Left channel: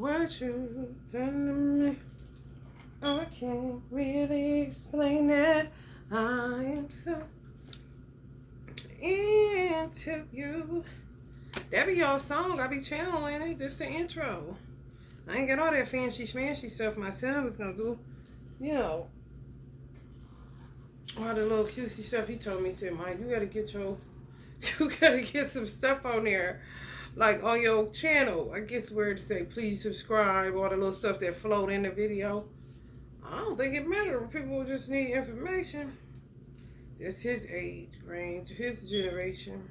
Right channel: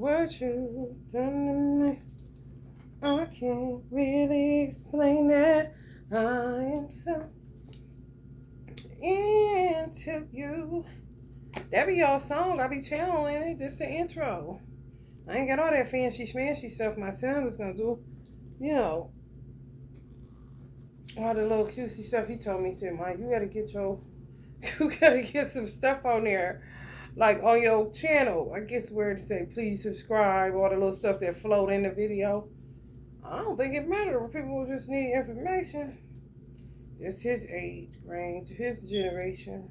What you done to me? I can't really explain it. I am so into you. That be your song. I be channeling it. This the intro. I ain't got all that fancy schmancy stuff my son was gonna do. You know, all the little cutesy stuff he told me. He said, Mike, you gotta get some stuff on there. Like on your channel. I guess where to say, please subscribe. All the little stuff that float in the video. I don't think it matters. People just need information. It's his age range, his generation.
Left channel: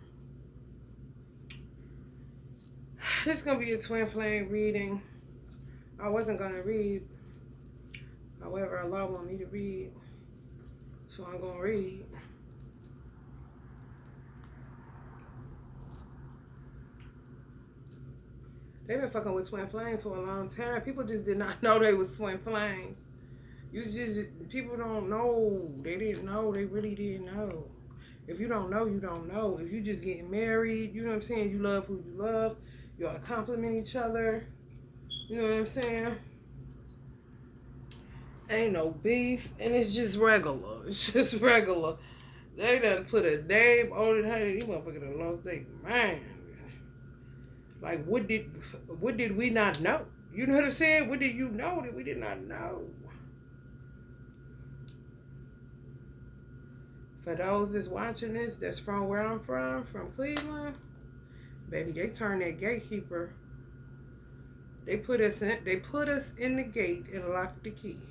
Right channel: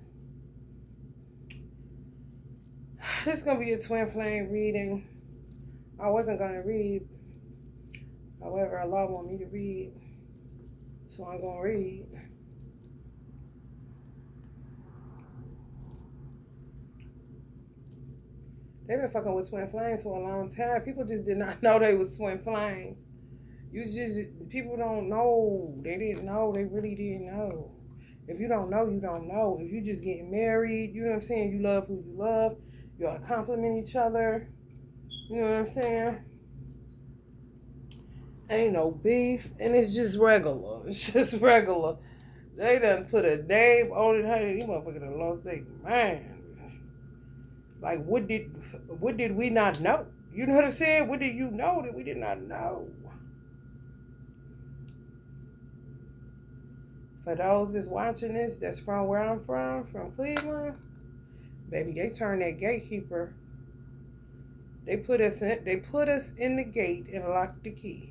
This is going to be a twin flame reading. I wasn't going to read. However, Allah want me to read. So I'm going to read. They've been fucking with twin flames for a long time. People just did not know they was twin flames. People don't know. They didn't know. They really didn't know. If you don't know, you don't know. If you just getting married, you know what I'm saying? You love who you love. Y'all compliment each other. You know what I'm saying? Ain't no beef. And it's just regular. It's just regular. They done put a name on it. Hey, you motherfuckers done lost their mind. Like, what did we not know? You know what I'm saying? What did you know that we did not know? For those that's watching this, that's from where I'm from Cleveland, baby, they turned that gatekeeper. They put us in the gate and locked the key.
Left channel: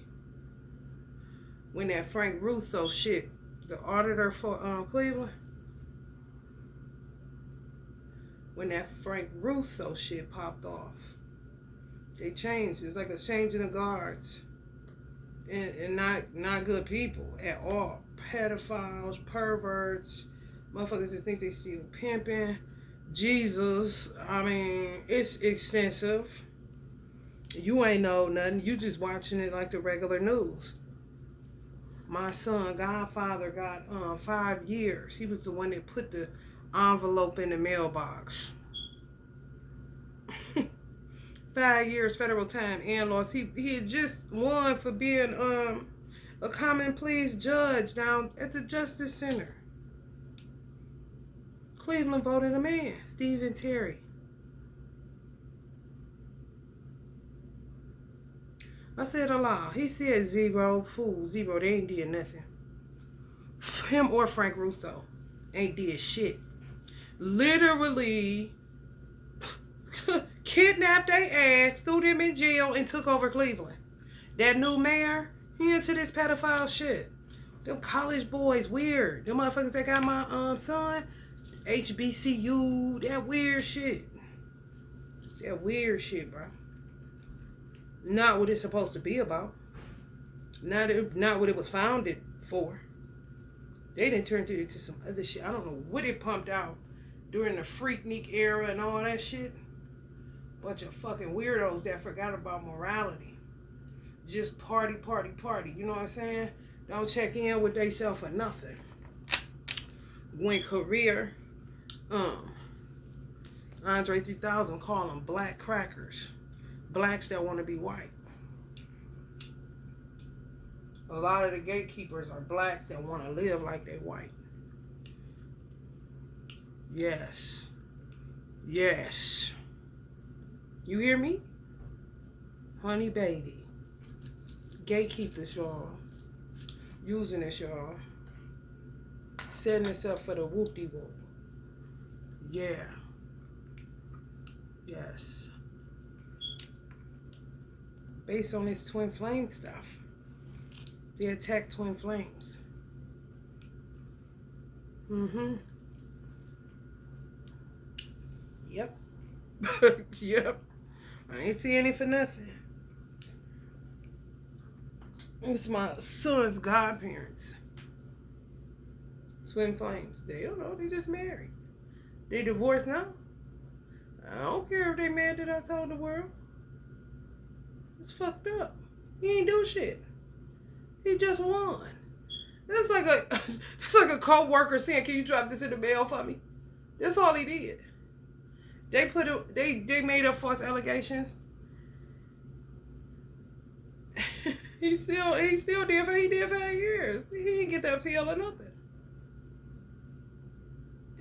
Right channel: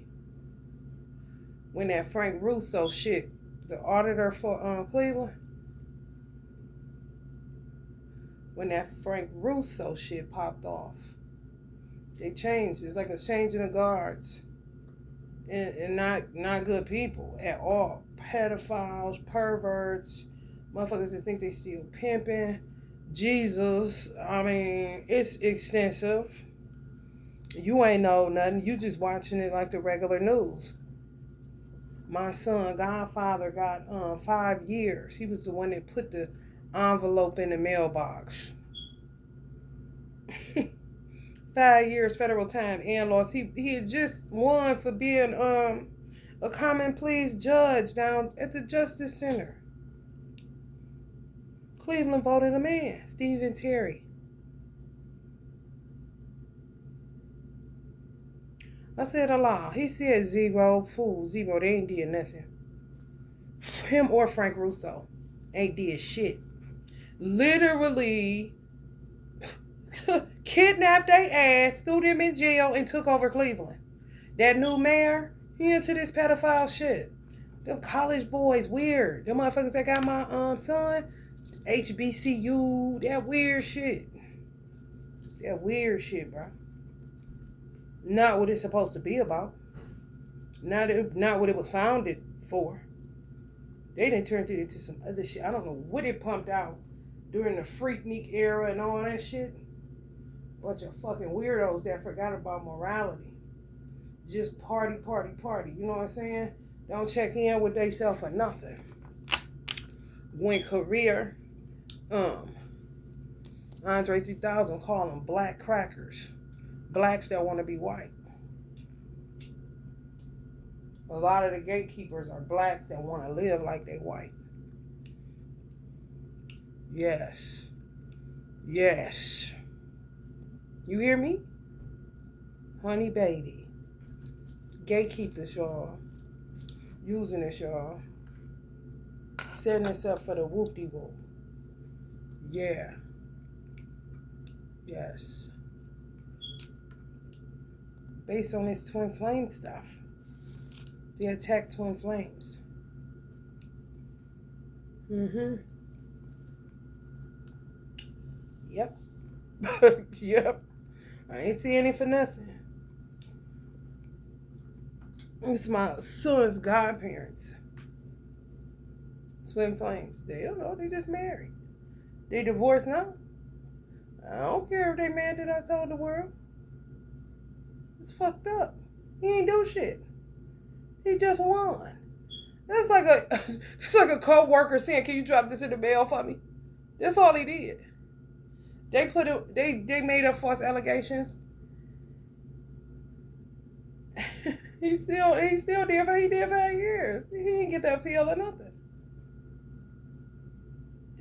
When that Frank Russo shit, the auditor for Cleveland, when that Frank Russo shit popped off, they changed. It's like a change in the guards. And not good people at all. Pedophiles, perverts, motherfuckers that think they still pimping. Jesus, I mean, it's extensive. You ain't know nothing. You just watching it like the regular news. My son, Godfather, got 5 years. He was the one that put the envelope in the mailbox. 5 years federal time and lost. He had just won for being a common pleas judge down at the Justice Center. Cleveland voted a man, Stephen Terry. I said Allah. He said zero, fool, zero. They ain't did nothing. Him or Frank Russo ain't did shit. Literally kidnapped their ass, threw them in jail, and took over Cleveland. That new mayor, he into this pedophile shit. Them college boys, weird. Them motherfuckers that got my son, HBCU, that weird shit. That weird shit, bro. Not what it's supposed to be about. Not what it was founded for. They done turned it into some other shit. I don't know what it pumped out during the Freaknik era and all that shit. Bunch of fucking weirdos that forgot about morality. Just party. You know what I'm saying? Don't check in with theyself or nothing. When career, Andre 3000 call them black crackers. Blacks that want to be white. A lot of the gatekeepers are blacks that want to live like they white. Yes. You hear me? Honey baby. Gatekeepers, y'all. Using this, y'all. Setting us up for the whoop-de-whoop. Yeah. Yes. Based on this twin flame stuff. They attack twin flames. Yep. Yep. I ain't seeing it for nothing. It's my son's godparents. Twin flames. They don't know. They just married. They divorced now. I don't care if they mad that I told the world. It's fucked up. He ain't do shit. He just won. That's like a co-worker saying, "Can you drop this in the mail for me?" That's all he did. They made up false allegations. He's still there for he did 5 years. He didn't get that appeal or nothing.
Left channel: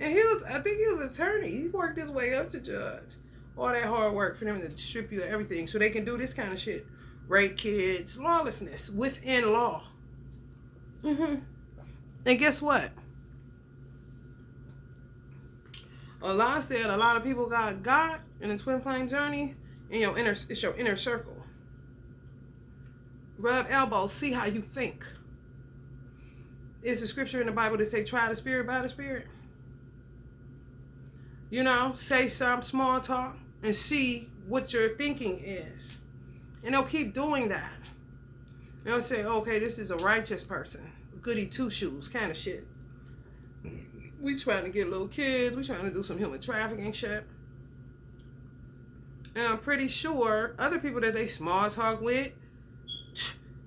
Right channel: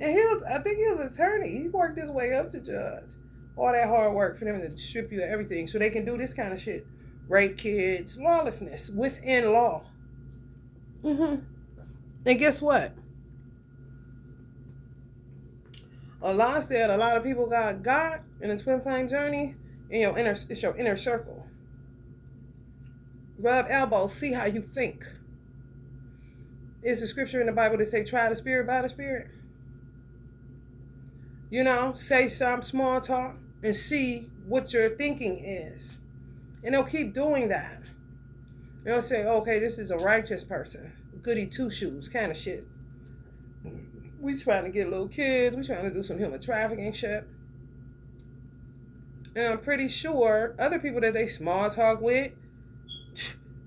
And I think he was an attorney. He worked his way up to judge. All that hard work for them to strip you of everything so they can do this kind of shit. Rape kids, lawlessness within law. And guess what? Allah said a lot of people got God in the twin flame journey in it's your inner circle. Rub elbows, see how you think. It's a scripture in the Bible that say try the spirit by the spirit. You know, say some small talk and see what your thinking is. And they'll keep doing that. They'll say, okay, this is a righteous person. Goody two-shoes kind of shit. We trying to get little kids. We trying to do some human trafficking shit. And I'm pretty sure other people that they small talk with,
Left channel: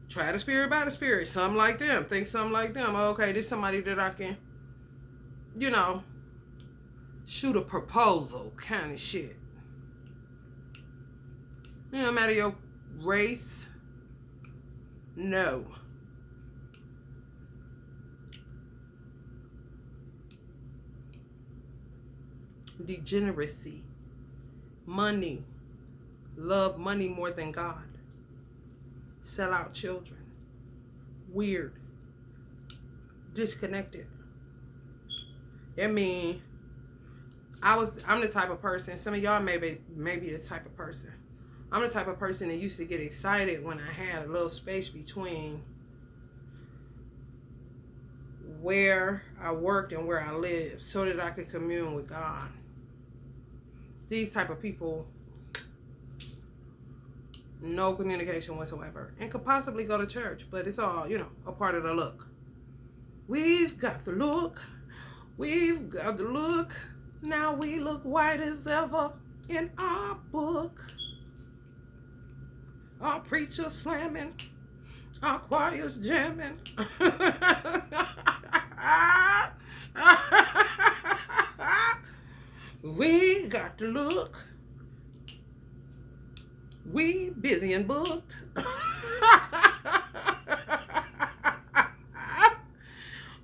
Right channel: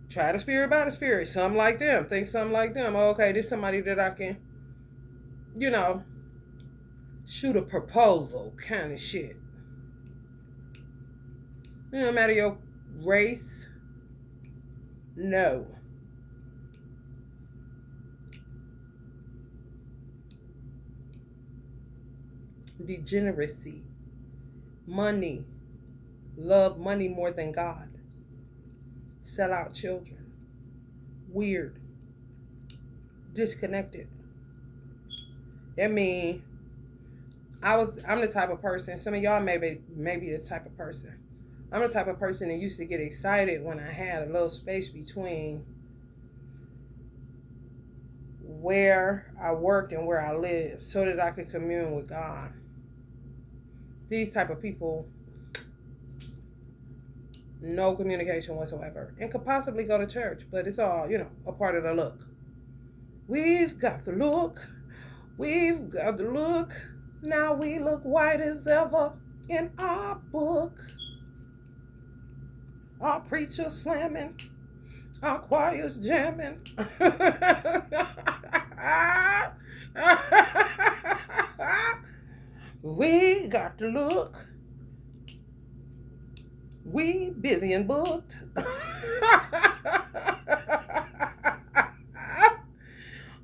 try the spirit by the spirit. Something like them. Think something like them. Okay, this is somebody that I can, shoot a proposal kind of shit. No matter your race, no. Degeneracy, money, love money more than God, sell out children, weird, disconnected. I mean, I'm the type of person, some of y'all may be the type of person. I'm the type of person that used to get excited when I had a little space between where I worked and where I lived so that I could commune with God. These type of people, no communication whatsoever, and could possibly go to church, but it's all, a part of the look. We've got the look. We've got the look. Now we look white as ever in our book. Our preachers slamming. Our choirs jamming. We got to look. We busy and booked.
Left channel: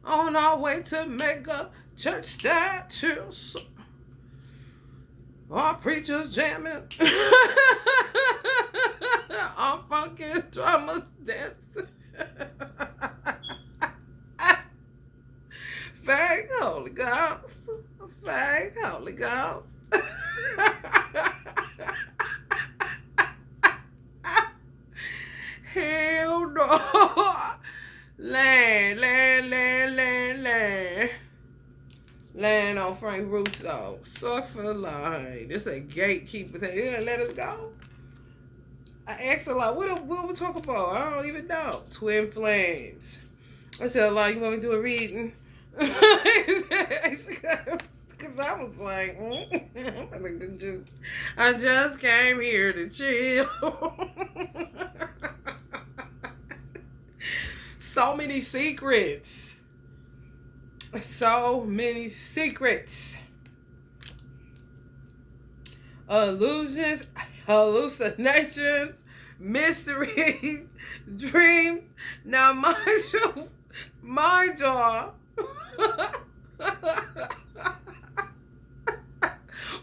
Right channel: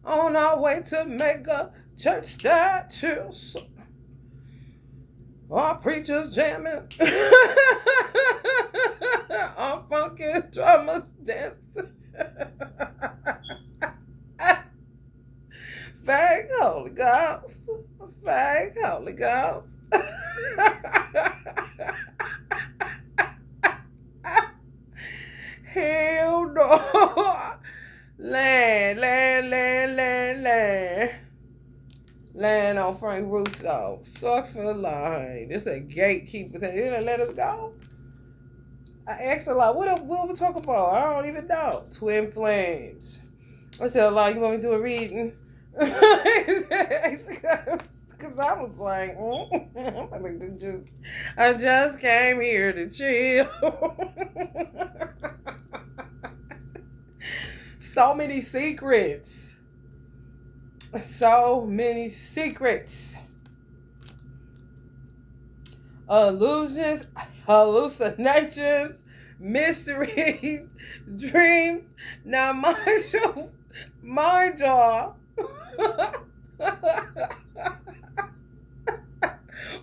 On our way to mega church statues. Our preachers jamming. Our funky drummers dancing. Fake Holy Ghost. Fake Holy Ghost. Hell no. Land. Land on Frank Russo. Suck for the line. This a gatekeeper saying, you gonna let us go? I asked a lot, what we talking about? I don't even know. Twin Flames. I said a lot, you want me to do a reading? Because I was like, I just came here to chill. So many secrets. So many secrets. Illusions, hallucinations, mysteries, dreams. Now mind y'all.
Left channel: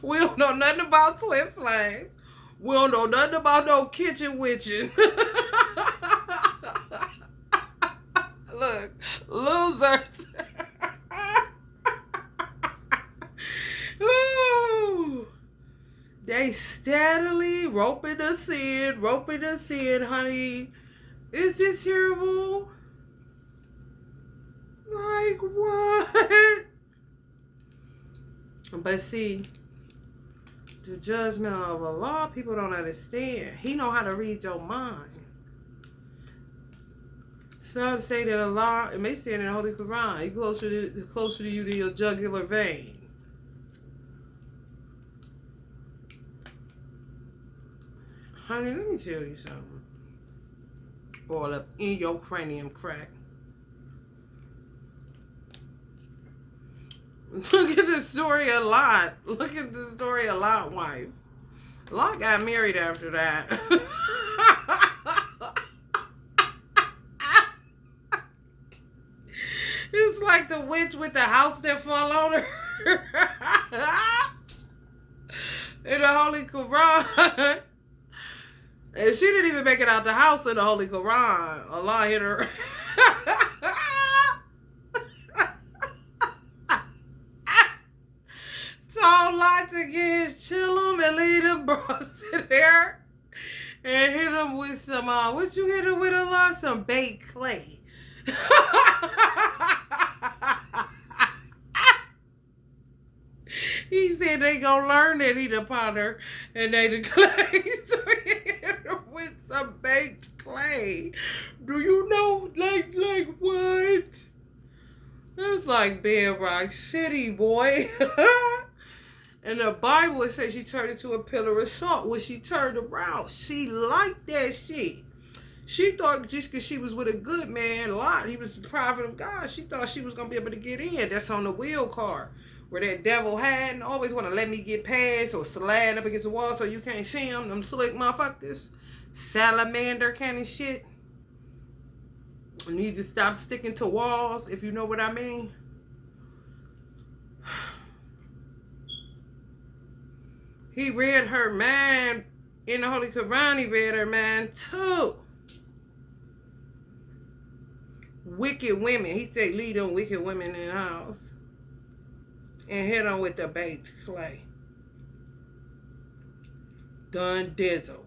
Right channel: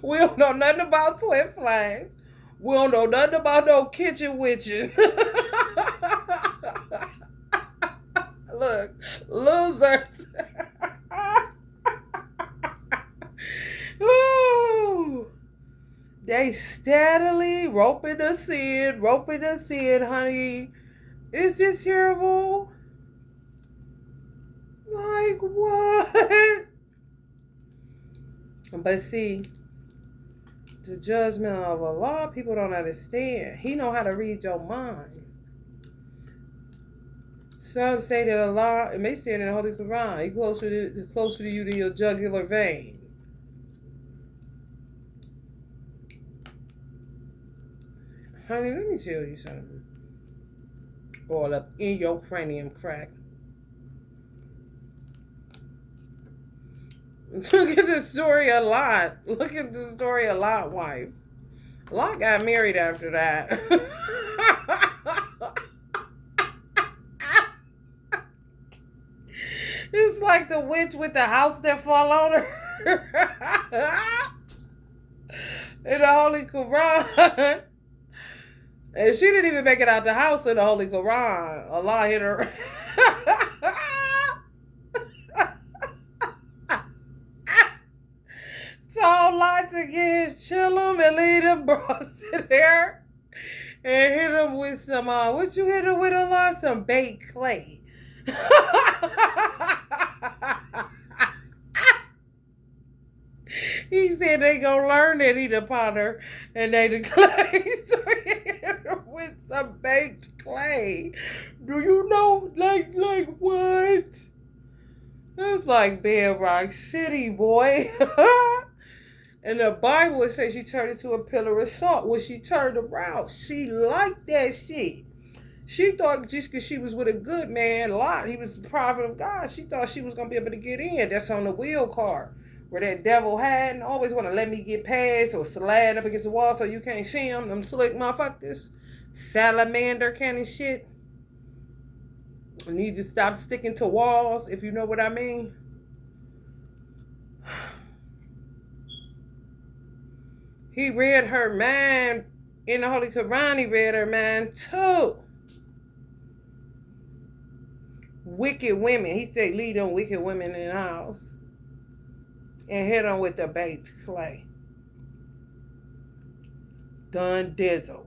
We don't know nothing about twin flames. We don't know nothing about no kitchen witching. Look, losers. Ooh. They steadily roping us in, honey. Is this terrible? Like what? But see, the judgment of Allah, people don't understand. He know how to read your mind. Some say that Allah, and they say it in the Holy Quran, He's closer to you than your jugular vein. Honey, let me tell you something. All up in your cranium crack. Look at the story a lot. Look at the story a lot, wife. Lot got married after that. It's like the witch with the house that fall on her. In the Holy Quran. And she didn't even make it out the house in the Holy Quran. Allah hit her. Told Lot to get his chillum and leave them bros in there. And hit him with some, what you hit him with a lot? Some baked clay. He said they gonna learn that he the potter and they the clay. So he hit him with some baked clay. Do you know, like what? It's like Bedrock City, boy. And the Bible, it says she turned into a pillar of salt. When she turned around, she liked that shit. She thought just because she was with a good man, Lot, he was the prophet of God, she thought she was going to be able to get in. That's on the wheel car where that devil had and always want to let me get past or slide up against the wall so you can't see him. Them slick motherfuckers. Salamander kind of shit. You need to stop sticking to walls, if you know what I mean. He read her mind in the Holy Quran. He read her mind too. Wicked women. He said, lead them wicked women in the house. And hit them with the baked clay. Done dizzle.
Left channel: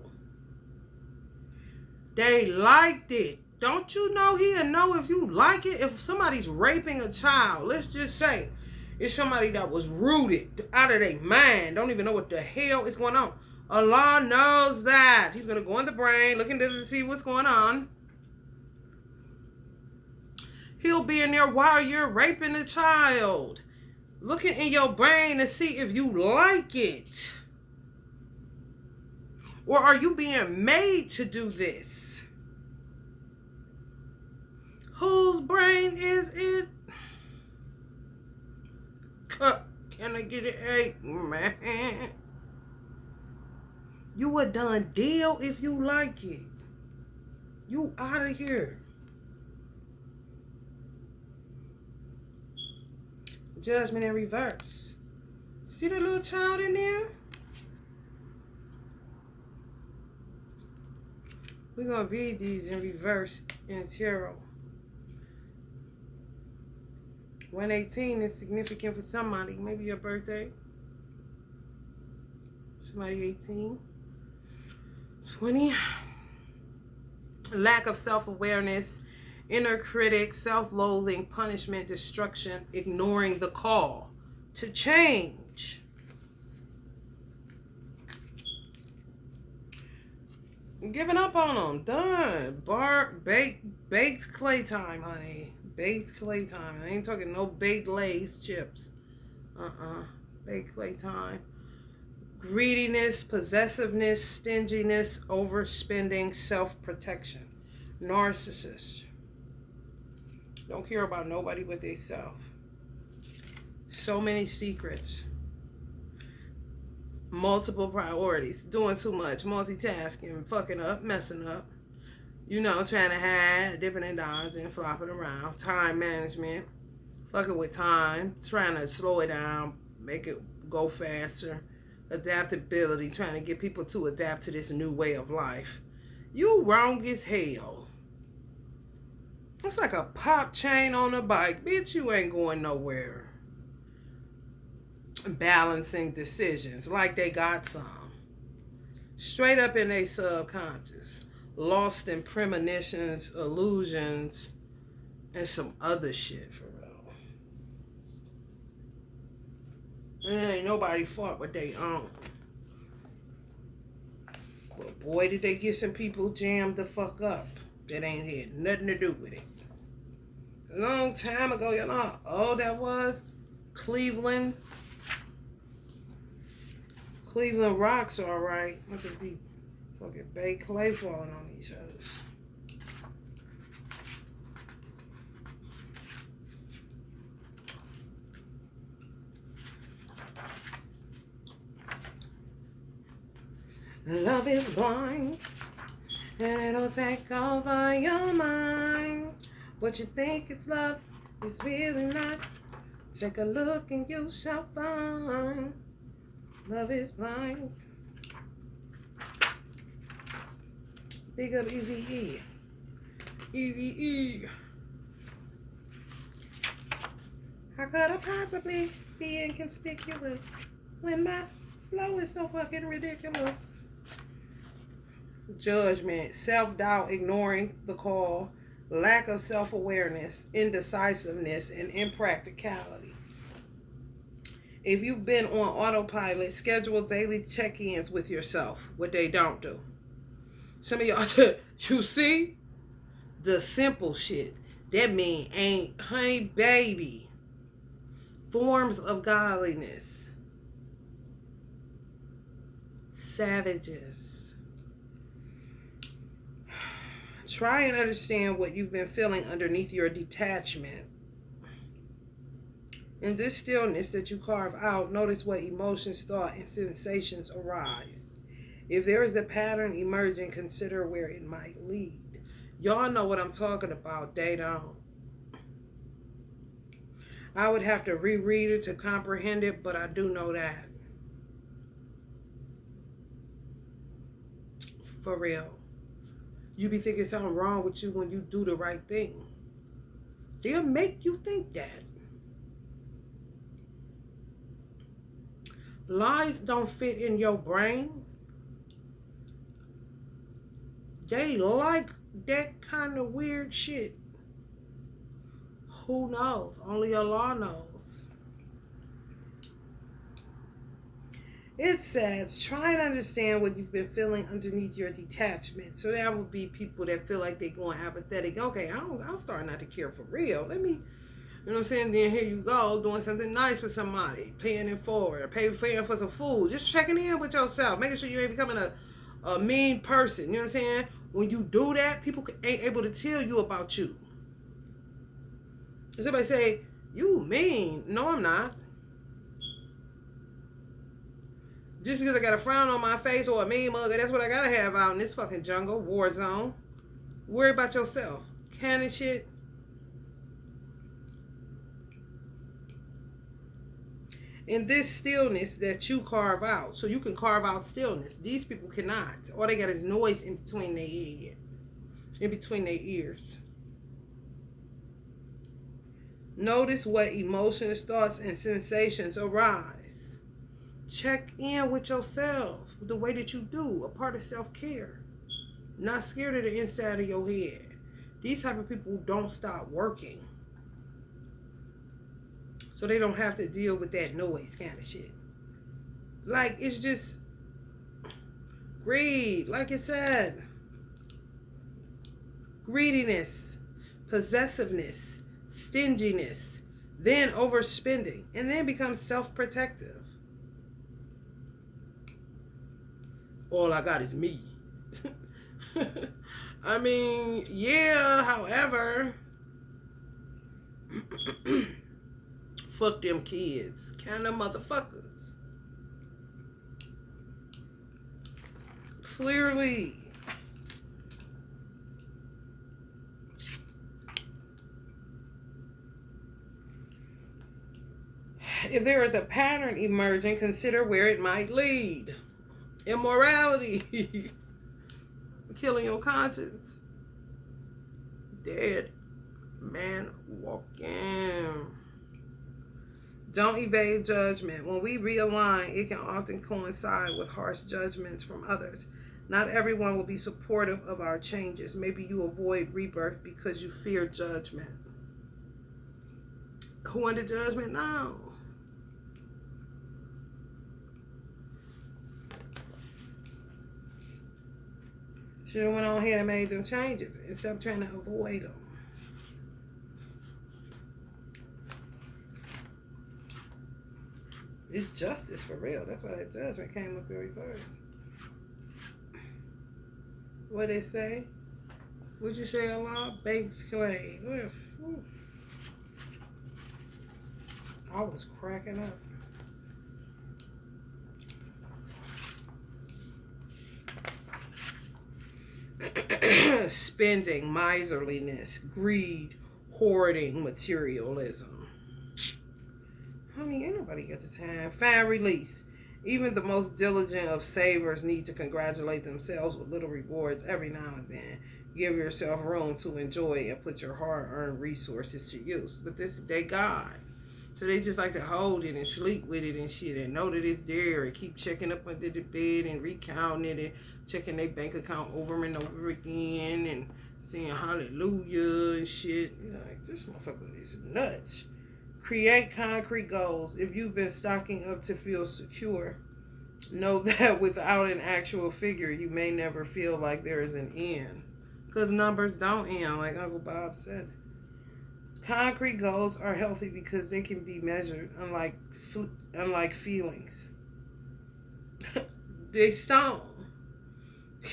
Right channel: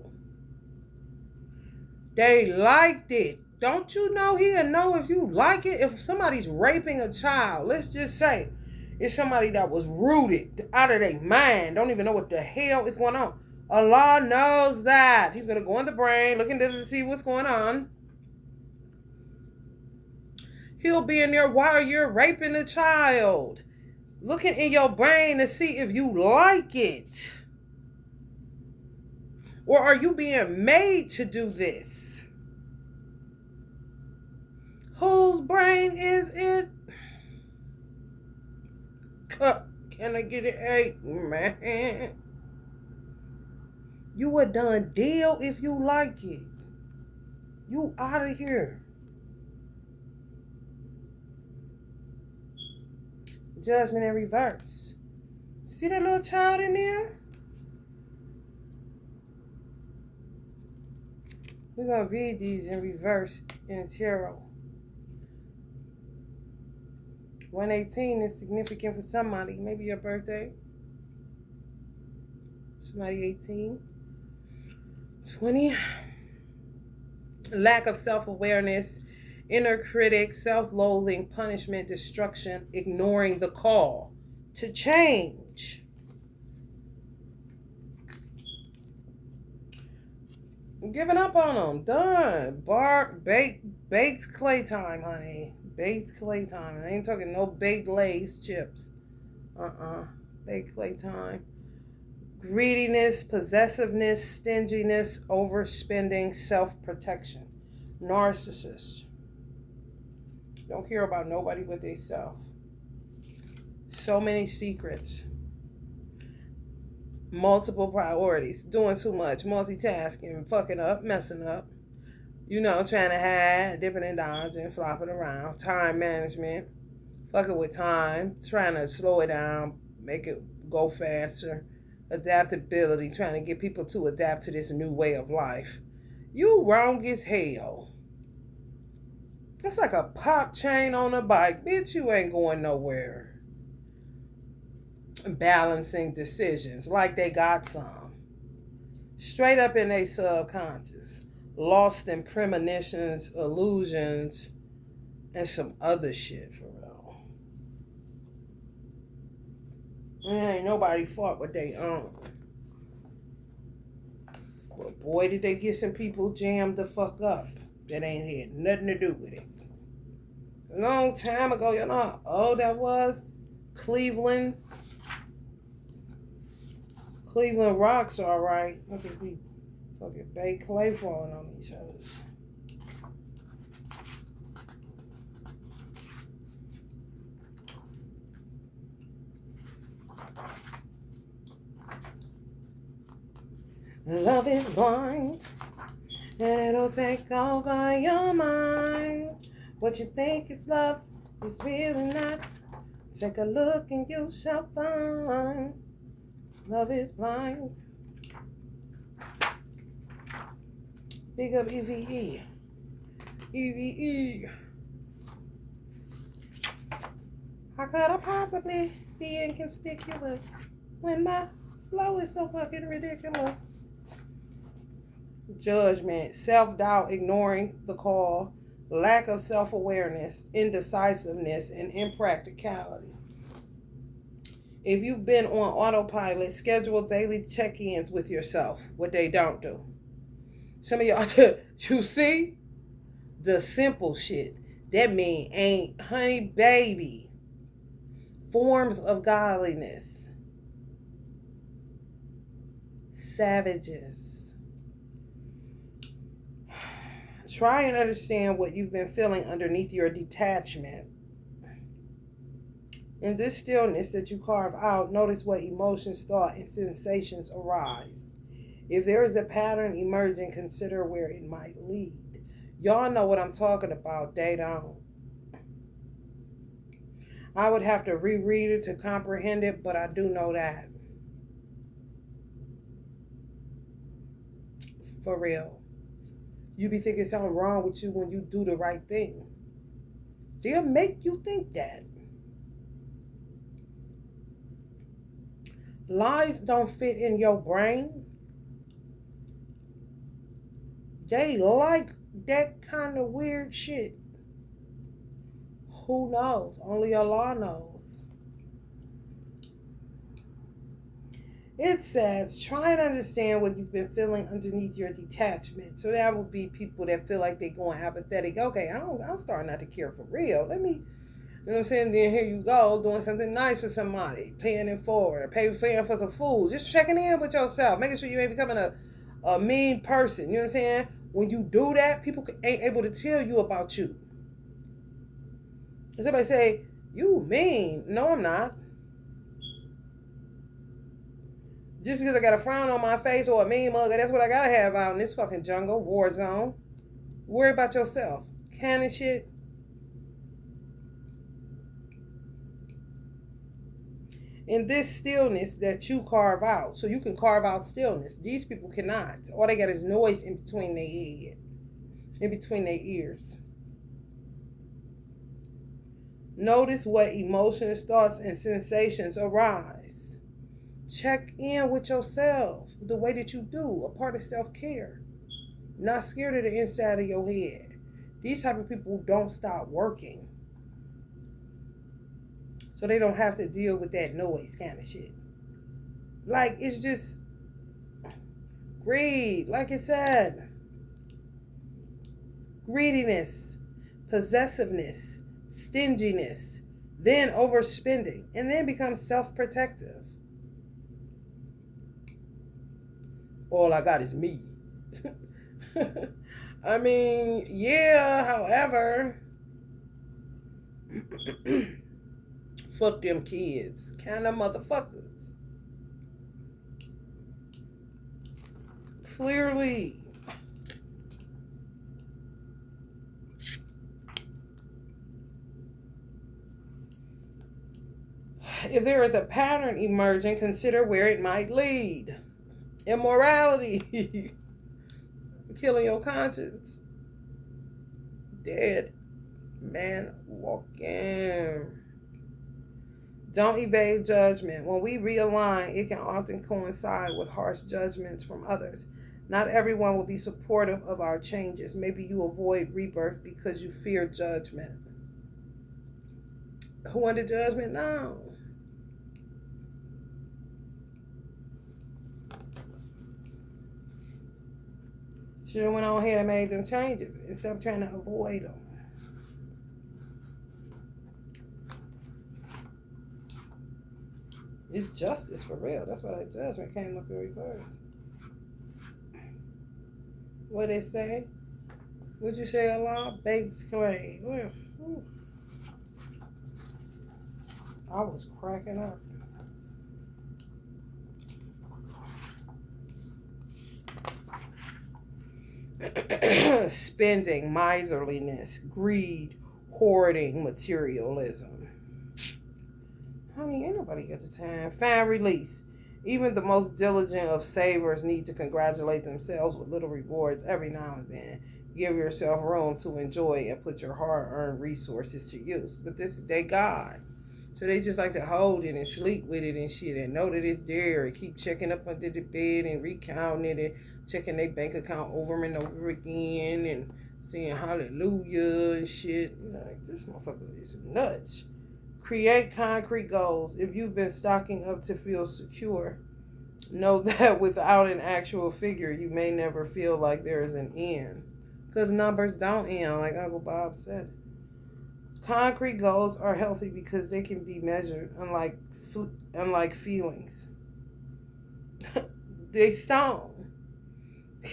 They liked it. Don't you know he'll know if you like it? If somebody's raping a child, let's just say, it's somebody that was rooted out of their mind. Don't even know what the hell is going on. Allah knows that. He's going to go in the brain, look into it to see what's going on. He'll be in there while you're raping a child. Looking in your brain to see if you like it. Or are you being made to do this? Whose brain is it? Can I get it? Hey, man. You a done deal if you like it. You out of here. Judgment in reverse. See that little child in there? We're going to read these in reverse in tarot. 118 is significant for somebody. Maybe your birthday. Somebody 18. 20. Lack of self-awareness. Inner critic. Self-loathing. Punishment. Destruction. Ignoring the call to change. Giving up on them. Done. Baked clay time, honey. Baked clay time. I ain't talking no baked Lay's chips. Baked clay time. Greediness, possessiveness, stinginess, overspending, self-protection. Narcissist. Don't care about nobody but themselves. So many secrets. Multiple priorities. Doing too much. Multitasking. Fucking up. Messing up. You know, trying to hide, dipping and dodging, flopping around. Time management. Fucking with time. Trying to slow it down. Make it go faster. Adaptability. Trying to get people to adapt to this new way of life. You wrong as hell. It's like a pop chain on a bike. Bitch, you ain't going nowhere. Balancing decisions like they got some. Straight up in their subconscious. Lost in premonitions, illusions, and some other shit for real. And ain't nobody fought what they own. But boy, did they get some people jammed the fuck up that ain't had nothing to do with it. A long time ago, you know how old that was? Cleveland rocks are alright. Must be fucking baked clay falling on each other. Love is blind, and it'll take over your mind. What you think is love It's really not. Take a look and you shall find. Love is blind. Big up EVE. EVE. How could I possibly be inconspicuous when my flow is so fucking ridiculous? Judgment, self-doubt, ignoring the call, lack of self-awareness, indecisiveness, and impracticality. If you've been on autopilot, schedule daily check-ins with yourself, what they don't do. Some of y'all said, you see? The simple shit. That mean ain't, honey, baby. Forms of godliness. Savages. Try and understand what you've been feeling underneath your detachment. In this stillness that you carve out, notice what emotions, thought, and sensations arise. If there is a pattern emerging, consider where it might lead. Y'all know what I'm talking about. They don't. I would have to reread it to comprehend it, but I do know that. For real. You be thinking something wrong with you when you do the right thing. They'll make you think that. Lies don't fit in your brain. They like that kind of weird shit. Who knows? Only Allah knows. It says, try and understand what you've been feeling underneath your detachment. So that would be people that feel like they're going apathetic. Okay, I'm starting not to care for real. Let me, you know what I'm saying? Then here you go, doing something nice for somebody, paying it forward, paying for some food, just checking in with yourself, making sure you ain't becoming a mean person. You know what I'm saying? When you do that, people ain't able to tell you about you. And somebody say, you mean? No, I'm not. Just because I got a frown on my face or a mean mug, that's what I gotta have out in this fucking jungle, war zone. Worry about yourself. Cannon shit. In this stillness that you carve out, so you can carve out stillness. These people cannot. All they got is noise in between their ears. Notice what emotions, thoughts, and sensations arise. Check in with yourself the way that you do, a part of self-care. Not scared of the inside of your head. These type of people don't stop working. So they don't have to deal with that noise kind of shit. Like, it's just greed, like it said. Greediness, possessiveness, stinginess, then overspending, and then becomes self-protective. All I got is me. I mean, yeah, however, fuck them kids. Kind of motherfuckers. Clearly. If there is a pattern emerging, consider where it might lead. Immorality. Killing your conscience. Dead man walking. Don't evade judgment. When we realign, it can often coincide with harsh judgments from others. Not everyone will be supportive of our changes. Maybe you avoid rebirth because you fear judgment. Who under judgment now? Should have went on ahead and made them changes instead of trying to avoid them. It's justice for real. That's why that judgment came up in reverse. What they say? What'd you say, Allah? Baked clay. I was cracking up. Spending, miserliness, greed, hoarding, materialism. Honey, ain't nobody got the time. Find release. Even the most diligent of savers need to congratulate themselves with little rewards every now and then. Give yourself room to enjoy and put your hard-earned resources to use. But they God. So they just like to hold it and sleep with it and shit and know that it's there and keep checking up under the bed and recounting it and checking their bank account over and over again and saying hallelujah and shit. You know, like, this motherfucker is nuts. Create concrete goals. If you've been stocking up to feel secure, know that without an actual figure, you may never feel like there is an end. Because numbers don't end, like Uncle Bob said. Concrete goals are healthy because they can be measured, unlike feelings. They stone.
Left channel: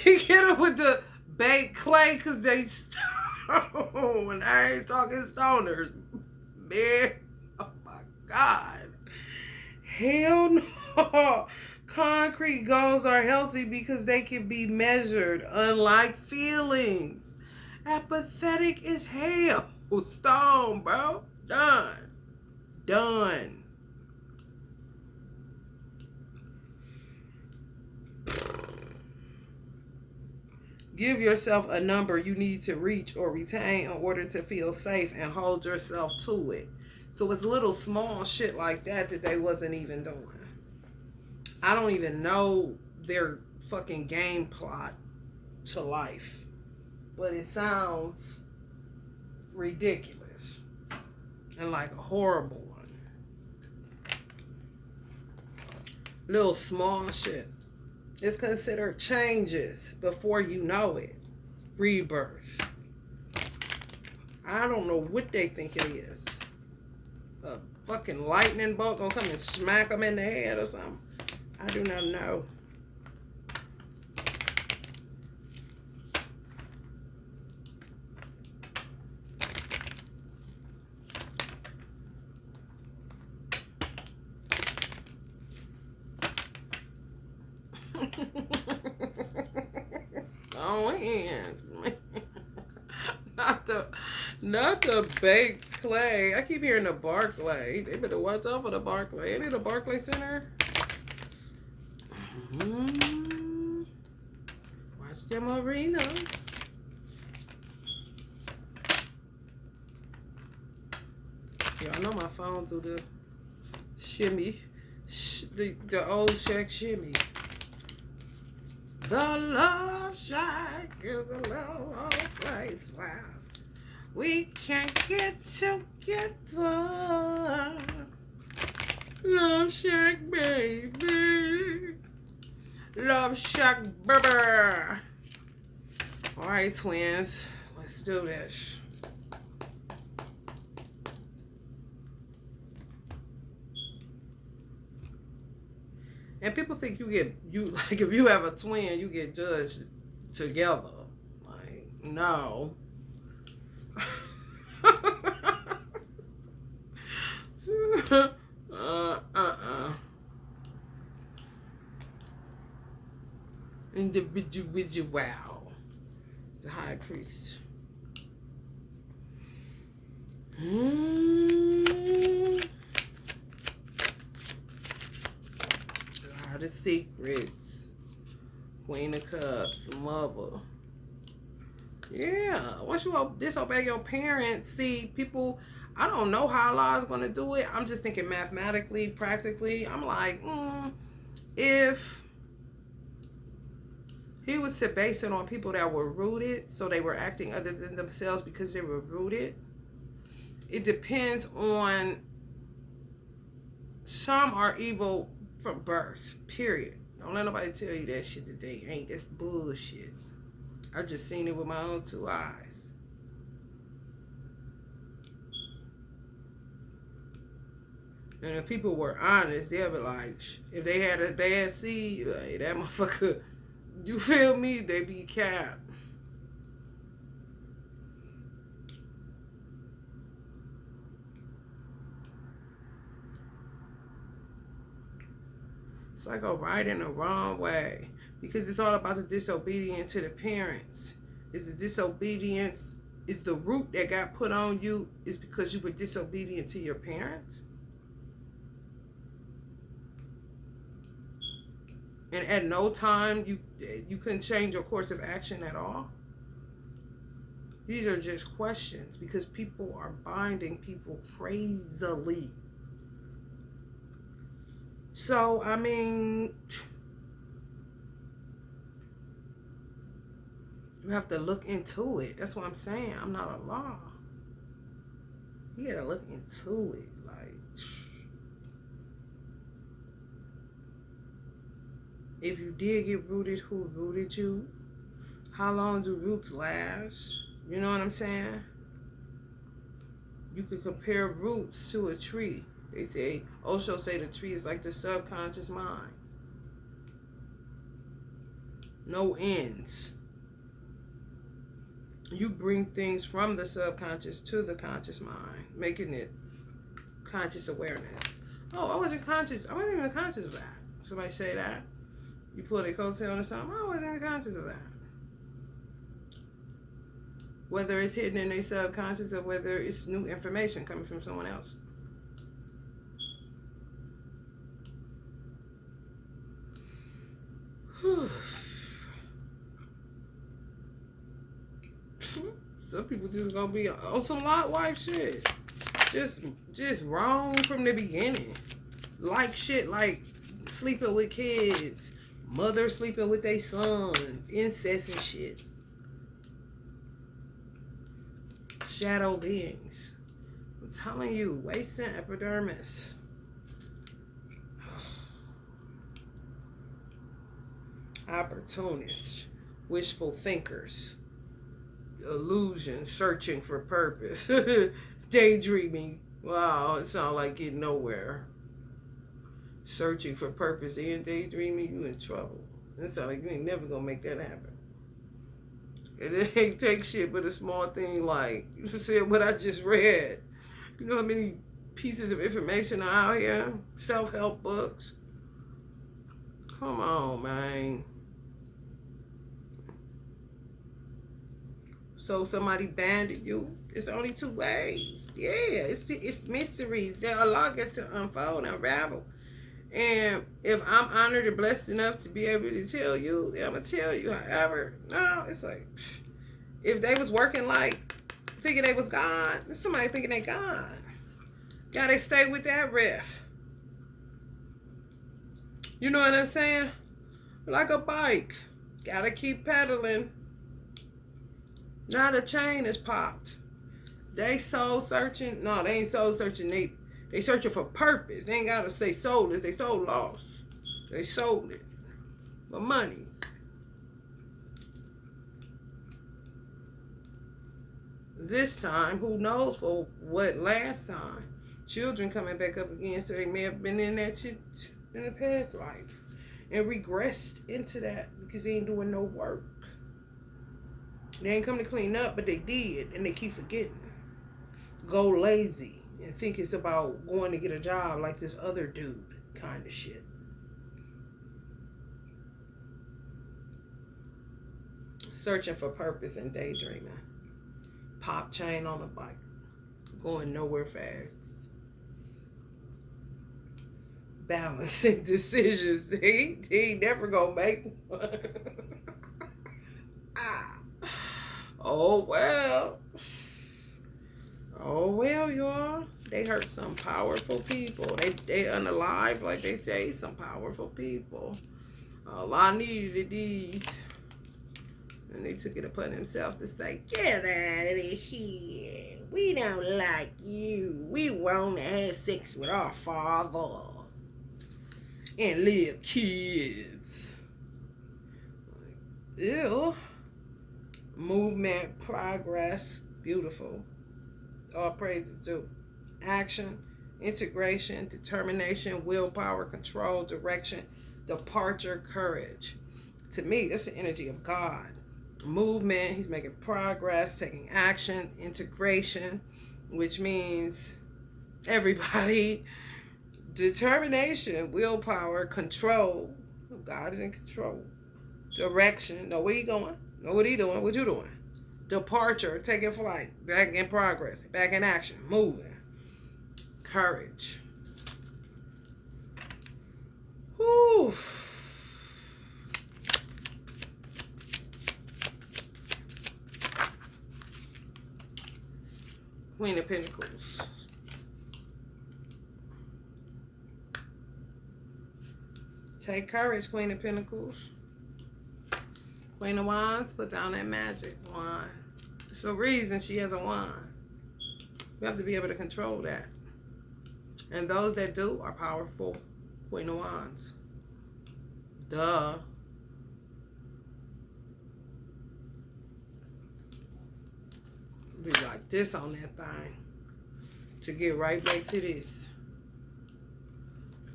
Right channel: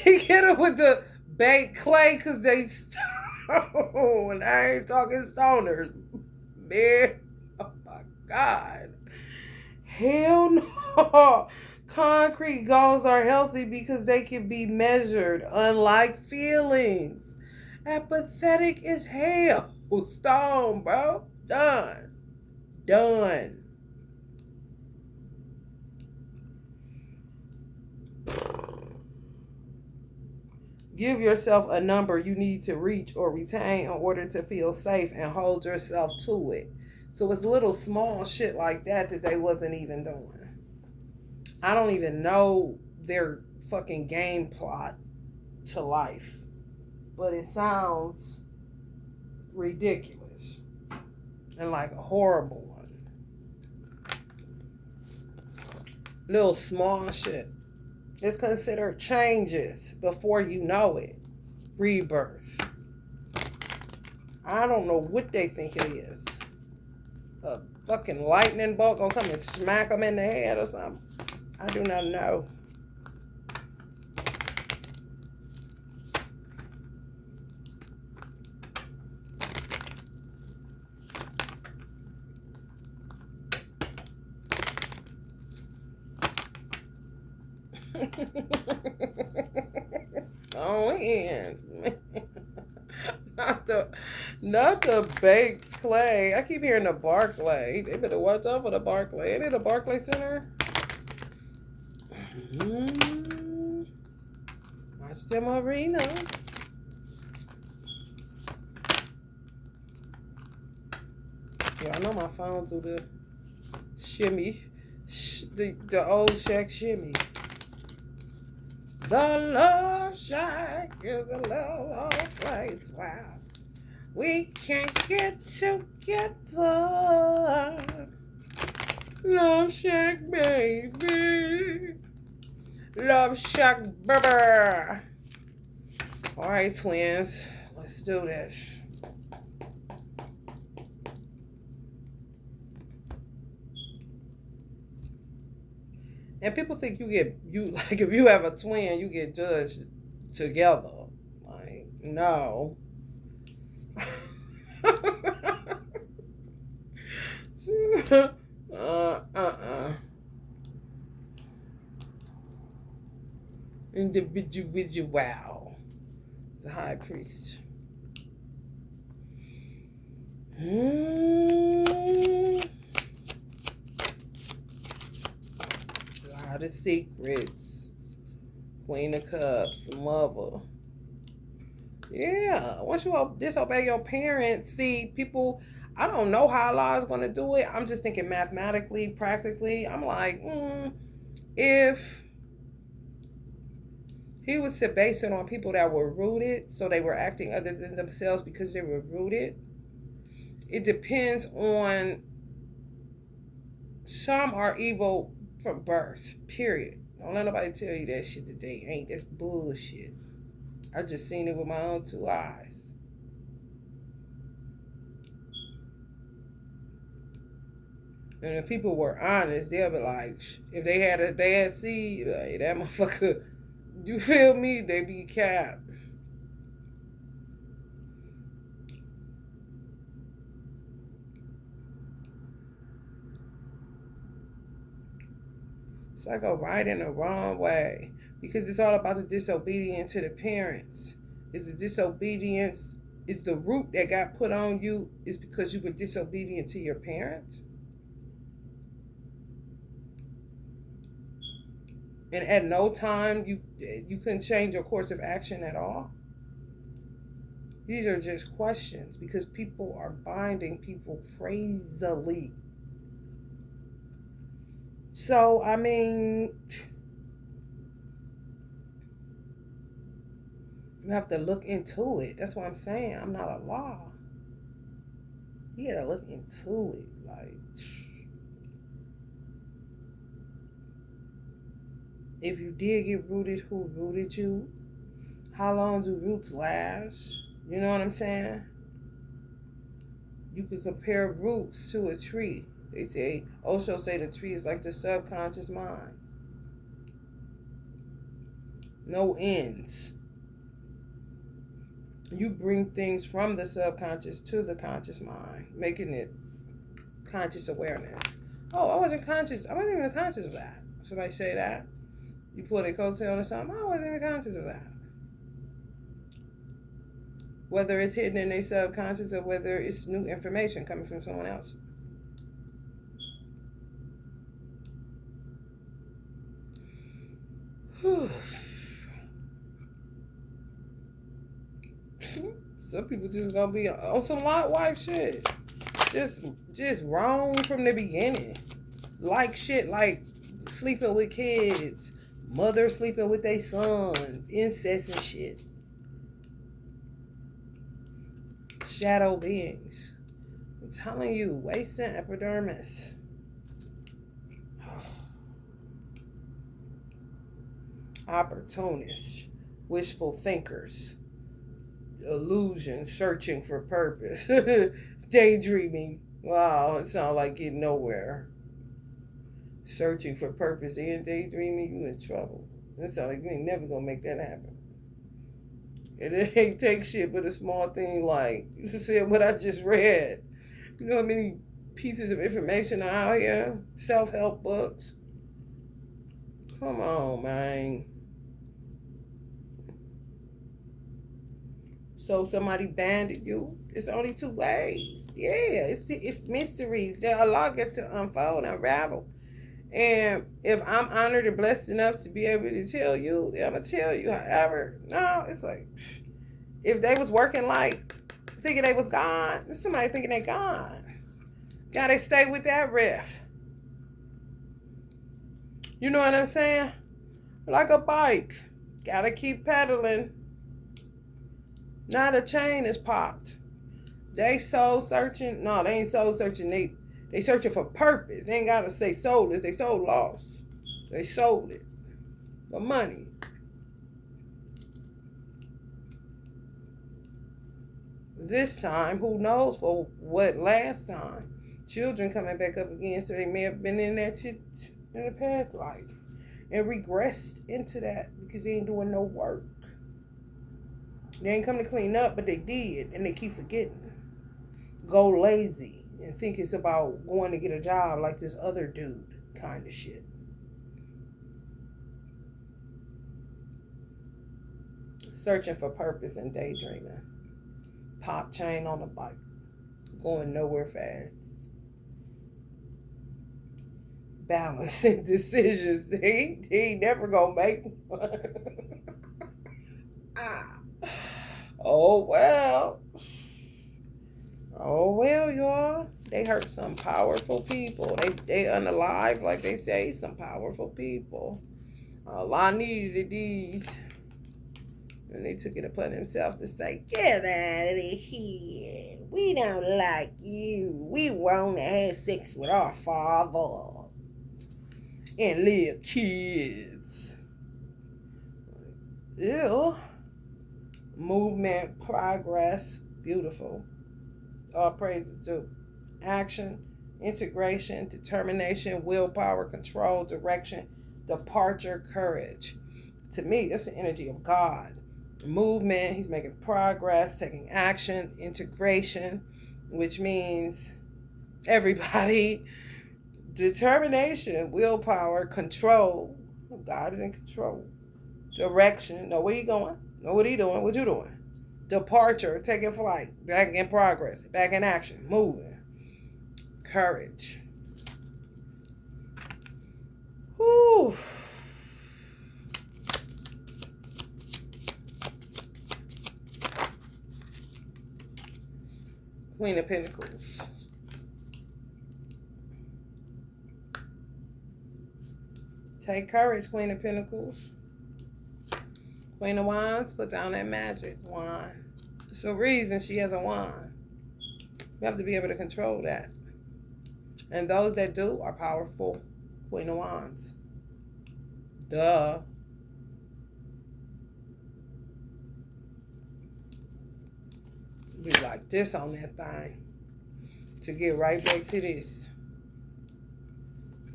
You get them with the baked clay because they stone. I ain't talking stoners. Man, oh my God. Hell no. Concrete goals are healthy because they can be measured, unlike feelings. Apathetic as hell. Stone, bro. Done. Give yourself a number you need to reach or retain in order to feel safe and hold yourself to it. So it's little small shit like that they wasn't even doing. I don't even know their fucking game plot to life. But it sounds ridiculous and like a horrible one. Little small shit. It's considered changes before you know it. Rebirth. I don't know what they think it is. A fucking lightning bolt gonna come and smack them in the head or something. I do not know. Oh, and not the baked clay. I keep hearing the Barclay. They better watch out for the Barclay. Ain't it a Barclay Center? Watch them arenas. Y'all know my phone do the shimmy, the old Shaq shimmy. The Love Shack is a little old place where we can't get together. Love Shack, baby. Love Shack, baby. All right, twins. Let's do this. And people think like if you have a twin, you get judged together. Like, no. Individual. The high priest. The secrets. Queen of Cups, mother. Yeah. Once you disobey your parents, see, people, I don't know how Allah's going to do it. I'm just thinking mathematically, practically. I'm like, if he was to base it on people that were rooted, so they were acting other than themselves because they were rooted, it depends on, some are evil from birth, period. Don't let nobody tell you that shit today. Ain't. That's bullshit. I just seen it with my own two eyes. And if people were honest, they'll be like, if they had a bad seed, like, that motherfucker, you feel me? They be capped. It's like a right and a wrong way, because it's all about the disobedience to the parents. It's the disobedience is the root that got put on you is because you were disobedient to your parents? And at no time you couldn't change your course of action at all? These are just questions because people are binding people crazily. So, I mean, you have to look into it. That's what I'm saying. I'm not a law. You gotta look into it. Like, if you did get rooted, who rooted you? How long do roots last? You know what I'm saying? You could compare roots to a tree. They say, Osho say the tree is like the subconscious mind. No ends. You bring things from the subconscious to the conscious mind, making it conscious awareness. Oh, I wasn't conscious. I wasn't even conscious of that. Somebody say that. You pull their coattail or something. I wasn't even conscious of that. Whether it's hidden in their subconscious or whether it's new information coming from someone else. Some people just gonna be on some lot wife shit. Just wrong from the beginning. Like shit, like sleeping with kids, mother sleeping with their sons, incest and shit. Shadow beings. I'm telling you, wasting epidermis. Opportunists, wishful thinkers, illusion, searching for purpose, daydreaming. Wow, it sounds like getting nowhere. Searching for purpose and daydreaming, you in trouble. It sounds like you ain't never gonna make that happen. And it ain't take shit but a small thing like, you said what I just read. You know how many pieces of information are out here? Self-help books. Come on, man. So somebody banded you. It's only two ways. Yeah, it's mysteries that Allah gets to unfold and unravel. And if I'm honored and blessed enough to be able to tell you, then I'm going to tell you. However, no, it's like, if they was working like, thinking they was God, there's somebody thinking they God. Gotta stay with that riff. You know what I'm saying? Like a bike. Gotta keep pedaling. Now the chain is popped. They soul searching. No, they ain't soul searching. They searching for purpose. They ain't gotta say soulless. They soul lost. They sold it for money. This time, who knows for what last time? Children coming back up again, so they may have been in that shit in the past life and regressed into that because they ain't doing no work. They ain't come to clean up, but they did, and they keep forgetting. Go lazy and think it's about going to get a job like this other dude kind of shit. Searching for purpose and daydreaming. Pop chain on the bike. Going nowhere fast. Balancing decisions. He ain't never gonna make one. Oh well. Oh well, y'all. They hurt some they unalive, like they say, some powerful people. Allah needed these. And they took it upon themselves to say, get out of here. We don't like you. We want to have sex with our father. And little kids. Ew. Movement, progress, beautiful. All praise to action, integration, determination, willpower, control, direction, departure, courage. To me, that's the energy of God. Movement, he's making progress, taking action, integration, which means everybody. Determination, willpower, control. God is in control. Direction. Know where you going. Know what he doing. What you doing. Departure, taking flight, back in progress, back in action, moving. Courage. Whew. Queen of Pentacles. Take courage, Queen of Pentacles. Queen of Wands, put down that magic wand. There's a reason she has a wand. You have to be able to control that. And those that do are powerful. Queen of Wands. Duh. Be like this on that thing. To get right back to this.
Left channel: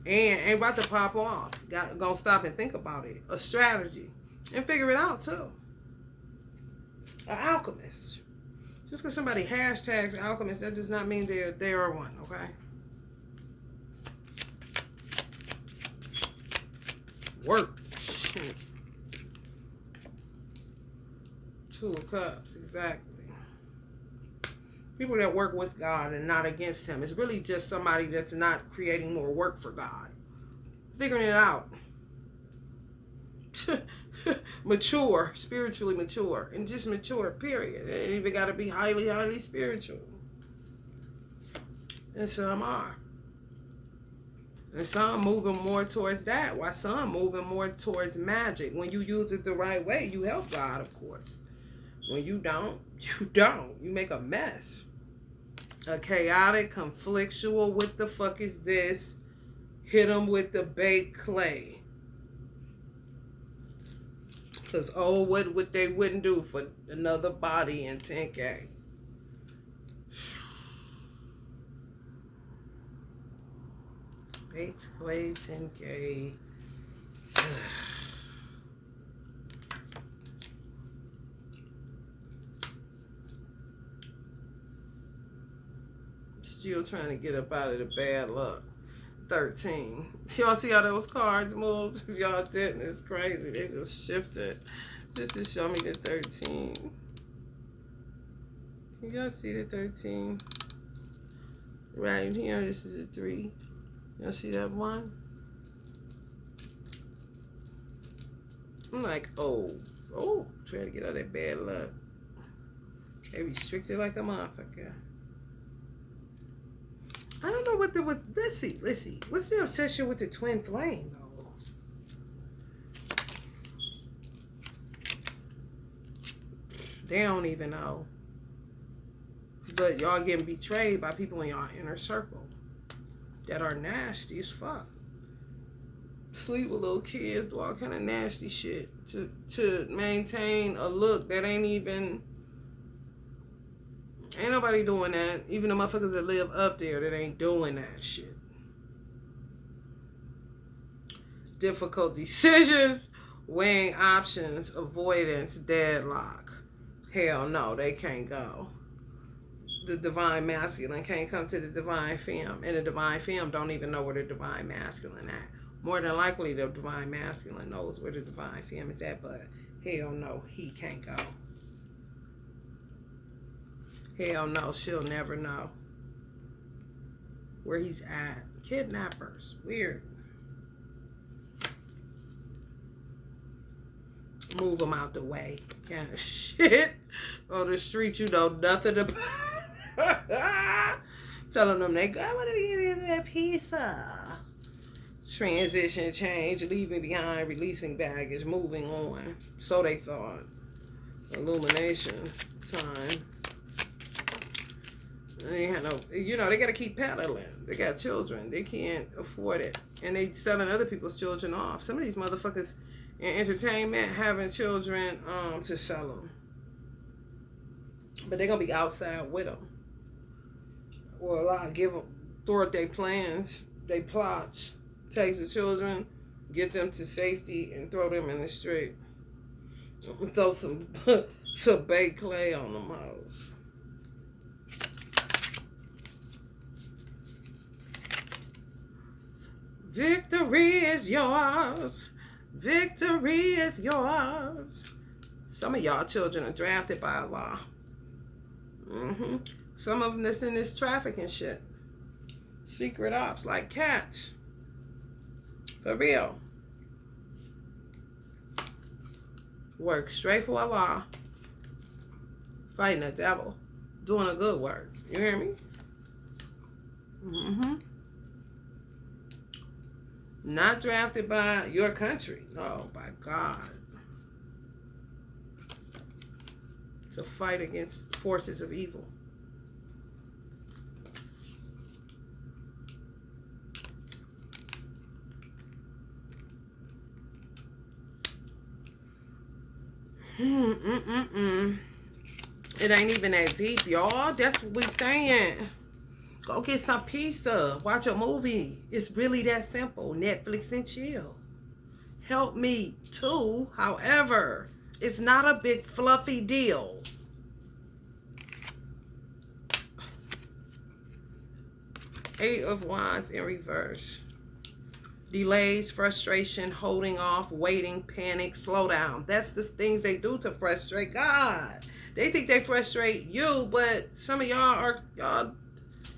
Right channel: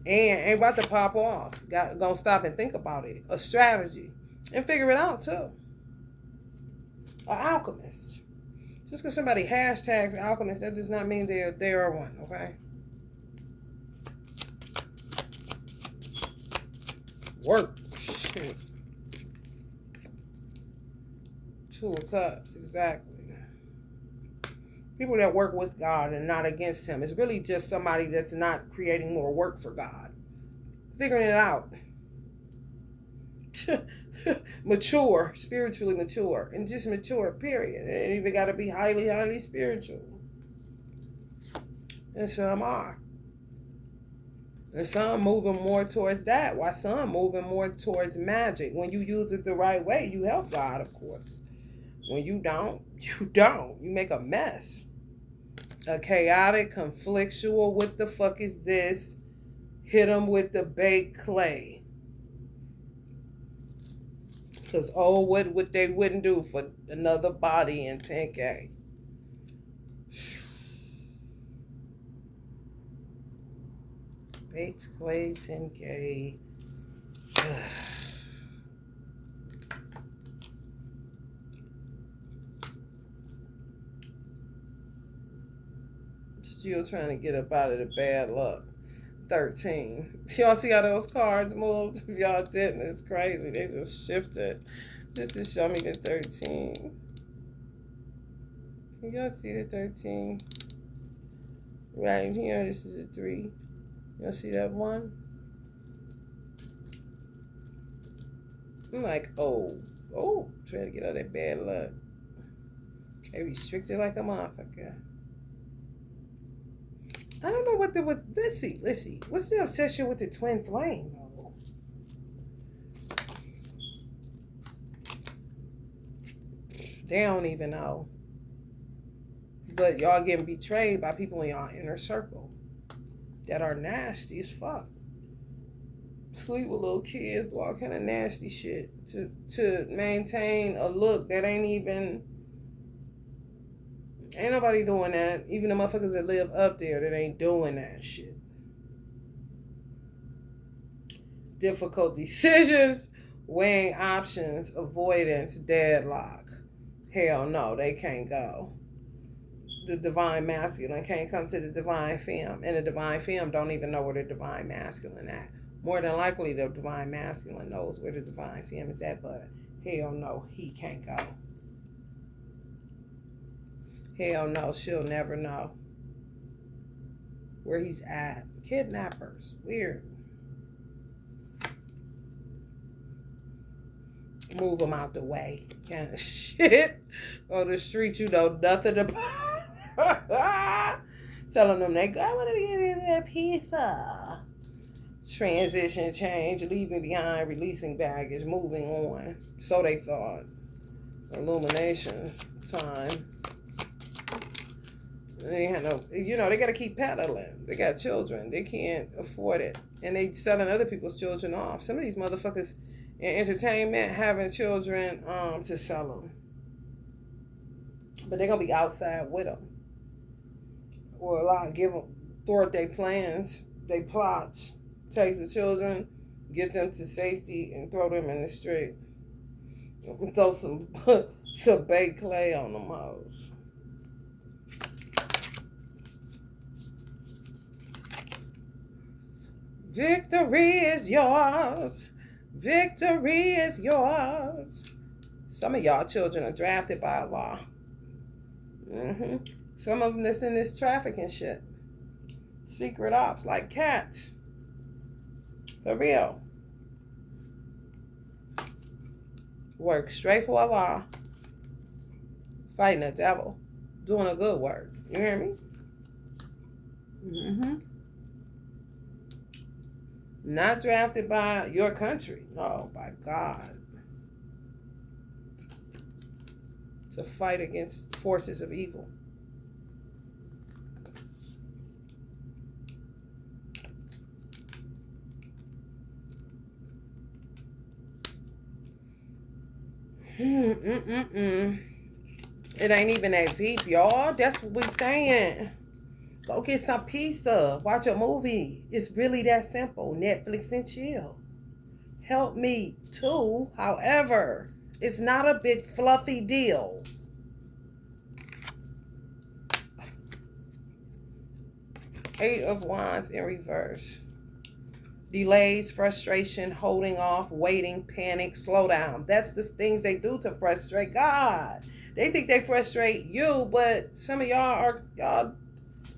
And ain't about to pop off. Gonna stop and think about it. A strategy. And figure it out too. An alchemist. Just because somebody hashtags alchemist, that does not mean they are one, okay? Work. Shit. Two of Cups, exactly. People that work with God and not against Him. It's really just somebody that's not creating more work for God. Figuring it out. Mature, spiritually mature, and just mature, period. It ain't even got to be highly, highly spiritual. And some are. And some moving more towards that, while some moving more towards magic. When you use it the right way, you help God, of course. When you don't, you don't. You make a mess. A chaotic, conflictual, what the fuck is this? Hit them with the baked clay. Because, oh, what they wouldn't do for another body in 10K. Baked clay, 10K. Still trying to get up out of the bad luck. 13. Y'all see how those cards moved? If y'all didn't, it's crazy. They just shifted just to show me the 13. Can y'all see the 13? Right here, this is a 3. Y'all see that 1? I'm like, oh, trying to get out of that bad luck. They restricted like a motherfucker. I don't know what let's see. What's the obsession with the twin flame, though? They don't even know. But y'all getting betrayed by people in y'all inner circle that are nasty as fuck. Sleep with little kids, do all kind of nasty shit to maintain a look that ain't nobody doing that. Even the motherfuckers that live up there that ain't doing that shit. Difficult decisions, weighing options, avoidance, deadlock. Hell no, they can't go. The divine masculine can't come to the divine femme. And the divine femme don't even know where the divine masculine at. More than likely, the divine masculine knows where the divine femme is at, but hell no, he can't go. Hell no, she'll never know where he's at. Kidnappers. Weird. Move him out the way. Kind of shit. On the street, you know nothing about. Telling them they I want to give you that pizza. Transition, change, leaving behind, releasing baggage, moving on. So they thought. Illumination time. They had no, they got to keep peddling. They got children. They can't afford it. And they selling other people's children off. Some of these motherfuckers in entertainment having children to sell them. But they're going to be outside with them. Or a lot, thwart their plans, they plots. Take the children, get them to safety, and throw them in the street. Throw some baked clay on them hoes. Victory is yours. Victory is yours. Some of y'all children are drafted by Allah. Some of them that's in this trafficking shit. Secret ops like cats. For real. Work straight for Allah. Fighting the devil. Doing a good work. You hear me? Not drafted by your country. No, by God. To fight against forces of evil. It ain't even that deep, y'all. That's what we saying. Go get some pizza. Watch a movie. It's really that simple. Netflix and chill. Help me too. However, it's not a big fluffy deal. Eight of Wands in reverse. Delays, frustration, holding off, waiting, panic, slow down. That's the things they do to frustrate God. They think they frustrate you, but some of y'all,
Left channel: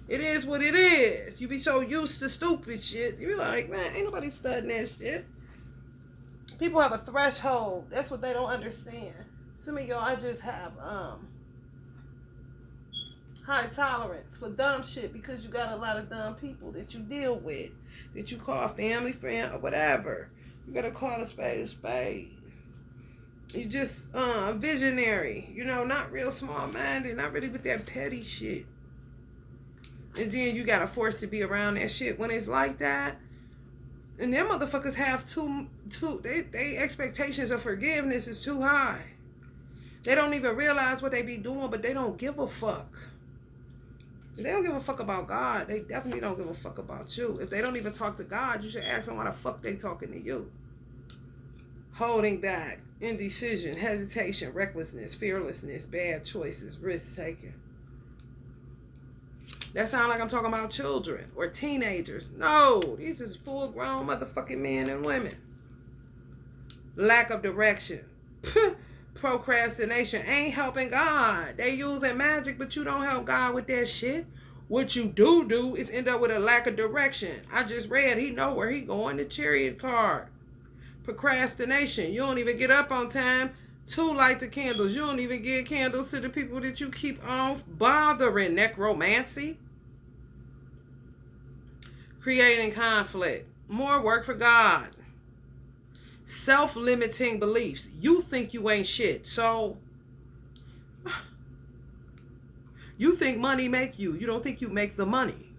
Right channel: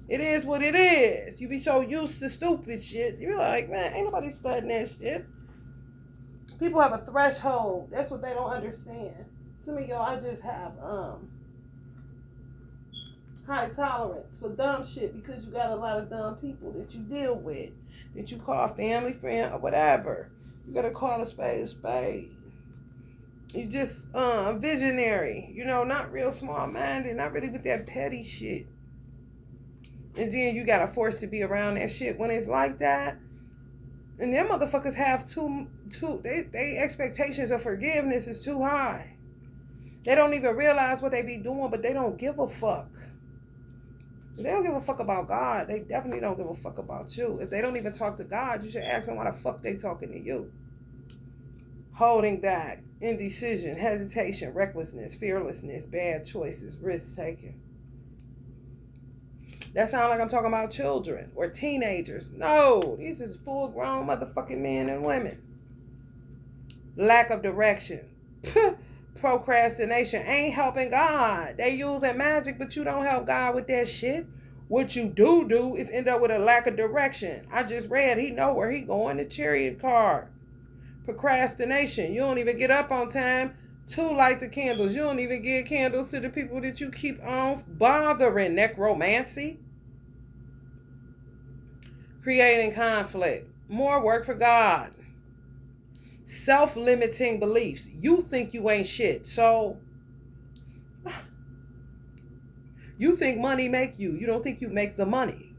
it is what it is. You be so used to stupid shit. You be like, man, ain't nobody studying that shit. People have a threshold. That's what they don't understand. Some of y'all just have high tolerance for dumb shit because you got a lot of dumb people that you deal with, that you call family, friend, or whatever. You gotta call a spade a spade. You just visionary, not real small-minded, not really with that petty shit. And then you gotta force to be around that shit when it's like that. And them motherfuckers have they expectations of forgiveness is too high. They don't even realize what they be doing, but they don't give a fuck. If they don't give a fuck about God, they definitely don't give a fuck about you. If they don't even talk to God, you should ask them why the fuck they talking to you. Holding back, indecision, hesitation, recklessness, fearlessness, bad choices, risk taking. That sounds like I'm talking about children or teenagers. No, these is full-grown motherfucking men and women. Lack of direction. Procrastination ain't helping God. They using magic, but you don't help God with that shit. What you do is end up with a lack of direction. I just read he know where he going, the Chariot card. Procrastination. You don't even get up on time to light the candles. You don't even give candles to the people that you keep on bothering. Necromancy. Creating conflict. More work for God. Self-limiting beliefs. You think you ain't shit, so you think money make you. You don't think you make the money.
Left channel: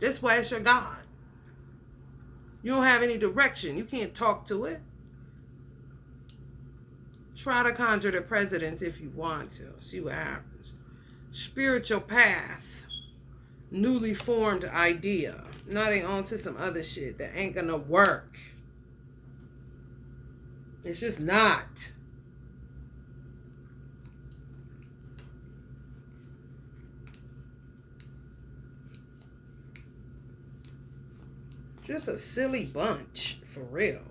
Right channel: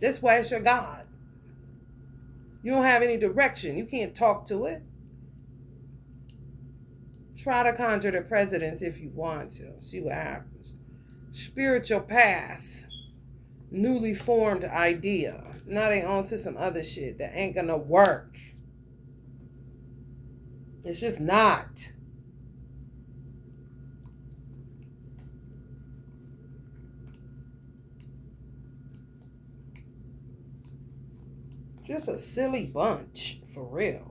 That's why it's your God. You don't have any direction. You can't talk to it. Try to conjure the presidents if you want to. See what happens. Spiritual path. Newly formed idea. Now they on to some other shit that ain't gonna work. It's just not. Just a silly bunch, for real.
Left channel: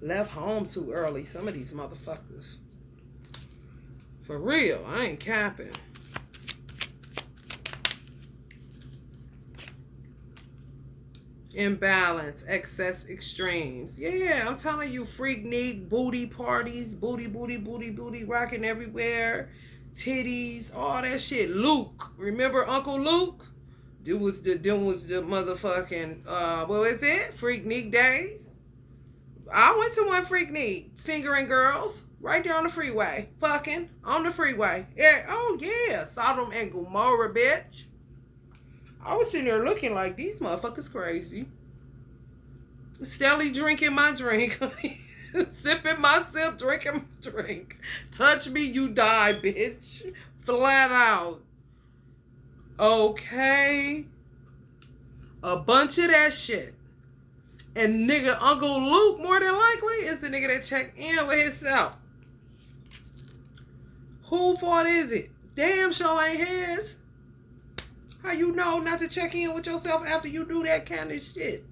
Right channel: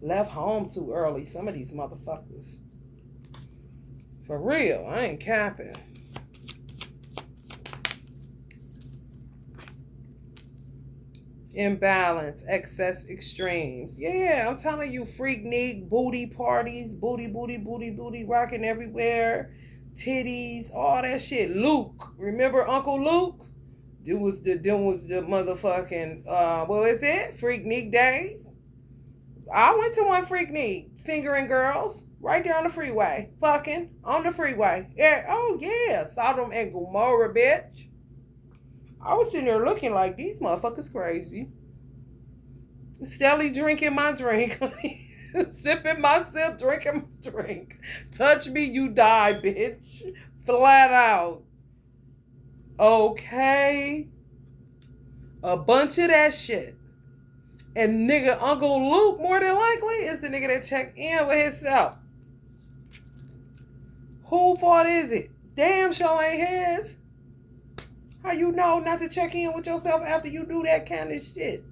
Left home too early, some of these motherfuckers. For real, I ain't capping. Imbalance, excess, extremes. Yeah, I'm telling you, freaknik, booty parties, booty, rocking everywhere, titties, all that shit. Luke, remember Uncle Luke? There was the motherfucking what was it? Freaknik days. I went to one freaknik, fingering girls right there on the freeway, fucking on the freeway. Yeah, oh yeah, Sodom and Gomorrah, bitch. I was sitting there looking like, these motherfuckers crazy. Steadily drinking my drink. Sipping my sip, drinking my drink. Touch me, you die, bitch. Flat out. Okay. A bunch of that shit. And nigga, Uncle Luke, more than likely, is the nigga that checked in with himself. Who fault is it? Damn sure ain't his. How you know not to check in with yourself after you do that kind of shit?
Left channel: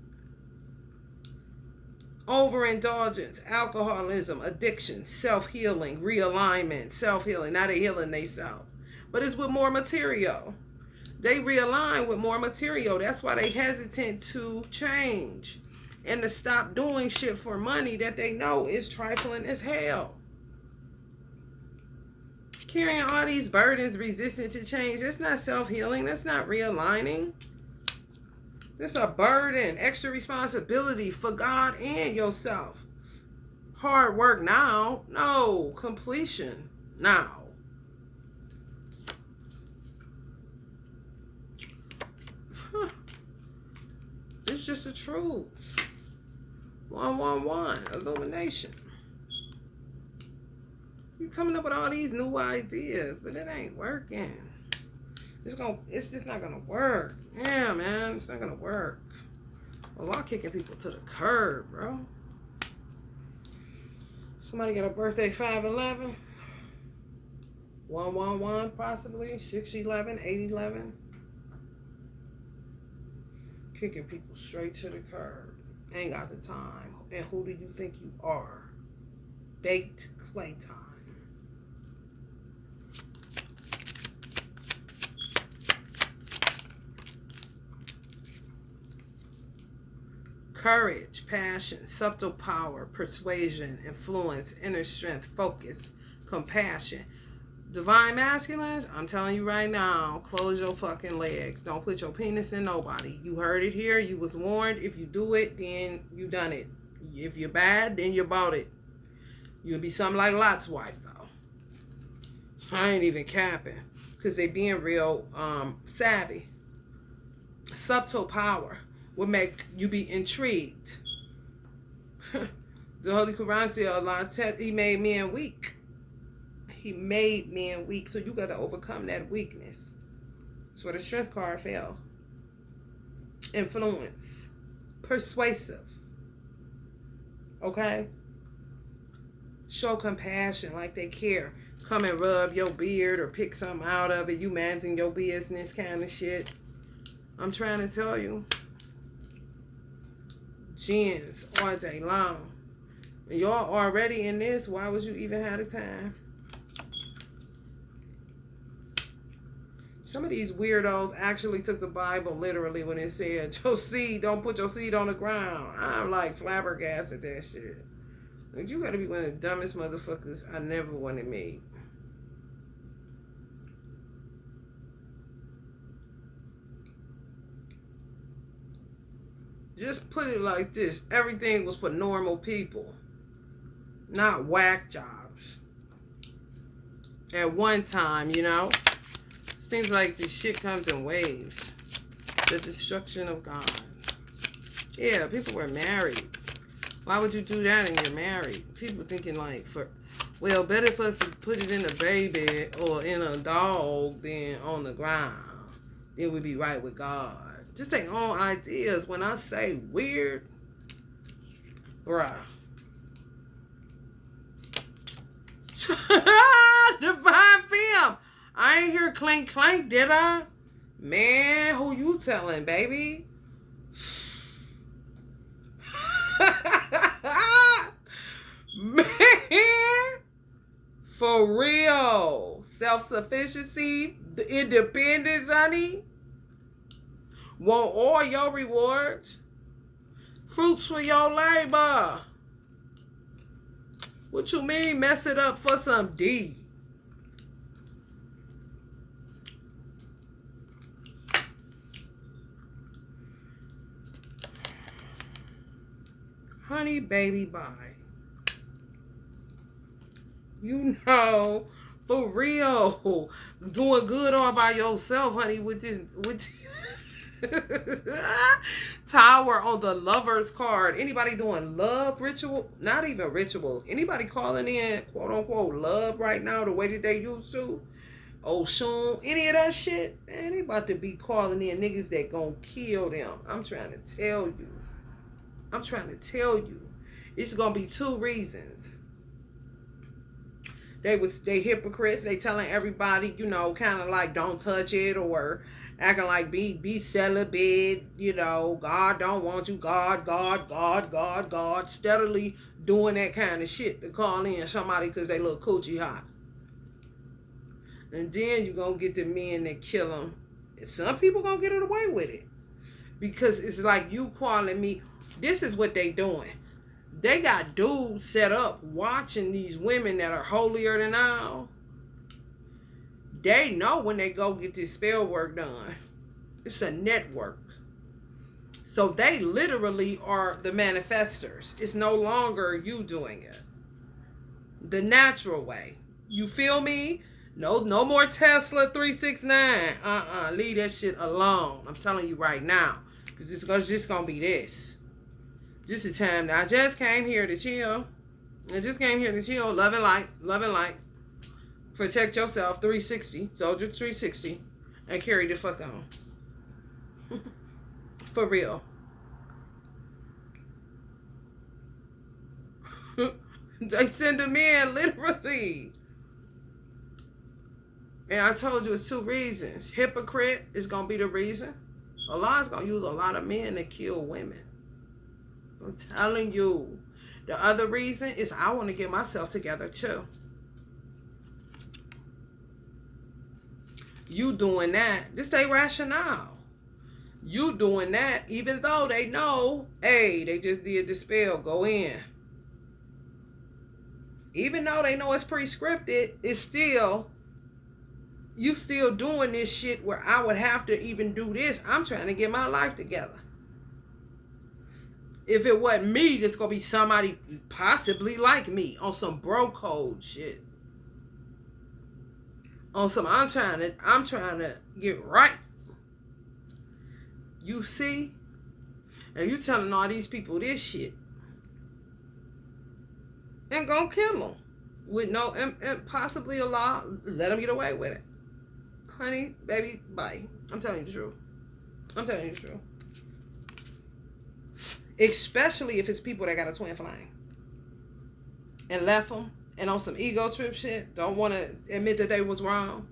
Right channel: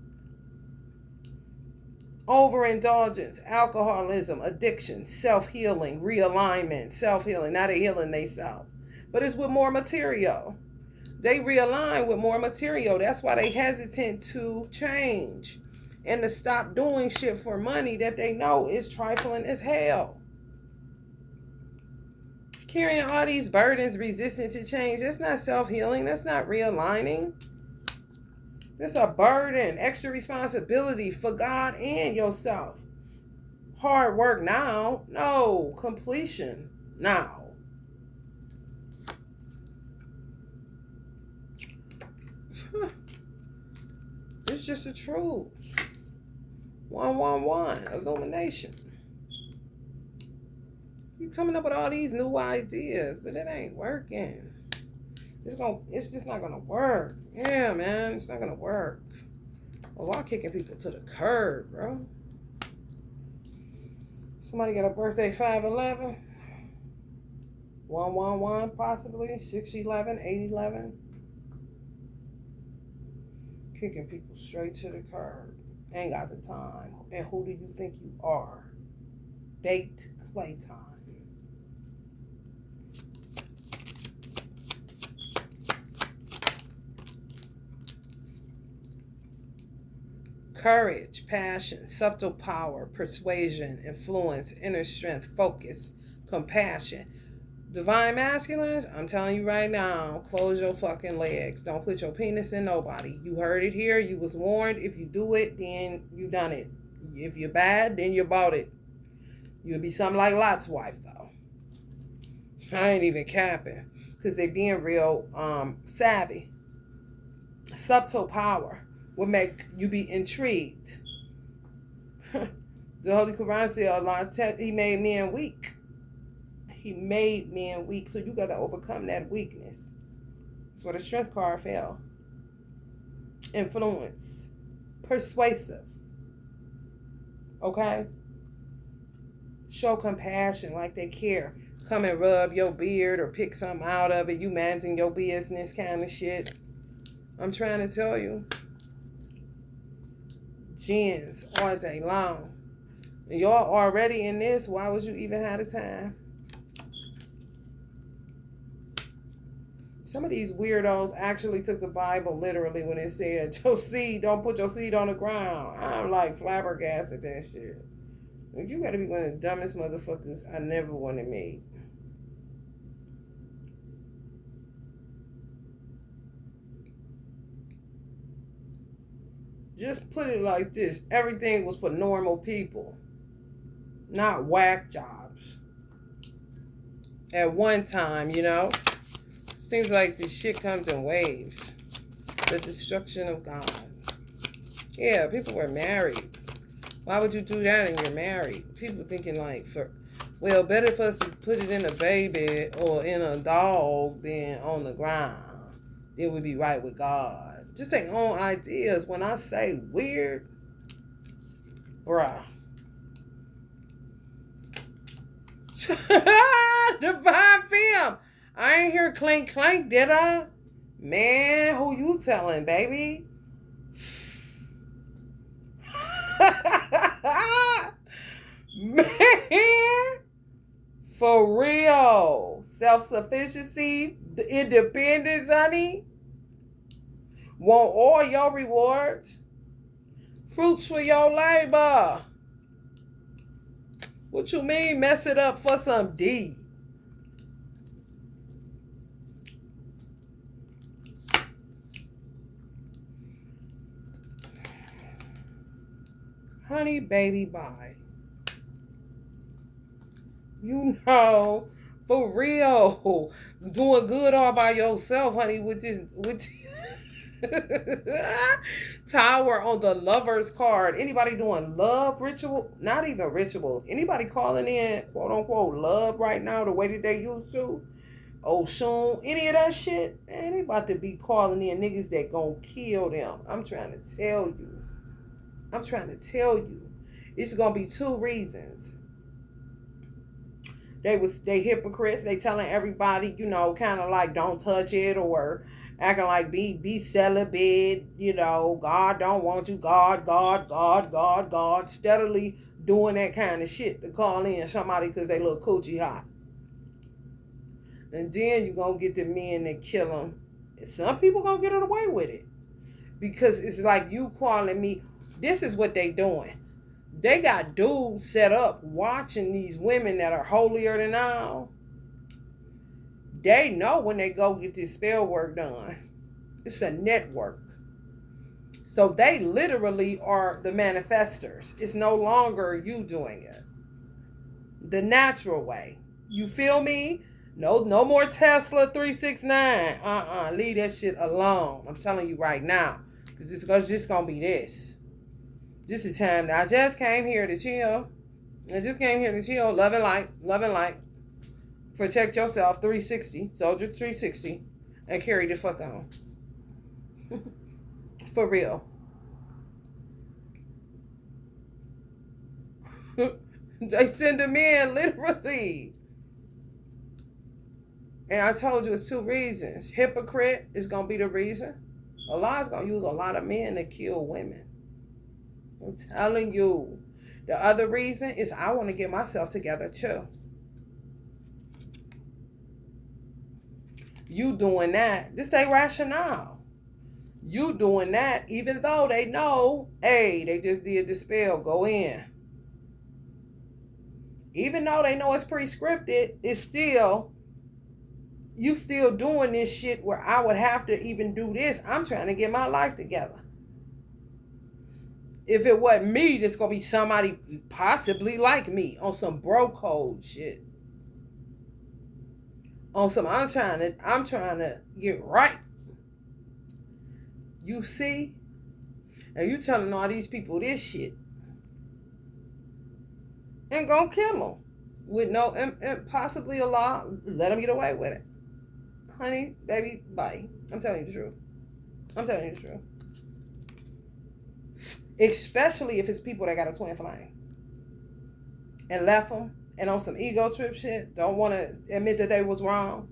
Overindulgence, alcoholism, addiction, self-healing, realignment, self-healing. Now they're healing themselves. But it's with more material. They realign with more material. That's why they hesitant to change and to stop doing shit for money that they know is trifling as hell. Carrying all these burdens, resistant to change, that's not self-healing. That's not realigning. That's a burden, extra responsibility for God and yourself. Hard work now. No, completion now. It's just the truth. 111, illumination. You coming up with all these new ideas, but it ain't working. It's just not gonna work. Yeah, man, it's not gonna work. Well, why kicking people to the curb, bro? Somebody got a birthday 511, 111 possibly, 611, 811. Kicking people straight to the curb. Ain't got the time. And who do you think you are? Baked clay time. Courage, passion, subtle power, persuasion, influence, inner strength, focus, compassion. Divine masculines, I'm telling you right now, close your fucking legs. Don't put your penis in nobody. You heard it here. You was warned. If you do it, then you done it. If you're bad, then you bought it. You'll be something like Lot's wife, though. I ain't even capping. Because they being real savvy. Subtle power will make you be intrigued. The Holy Quran said, Allah, He made men weak. He made men weak. So you got to overcome that weakness. That's where the strength card fell. Influence. Persuasive. Okay? Show compassion like they care. Come and rub your beard or pick something out of it. You managing your business kind of shit. I'm trying to tell you. Gens all day long. Y'all already in this. Why would you even have the time? Some of these weirdos actually took the Bible literally when it said, your seed, don't put your seed on the ground. I'm like flabbergasted that shit. Like, you gotta be one of the dumbest motherfuckers I never wanted to meet. Just put it like this. Everything was for normal people. Not whack jobs. At one time, you know. Seems like this shit comes in waves. The destruction of God. Yeah, people were married. Why would you do that when you're married? People thinking like, well, better for us to put it in a baby or in a dog than on the ground. Then we'd be right with God. Just take own ideas. When I say weird, bruh. Divine film. I ain't hear clink clink, did I? Man, who you telling, baby? Man, for real. Self-sufficiency, the independence, honey. Want all your rewards. Fruits for your labor. What you mean mess it up for some D? Honey, baby, bye. You know, for real. Doing good all by yourself, honey, with this Tower on the Lover's card. Anybody doing love ritual? Not even ritual. Anybody calling in, quote unquote, love right now the way that they used to? Oshun, any of that shit? Man, they about to be calling in niggas that gonna kill them. I'm trying to tell you. It's gonna be two reasons. They hypocrites. They telling everybody, you know, kind of like don't touch it, or acting like be celibate, you know, God don't want you, God, steadily doing that kind of shit to call in somebody because they look coochie hot. And then you're going to get the men that kill them. And some people going to get away with it. Because it's like you calling me. This is what they doing. They got dudes set up watching these women that are holier than thou. They know when they go get this spell work done. It's a network. So they literally are the manifestors. It's no longer you doing it. The natural way. You feel me? No more Tesla 369. Leave that shit alone. I'm telling you right now. Because it's just going to be this. This is time. I just came here to chill. Love and light. Protect yourself. 360. Soldier 360. And carry the fuck on. For real. They send them in, literally. And I told you it's 2 reasons. Hypocrite is going to be the reason. Allah is going to use a lot of men to kill women. I'm telling you. The other reason is I want to get myself together too. You doing that. This ain't rationale. You doing that even though they know, hey, they just did the spell, go in. Even though they know it's pre-scripted, it's still, you still doing this shit where I would have to even do this. I'm trying to get my life together. If it wasn't me, it's going to be somebody possibly like me on some bro code shit. On some, I'm trying to get right. You see? And you telling all these people this shit. And gonna kill them. With no, and possibly a law, let them get away with it. Honey, baby, bye. I'm telling you the truth. Especially if it's people that got a twin flame. And left them. And on some ego trip shit. Don't want to admit that they was wrong.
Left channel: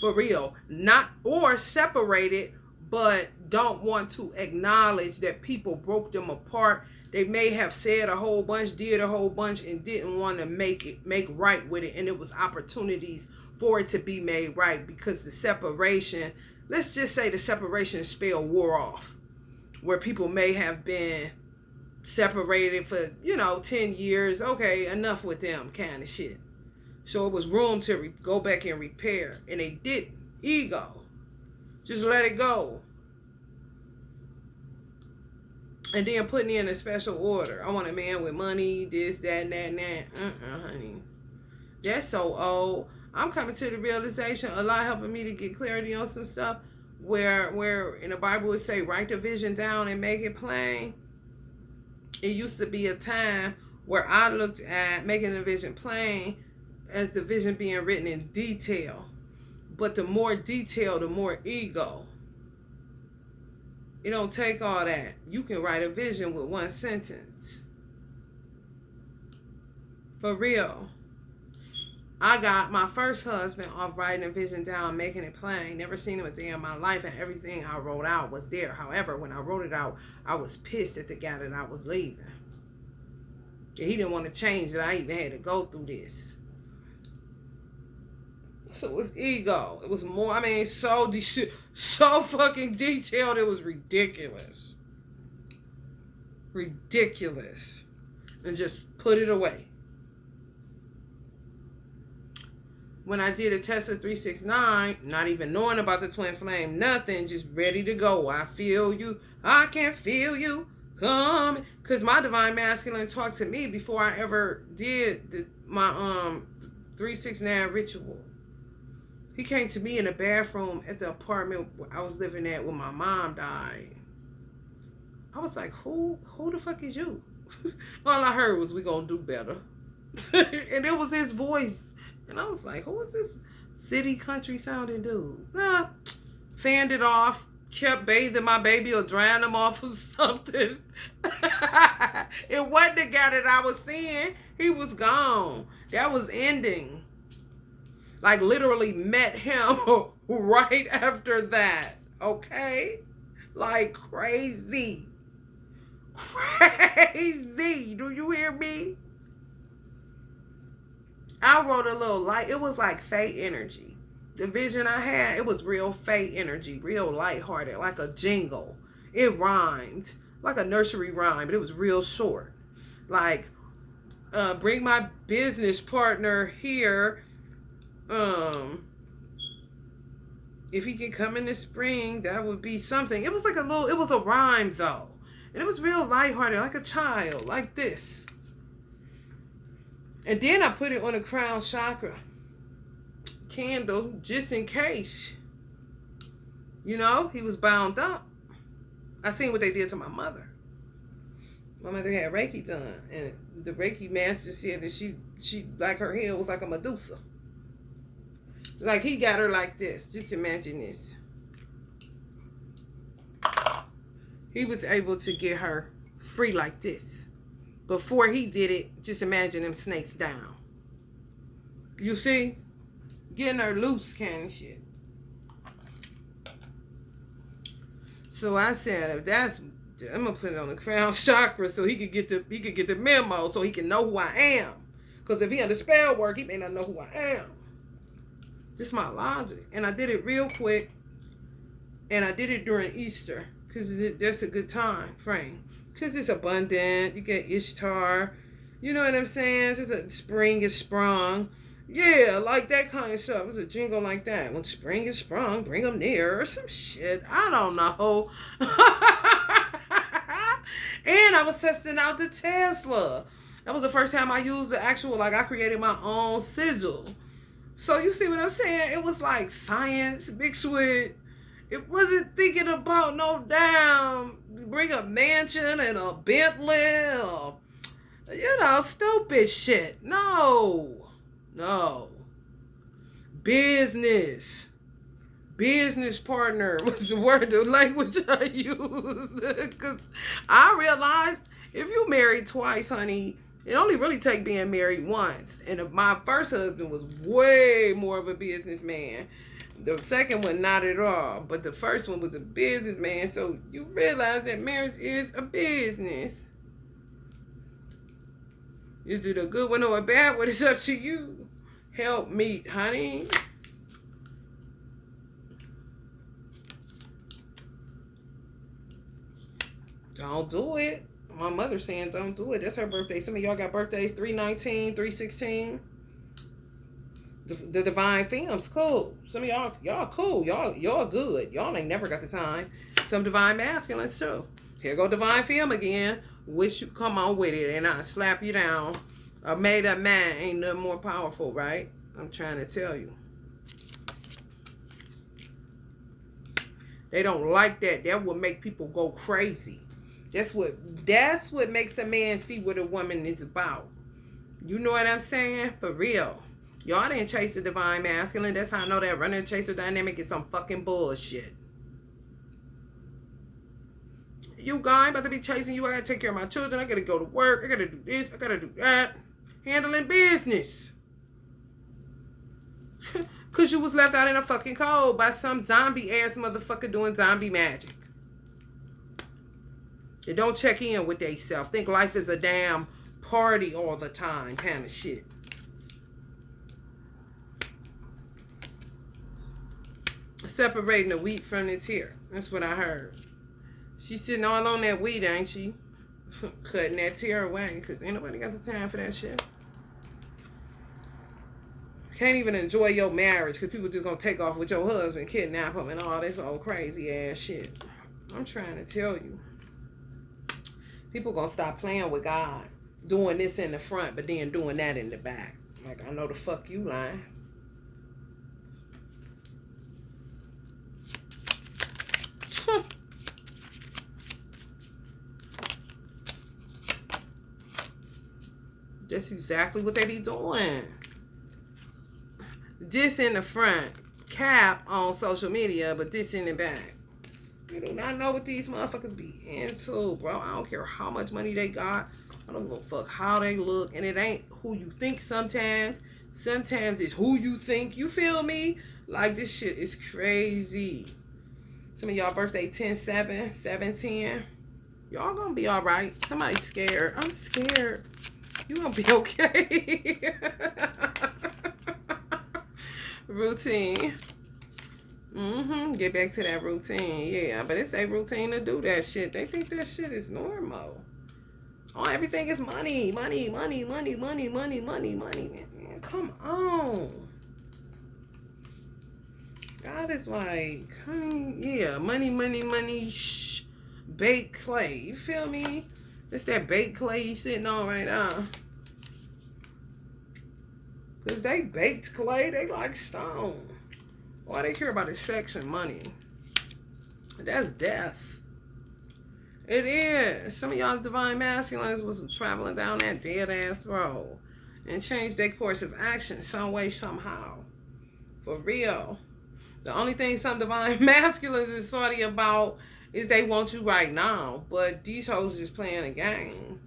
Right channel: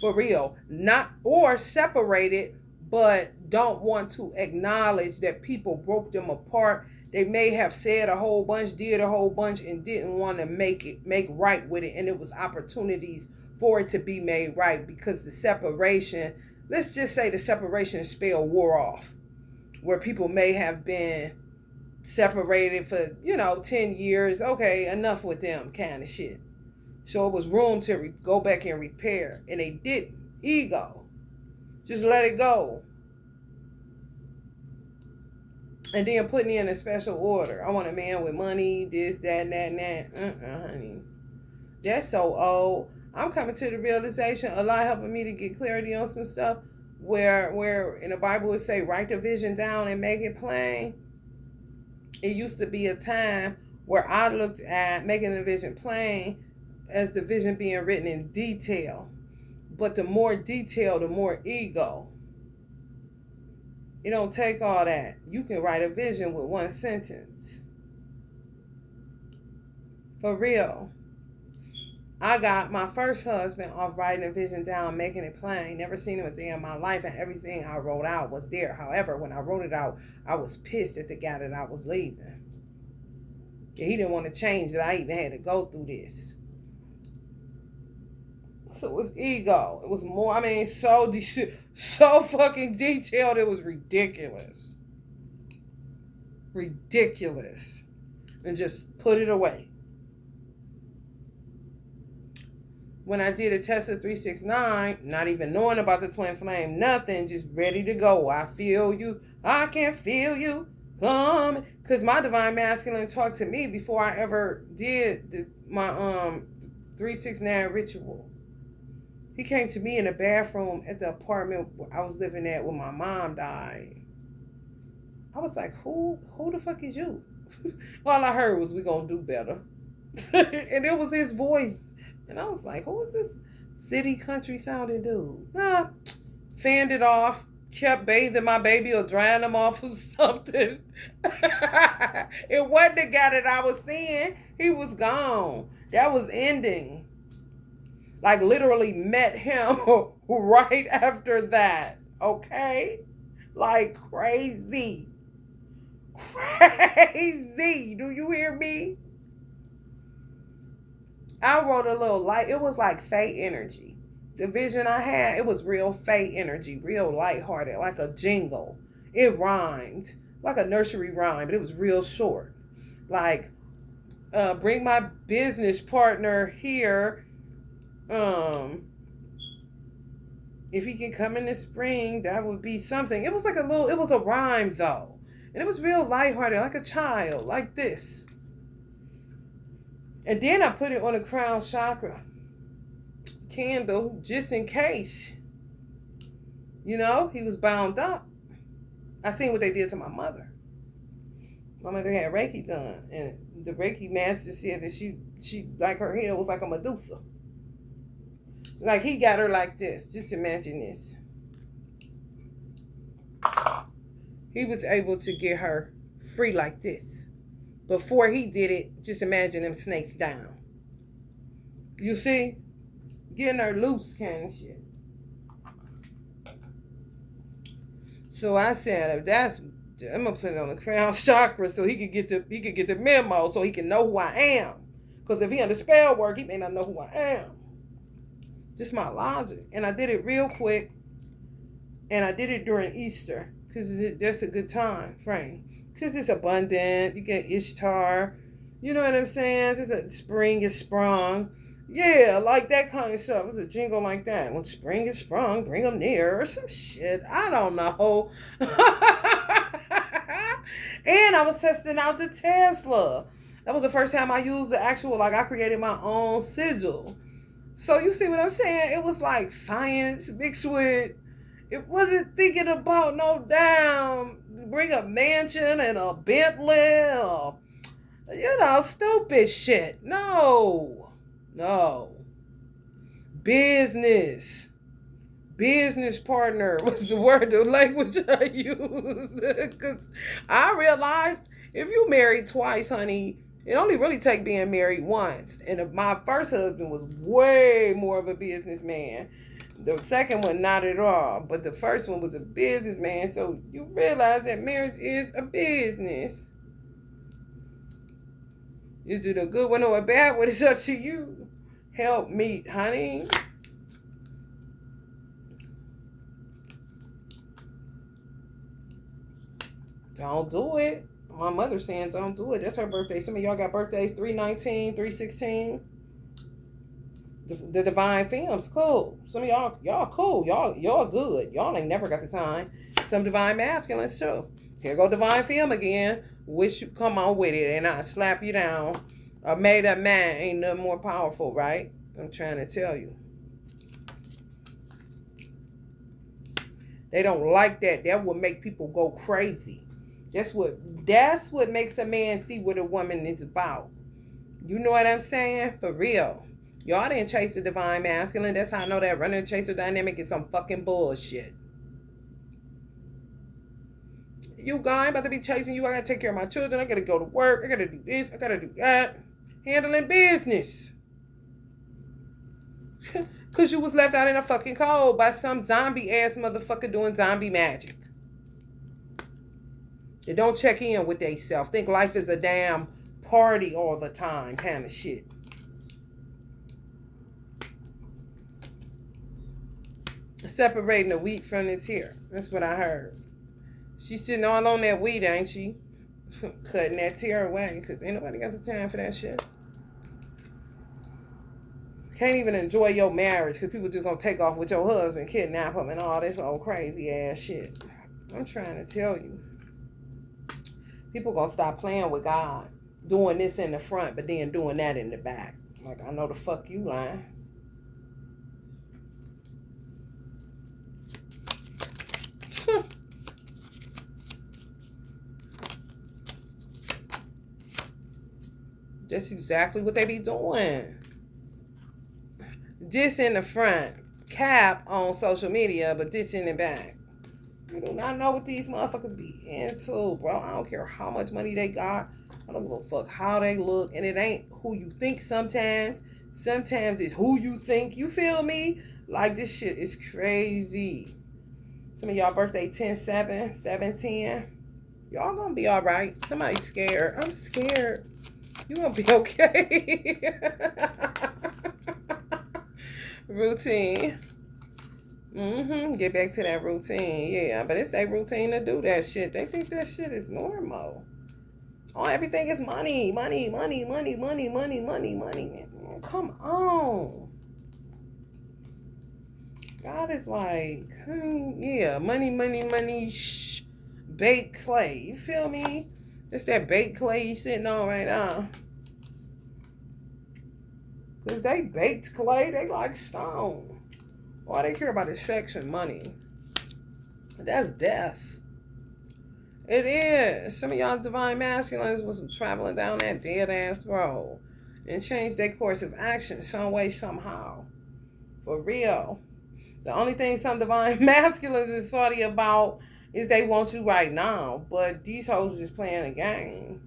For real. Not, or separated, but don't want to acknowledge that people broke them apart. They may have said a whole bunch, did a whole bunch, and didn't want to make right with it. And it was opportunities for it to be made right because the separation, let's just say the separation spell wore off. Where people may have been separated for, 10 years. Okay, enough with them kind of shit. So it was room to go back and repair. And they didn't. Ego. Just let it go. And then putting in a special order. I want a man with money, this, that, and that. Honey. That's so old. I'm coming to the realization, Allah helping me to get clarity on some stuff where in the Bible it say, write the vision down and make it plain. It used to be a time where I looked at making the vision plain as the vision being written in detail. But the more detail, the more ego. It don't take all that. You can write a vision with 1 sentence. For real. I got my first husband off writing a vision down, making it plain. Never seen him a day in my life, and everything I wrote out was there. However, when I wrote it out, I was pissed at the guy that I was leaving. He didn't want to change it. I even had to go through this. So it was ego. It was more, so fucking detailed. It was ridiculous. Ridiculous. And just put it away. When I did a Tesla 369, not even knowing about the twin flame, nothing, just ready to go. I feel you. I can feel you. Come. Because my divine masculine talked to me before I ever did my 369 ritual. He came to me in the bathroom at the apartment I was living at when my mom died. I was like, who the fuck is you? All I heard was, we gonna do better. And it was his voice. And I was like, who is this city country sounding dude? Fanned it off, kept bathing my baby or drying him off or something. It wasn't the guy that I was seeing. He was gone. That was ending. Like literally met him right after that. Okay? Like crazy. Crazy. Do you hear me? I wrote a little light. It was like fate energy. The vision I had, it was real fate energy, real lighthearted, like a jingle. It rhymed, like a nursery rhyme, but it was real short. Like, bring my business partner here. If he can come in the spring, that would be something. It was like it was a rhyme though. And it was real lighthearted, like a child, like this. And then I put it on a crown chakra candle just in case. You know, he was bound up. I seen what they did to my mother. My mother had Reiki done, and the Reiki master said that she like her hair was like a Medusa. Like he got her like this. Just imagine this. He was able to get her free like this. Before he did it, just imagine them snakes down. You see? Getting her loose kind of shit. So I said, if that's, I'm gonna put it on the crown chakra so he could get the memo, so he can know who I am. Because if he had the spell work, he may not know who I am. Just my logic. And I did it real quick. And I did it during Easter. Because that's a good time frame. Because it's abundant. You get Ishtar. You know what I'm saying? Just a spring is sprung. Yeah, like that kind of stuff. It was a jingle like that. When spring is sprung, bring them near. Or some shit. I don't know. And I was testing out the Tesla. That was the first time I used the actual, like I created my own sigil. So you see what I'm saying? It was like science mixed with, it wasn't thinking about no damn, bring a mansion and a Bentley or, you know, stupid shit. No. Business partner was the word, the language I used. Because I realized if you married twice, honey, it only really take being married once. And my first husband was way more of a businessman. The second one, not at all. But the first one was a businessman. So you realize that marriage is a business. Is it a good one or a bad one? It's up to you. Help me, honey. Don't do it. My mother's saying don't do it. That's her birthday. Some of y'all got birthdays 3/19, 3/16. The divine femmes cool. Some of y'all cool. Y'all good. Y'all ain't never got the time. Some divine masculines too. Here go divine femme again. Wish you come on with it and I slap you down. A made up man ain't nothing more powerful, right? I'm trying to tell you. They don't like that. That will make people go crazy. That's what makes a man see what a woman is about. You know what I'm saying? For real. Y'all didn't chase the divine masculine. That's how I know that runner chaser dynamic is some fucking bullshit. You guy about to be chasing you. I gotta take care of my children. I gotta go to work. I gotta do this. I gotta do that. Handling business. Cause you was left out in a fucking cold by some zombie ass motherfucker doing zombie magic. They don't check in with they self. Think life is a damn party all the time kind of shit. Separating the wheat from the tear. That's what I heard. She's sitting all on that wheat, ain't she? Cutting that tear away. Because ain't nobody got the time for that shit. Can't even enjoy your marriage because people just going to take off with your husband, kidnap him, and all this old crazy ass shit. I'm trying to tell you. People going to stop playing with God. Doing this in the front, but then doing that in the back. Like, I know the fuck you lying. That's exactly what they be doing. This in the front, cap on social media, but this in the back. You do not know what these motherfuckers be into, bro. I don't care how much money they got. I don't give a fuck how they look. And it ain't who you think sometimes. Sometimes it's who you think. You feel me? Like, this shit is crazy. Some of y'all birthday 10/7, 7/10. Y'all gonna be all right. Somebody's scared. I'm scared. You gonna be okay. Routine. Get back to that routine. Yeah, but it's a routine to do that shit. They think that shit is normal. Oh, everything is money. Money, money, money, money, money, money, money. Man, come on. God is like, yeah, money, money, money, baked clay. You feel me? It's that baked clay you sitting on right now. Because they baked clay, they like stone. All they care about is sex and money. That's death. It is. Some of y'all divine masculines was traveling down that dead ass road and changed their course of action some way, somehow. For real. The only thing some divine masculines is sorry about is they want you right now. But these hoes just playing a game.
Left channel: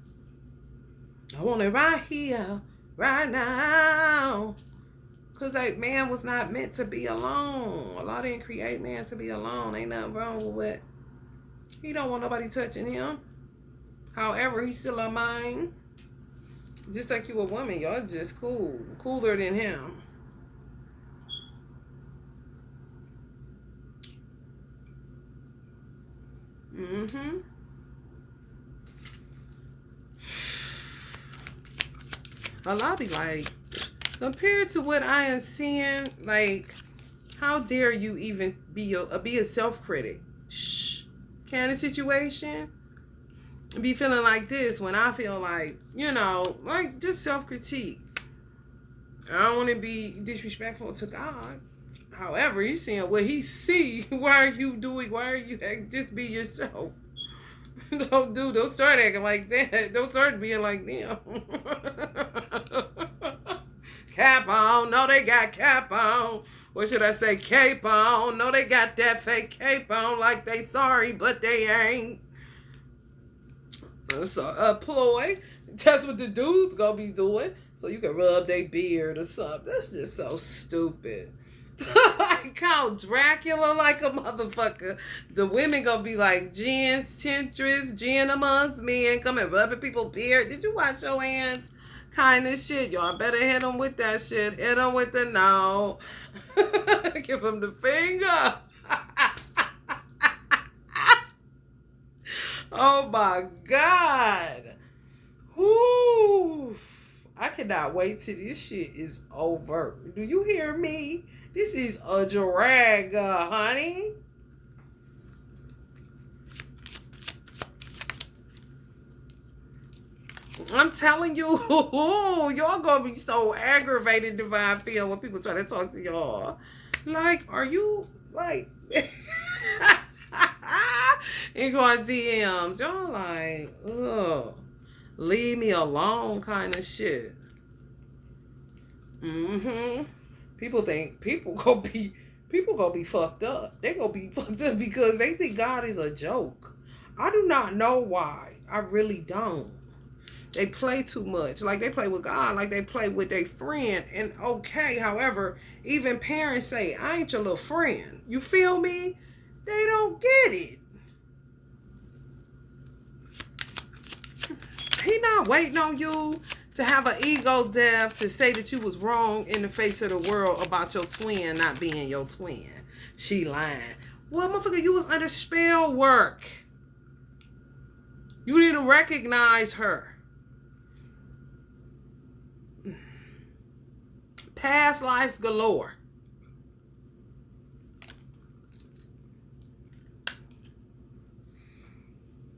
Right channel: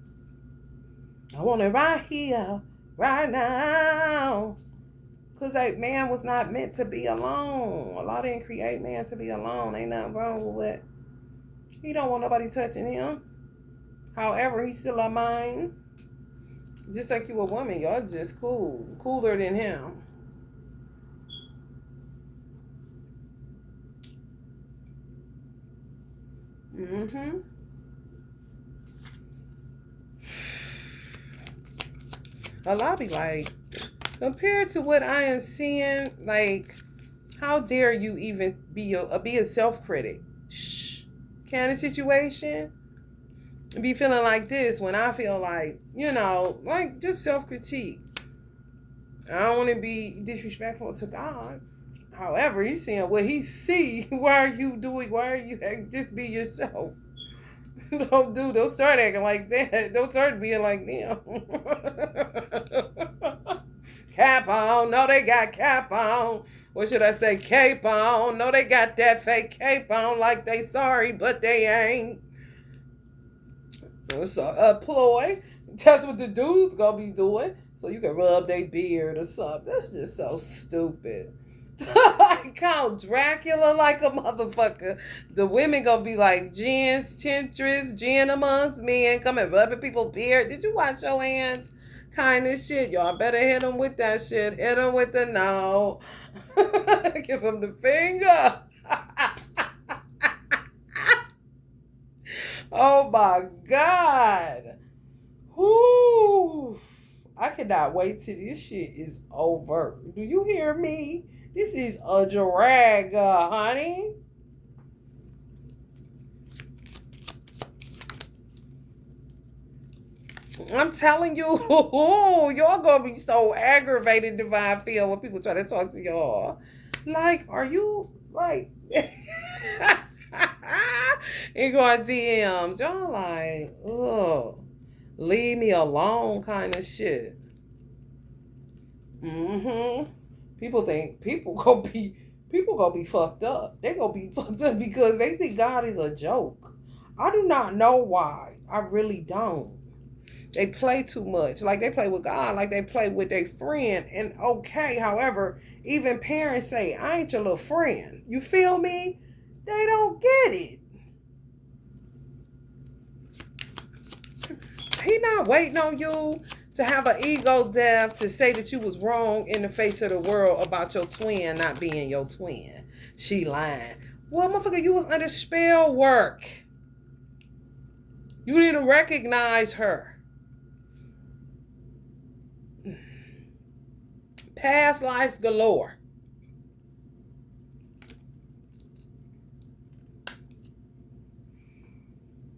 I want it right here, right now. Because like, man was not meant to be alone. Allah didn't create man to be alone. Ain't nothing wrong with it. He don't want nobody touching him. However, he's still a mind. Just like you a woman, y'all just cool. Cooler than him. Allah be like, compared to what I am seeing, like, how dare you even be a self-critic? Kind of situation. Be feeling like this when I feel like, you know, like just self-critique. I don't want to be disrespectful to God. However, he's seeing what he see. Why are you doing? Why are you just be yourself? Don't start acting like that. Don't start being like them. Cap on. No, they got cap on. What should I say? Cape on. No, they got that fake cape on like they sorry, but they ain't. It's a ploy. That's what the dudes gonna be doing. So you can rub their beard or something. That's just so stupid. Like Count Dracula like a motherfucker. The women gonna be like gins, temptress, gin amongst men, coming rubbing people's beard. Did you wash your hands? Kind of shit. Y'all better hit them with that shit. Hit them with the no. Give them the finger. Oh my God. Whoo. I cannot wait till this shit is over. Do you hear me? This is a drag, honey. I'm telling you, y'all gonna be so aggravated, divine feel, when people try to talk to y'all. Like, are you, like, you going DMs. Y'all like, ugh, leave me alone kind of shit. People think people gonna be fucked up. They gonna be fucked up because they think God is a joke. I do not know why. I really don't. They play too much. Like they play with God, like they play with their friend. And okay, however, even parents say, I ain't your little friend. You feel me? They don't get it. He not waiting on you to have an ego death to say that you was wrong in the face of the world about your twin not being your twin. She lying. Well, motherfucker, you was under spell work. You didn't recognize her. Past lives galore.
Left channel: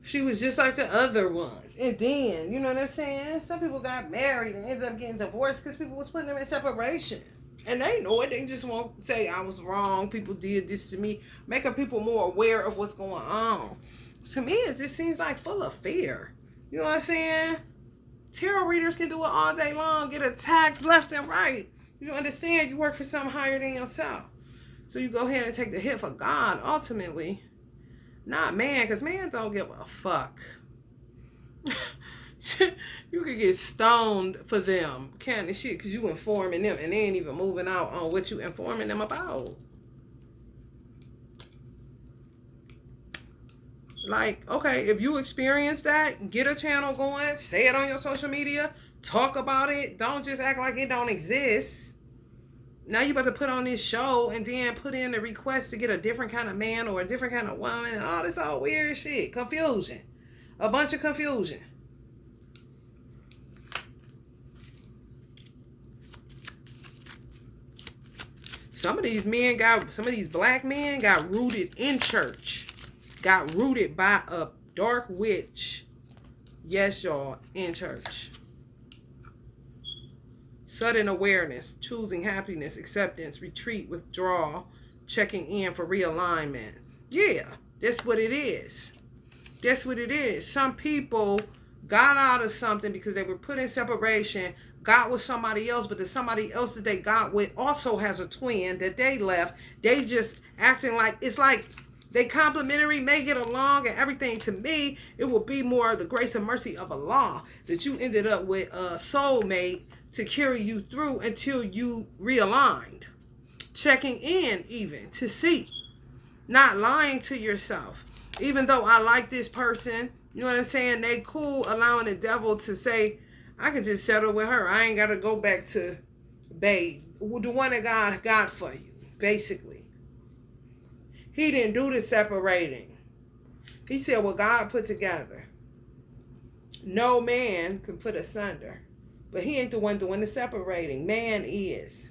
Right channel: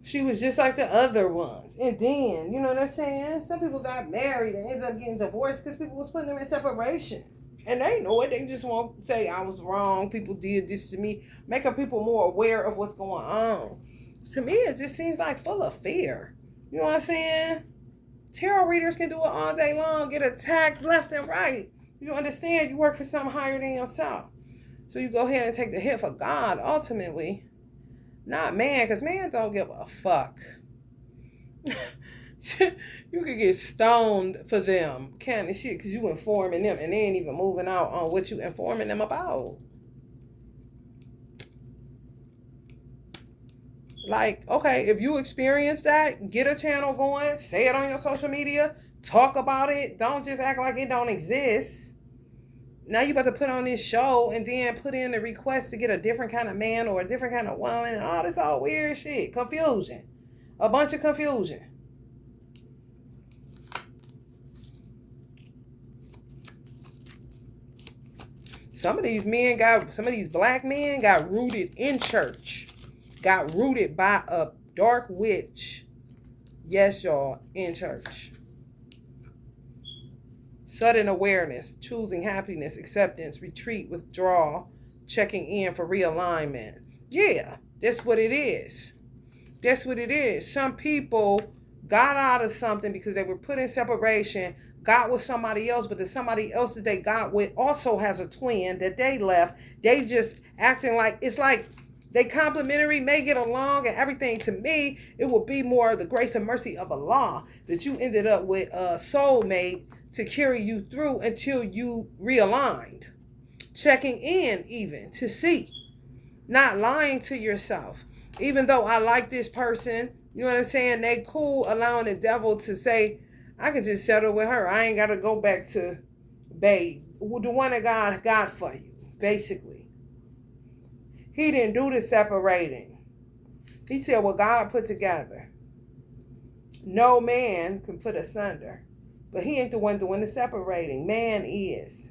She was just like the other ones. And then, you know what I'm saying? Some people got married and ended up getting divorced because people was putting them in separation. And they know it. They just won't say, I was wrong. People did this to me. Making people more aware of what's going on. To me, it just seems like full of fear. You know what I'm saying? Tarot readers can do it all day long. Get attacked left and right. You understand? You work for something higher than yourself. So you go ahead and take the hit for God, ultimately. Not man, because man don't give a fuck. You could get stoned for them, kind of shit, because you informing them and they ain't even moving out on what you informing them about. Like, okay, if you experience that, get a channel going, say it on your social media, talk about it. Don't just act like it don't exist. Now you about to put on this show and then put in the request to get a different kind of man or a different kind of woman and all this all weird shit. Confusion. A bunch of confusion. Some of these black men got rooted in church. Got rooted by a dark witch. Yes, y'all, in church. Sudden awareness, choosing happiness, acceptance, retreat, withdrawal, checking in for realignment. Yeah, that's what it is. That's what it is. Some people got out of something because they were put in separation, got with somebody else, but the somebody else that they got with also has a twin that they left. They just acting like, it's like they complementary, may get along and everything. To me, it would be more the grace and mercy of Allah that you ended up with a soulmate to carry you through until you realigned. Checking in even to see. Not lying to yourself. Even though I like this person, you know what I'm saying? They cool, allowing the devil to say, I could just settle with her. I ain't got to go back to babe. The one that God got for you, basically. He didn't do the separating. He said what God put together. No man can put asunder. But he ain't the one doing the separating. Man is.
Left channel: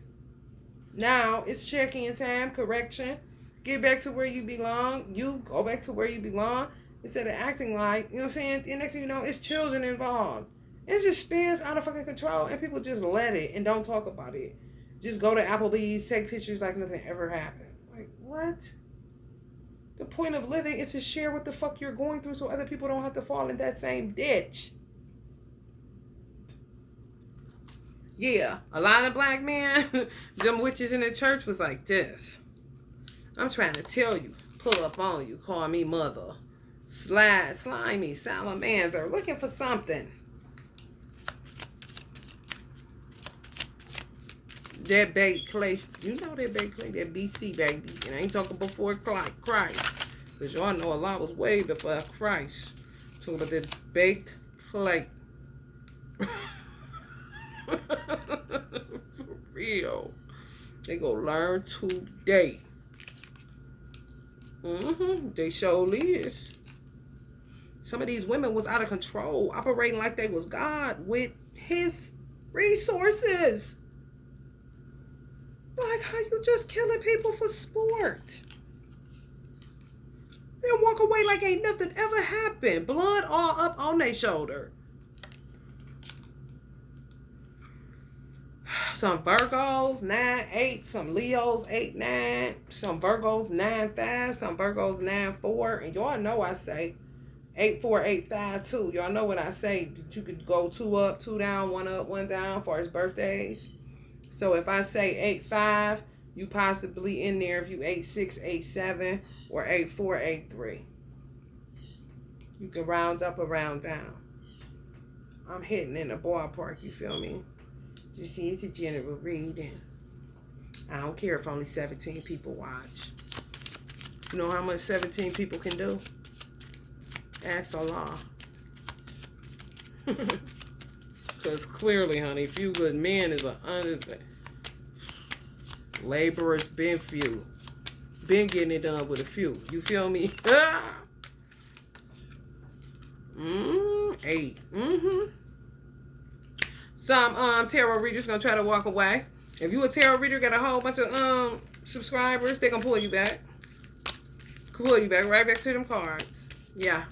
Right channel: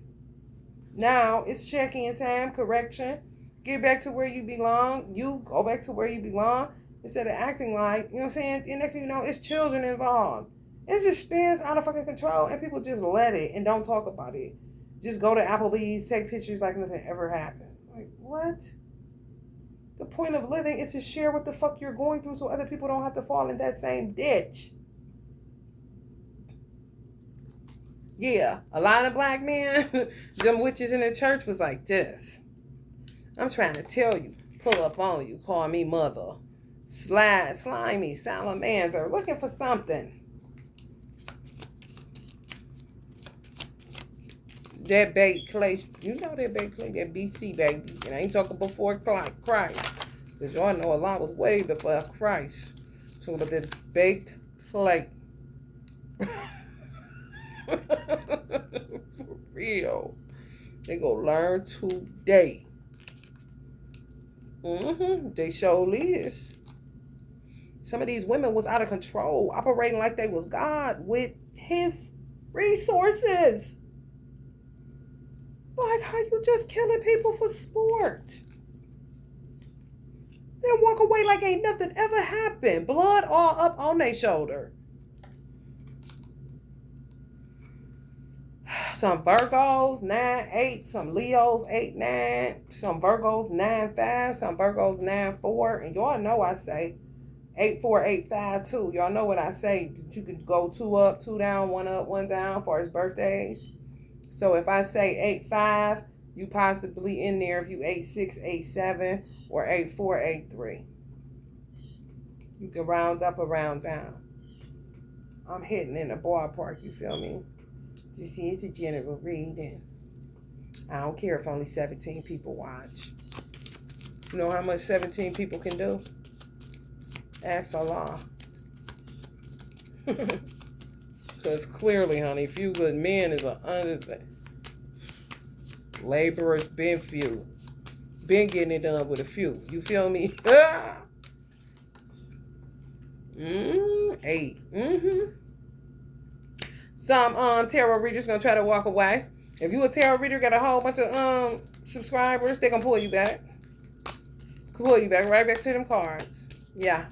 Now it's check-in time, correction. Get back to where you belong. You go back to where you belong. Instead of acting like, you know what I'm saying? And next thing you know, it's children involved. It just spins out of fucking control and people just let it and don't talk about it. Just go to Applebee's, take pictures like nothing ever happened. Like, what? The point of living is to share what the fuck you're going through so other people don't have to fall in that same ditch. Yeah, a lot of black men, them witches in the church was like this. I'm trying to tell you, pull up on you, call me mother. Slimy, salamander, looking for something. That baked clay, you know that baked clay, that BC baby. And I ain't talking before Christ. Because y'all know a lot was way before Christ. Talking about that baked clay. For real. They gonna learn today. They surely is. Some of these women was out of control, operating like they was God with his resources. Like, how you just killing people for sport? Then walk away like ain't nothing ever happened. Blood all up on their shoulder. Some Virgos, 9-8. Some Leos, 8-9. Some Virgos, 9-5. Some Virgos, 9-4. And y'all know I say 8-4, 8-5 too. Y'all know what I say. You could go 2 up, 2 down, 1 up, 1 down for his birthdays. So if I say 8-5, you possibly in there if you 8-6, 8-7, or 8-4, 8-3. You can round up or round down. I'm hitting in the ballpark, you feel me? You see, it's a general reading. I don't care if only 17 people watch. You know how much 17 people can do? Ask Allah. Because clearly, honey, few good men is a underthing. Laborers been few. Been getting it done with a few. You feel me? 8. Some tarot readers gonna try to walk away. If you a tarot reader, got a whole bunch of subscribers, they gonna pull you back. Pull you back right back to them cards. Yeah.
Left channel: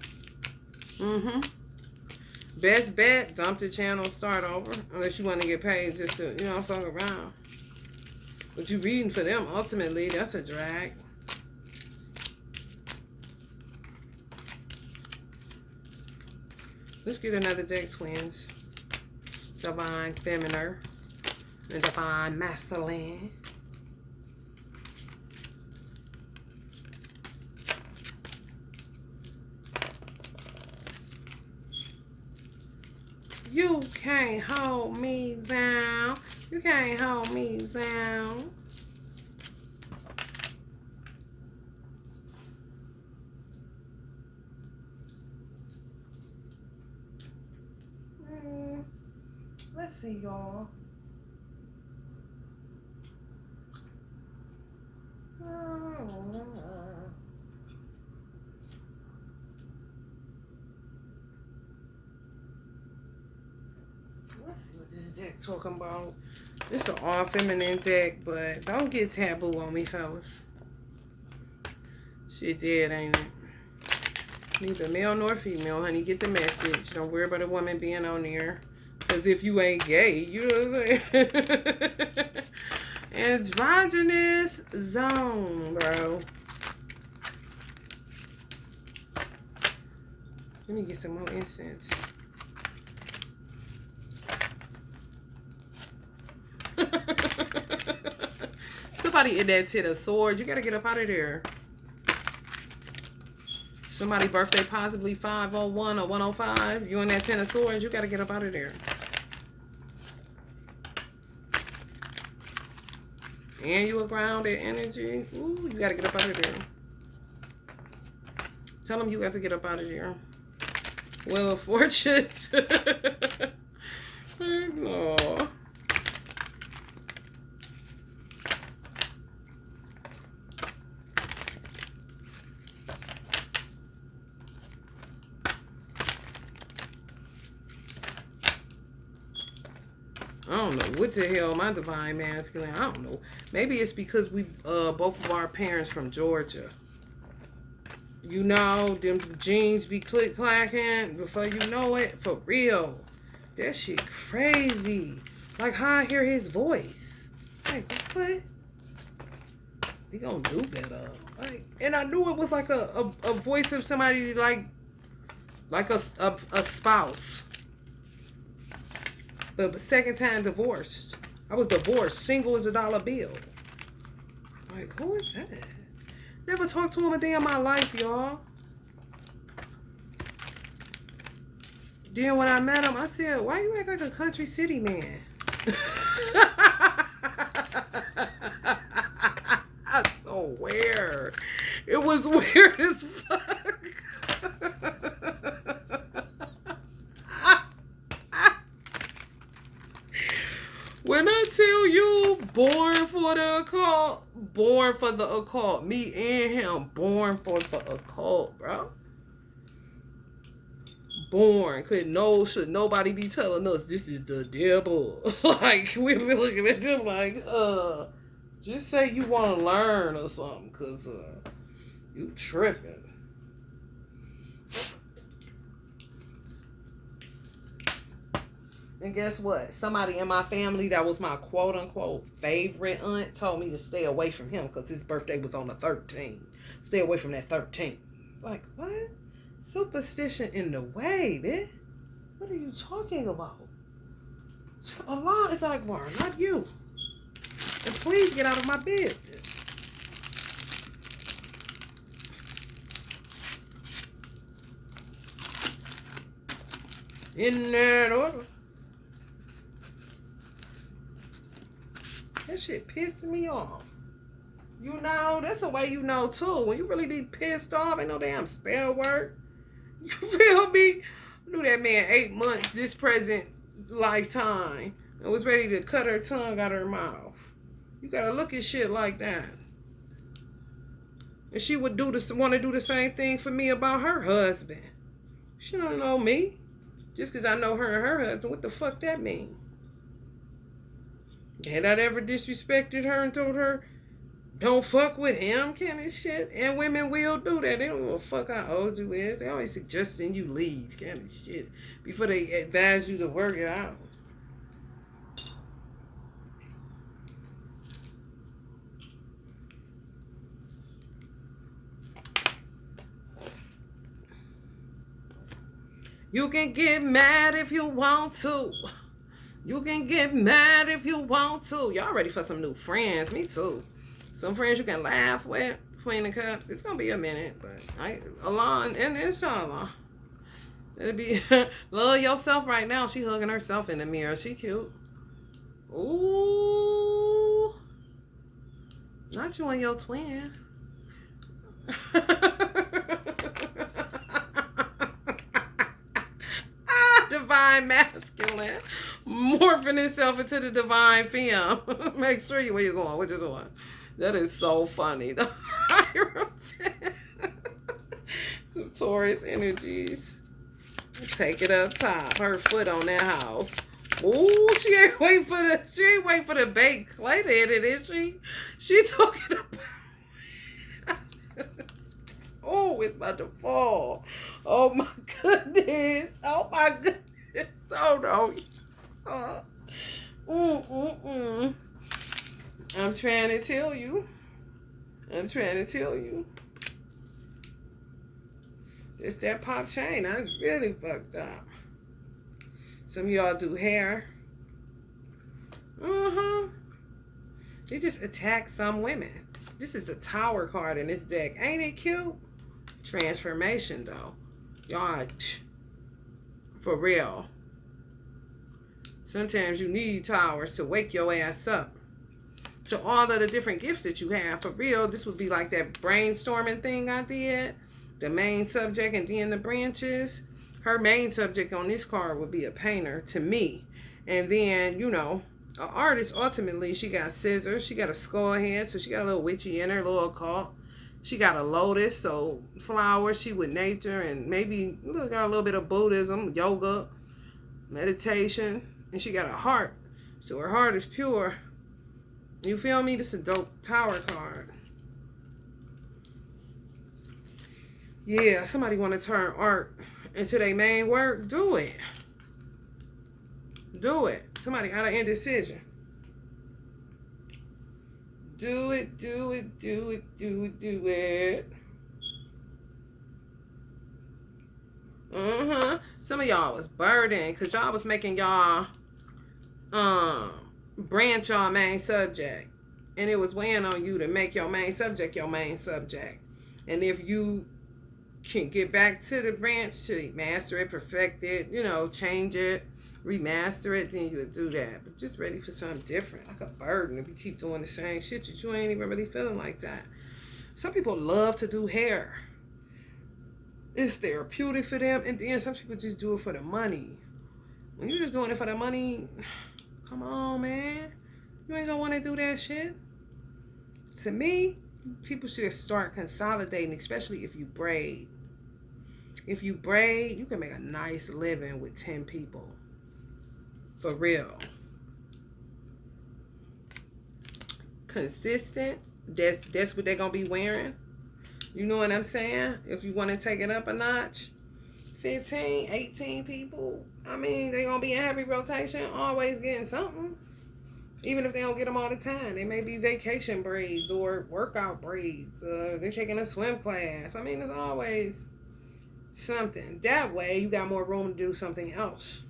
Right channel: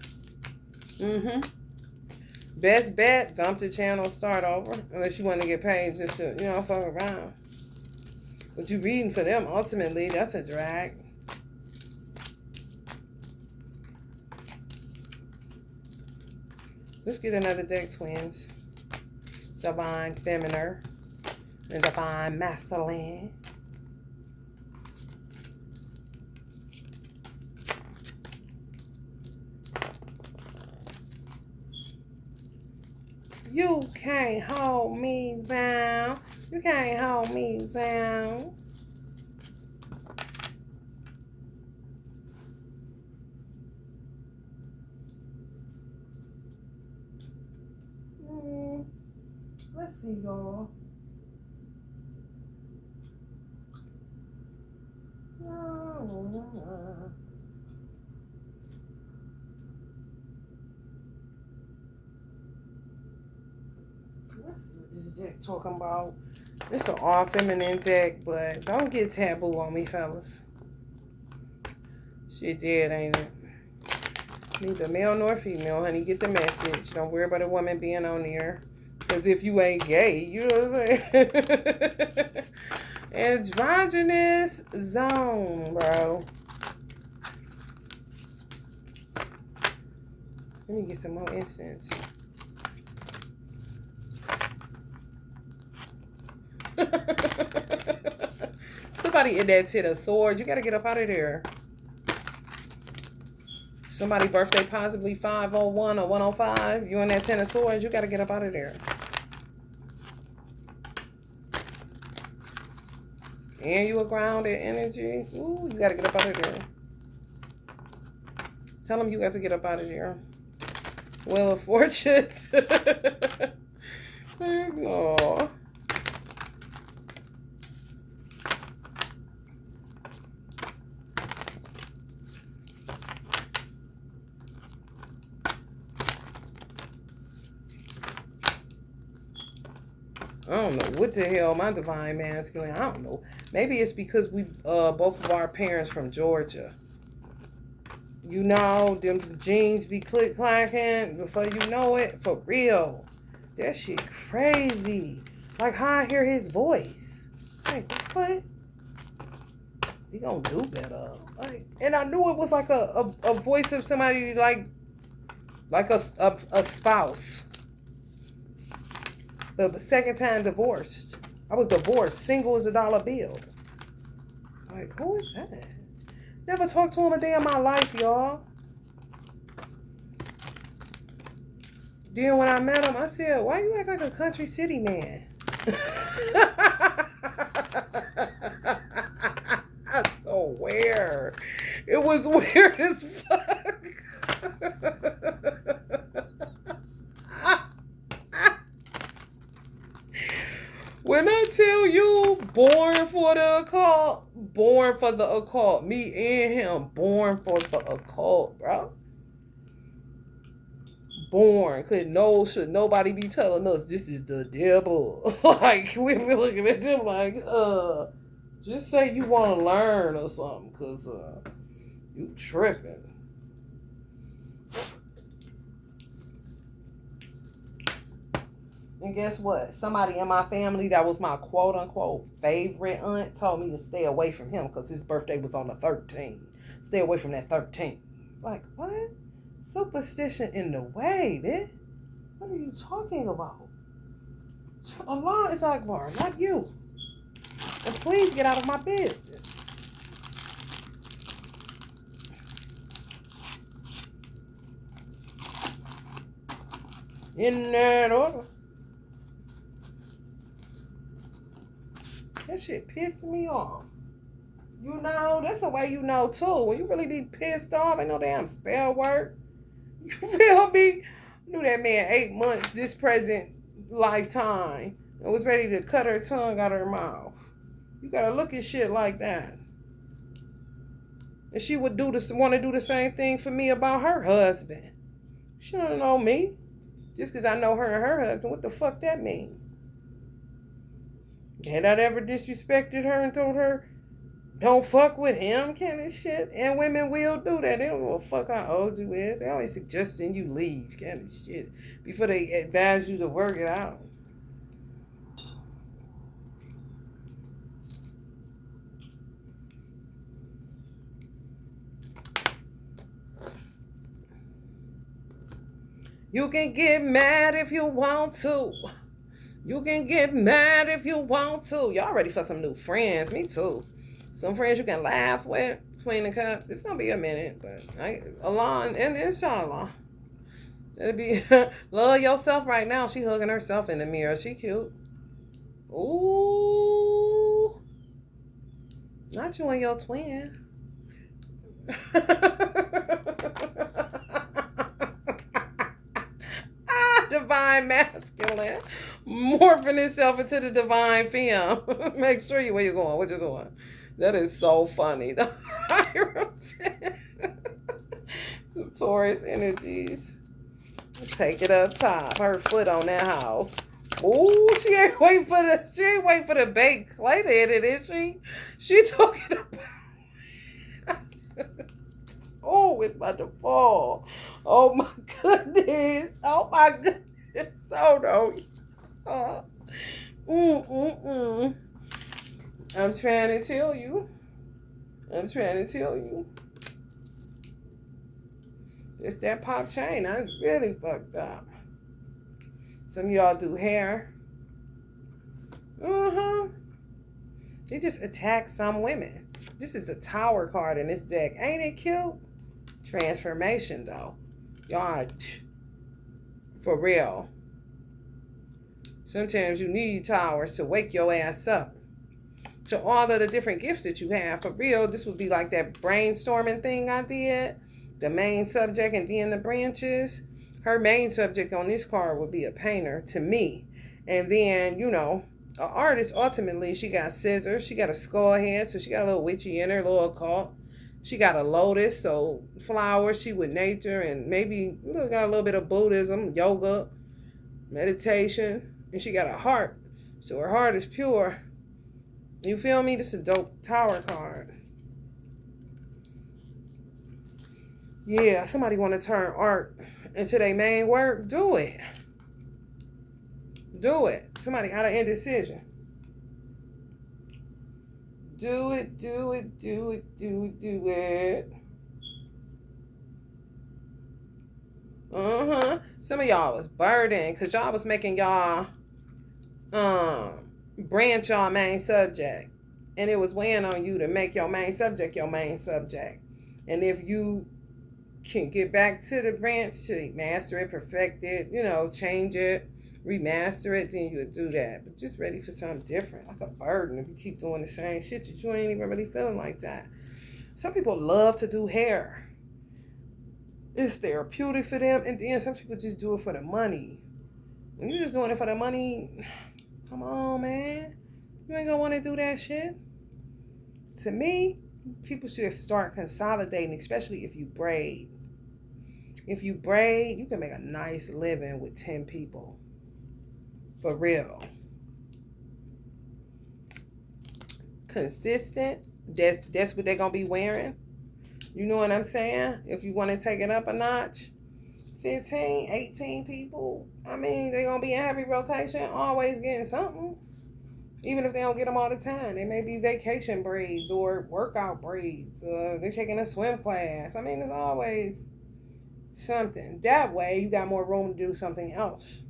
Best bet, dump the channel, start over. Unless you want to get paid just to, you know, fuck around. But you reading for them, ultimately, that's a drag. Let's get another deck, twins. Divine Feminine and Divine Masculine. can't hold me down. You can't hold me down. Let's see, y'all. Let's see what this deck talking about. It's an all feminine deck, but don't get taboo on me, fellas. Shit dead, ain't it? Neither male nor female, honey. Get the message. Don't worry about a woman being on there. Because if you ain't gay, you know what I'm saying? Androgynous zone, bro. Let me get some more incense. Somebody in that 10 of swords. You got to get up out of there. Somebody birthday possibly 501 or 105. You in that 10 of swords. You got to get up out of there. And you a grounded energy. Ooh, you got to get up out of there. Tell them you got to get up out of there. Wheel of Fortune. Oh. I don't know what the hell my divine masculine. I don't know. Maybe it's because we both of our parents from Georgia. You know, them jeans be click clacking before you know it. For real. That shit crazy. Like how I hear his voice. Like what? We gonna do better. Like, and I knew it was like a voice of somebody like a spouse. The second time divorced. I was divorced, single as a dollar bill. Like, who is that? Never talked to him a day in my life, y'all. Then when I met him, I said, why you act like a country city man? I swear. It was weird as fuck. When I tell you, born for the occult, me and him, born for the occult, bro. Born, should nobody be telling us this is the devil. Like, we be looking at them like, just say you want to learn or something, because you tripping. And guess what? Somebody in my family that was my quote-unquote favorite aunt told me to stay away from him because his birthday was on the 13th. Stay away from that 13th. Like, what? Superstition in the way, man. What are you talking about? Allah is Akbar, not you. And please get out of my business. In that order. That shit pissing me off. You know, that's the way you know too. When you really be pissed off, ain't no damn spell work. You feel me? I knew that man 8 months this present lifetime and was ready to cut her tongue out of her mouth. You gotta look at shit like that. And she would want to do the same thing for me about her husband. She don't know me. Just because I know her and her husband, what the fuck that mean? Had I ever disrespected her and told her, don't fuck with him, kind of shit? And women will do that. They don't give a fuck how old you is. They always suggesting you leave, kind of shit, before they advise you to work it out. You can get mad if you want to. You can get mad if you want to. Y'all ready for some new friends? Me too. Some friends you can laugh with, clean the cups. It's gonna be a minute, but Allah and inshallah. It'd be love yourself right now. She hugging herself in the mirror. She cute. Ooh, not you and your twin. Divine masculine, morphing itself into the divine femme. Make sure you where you're going. What you doing? That is so funny. Some Taurus energies. Take it up top. Her foot on that house. Ooh, she ain't waiting for the baked clay lady, is she? She talking about oh, it's about to fall. Oh my goodness. Oh my goodness. Oh no. I'm trying to tell you. It's that pop chain. That's really fucked up. Some of y'all do hair. They just attack some women. This is the Tower card in this deck. Ain't it cute? Transformation, though. Y'all, for real. Sometimes you need towers to wake your ass up. So all of the different gifts that you have, for real, this would be like that brainstorming thing I did. The main subject and then the branches. Her main subject on this card would be a painter to me. And then, you know, an artist, ultimately, she got scissors. She got a skull head, so she got a little witchy in her, a little occult. She got a lotus, so flowers, she with nature, and maybe got a little bit of Buddhism, yoga, meditation. And she got a heart, so her heart is pure. You feel me? This is a dope Tower card. Yeah, somebody want to turn art into their main work. Do it. Do it. Somebody got an indecision. Do it, do it, do it, do it, do it. Some of y'all was burdened because y'all was making y'all branch y'all main subject. And it was weighing on you to make your main subject your main subject. And if you can get back to the branch to master it, perfect it, you know, change it, remaster it, then you'll do that. But just ready for something different, like a burden. If you keep doing the same shit, you ain't even really feeling like that. Some people love to do hair. It's therapeutic for them, and then some people just do it for the money. When you're just doing it for the money, come on, man. You ain't gonna want to do that shit. To me, people should start consolidating, especially if you braid. If you braid, you can make a nice living with 10 people. For real. Consistent. That's what they're going to be wearing. You know what I'm saying? If you want to take it up a notch. 15, 18 people. I mean, they're going to be in heavy rotation, always getting something. Even if they don't get them all the time. They may be vacation braids or workout braids. They're taking a swim class. I mean, there's always something. That way, you got more room to do something else.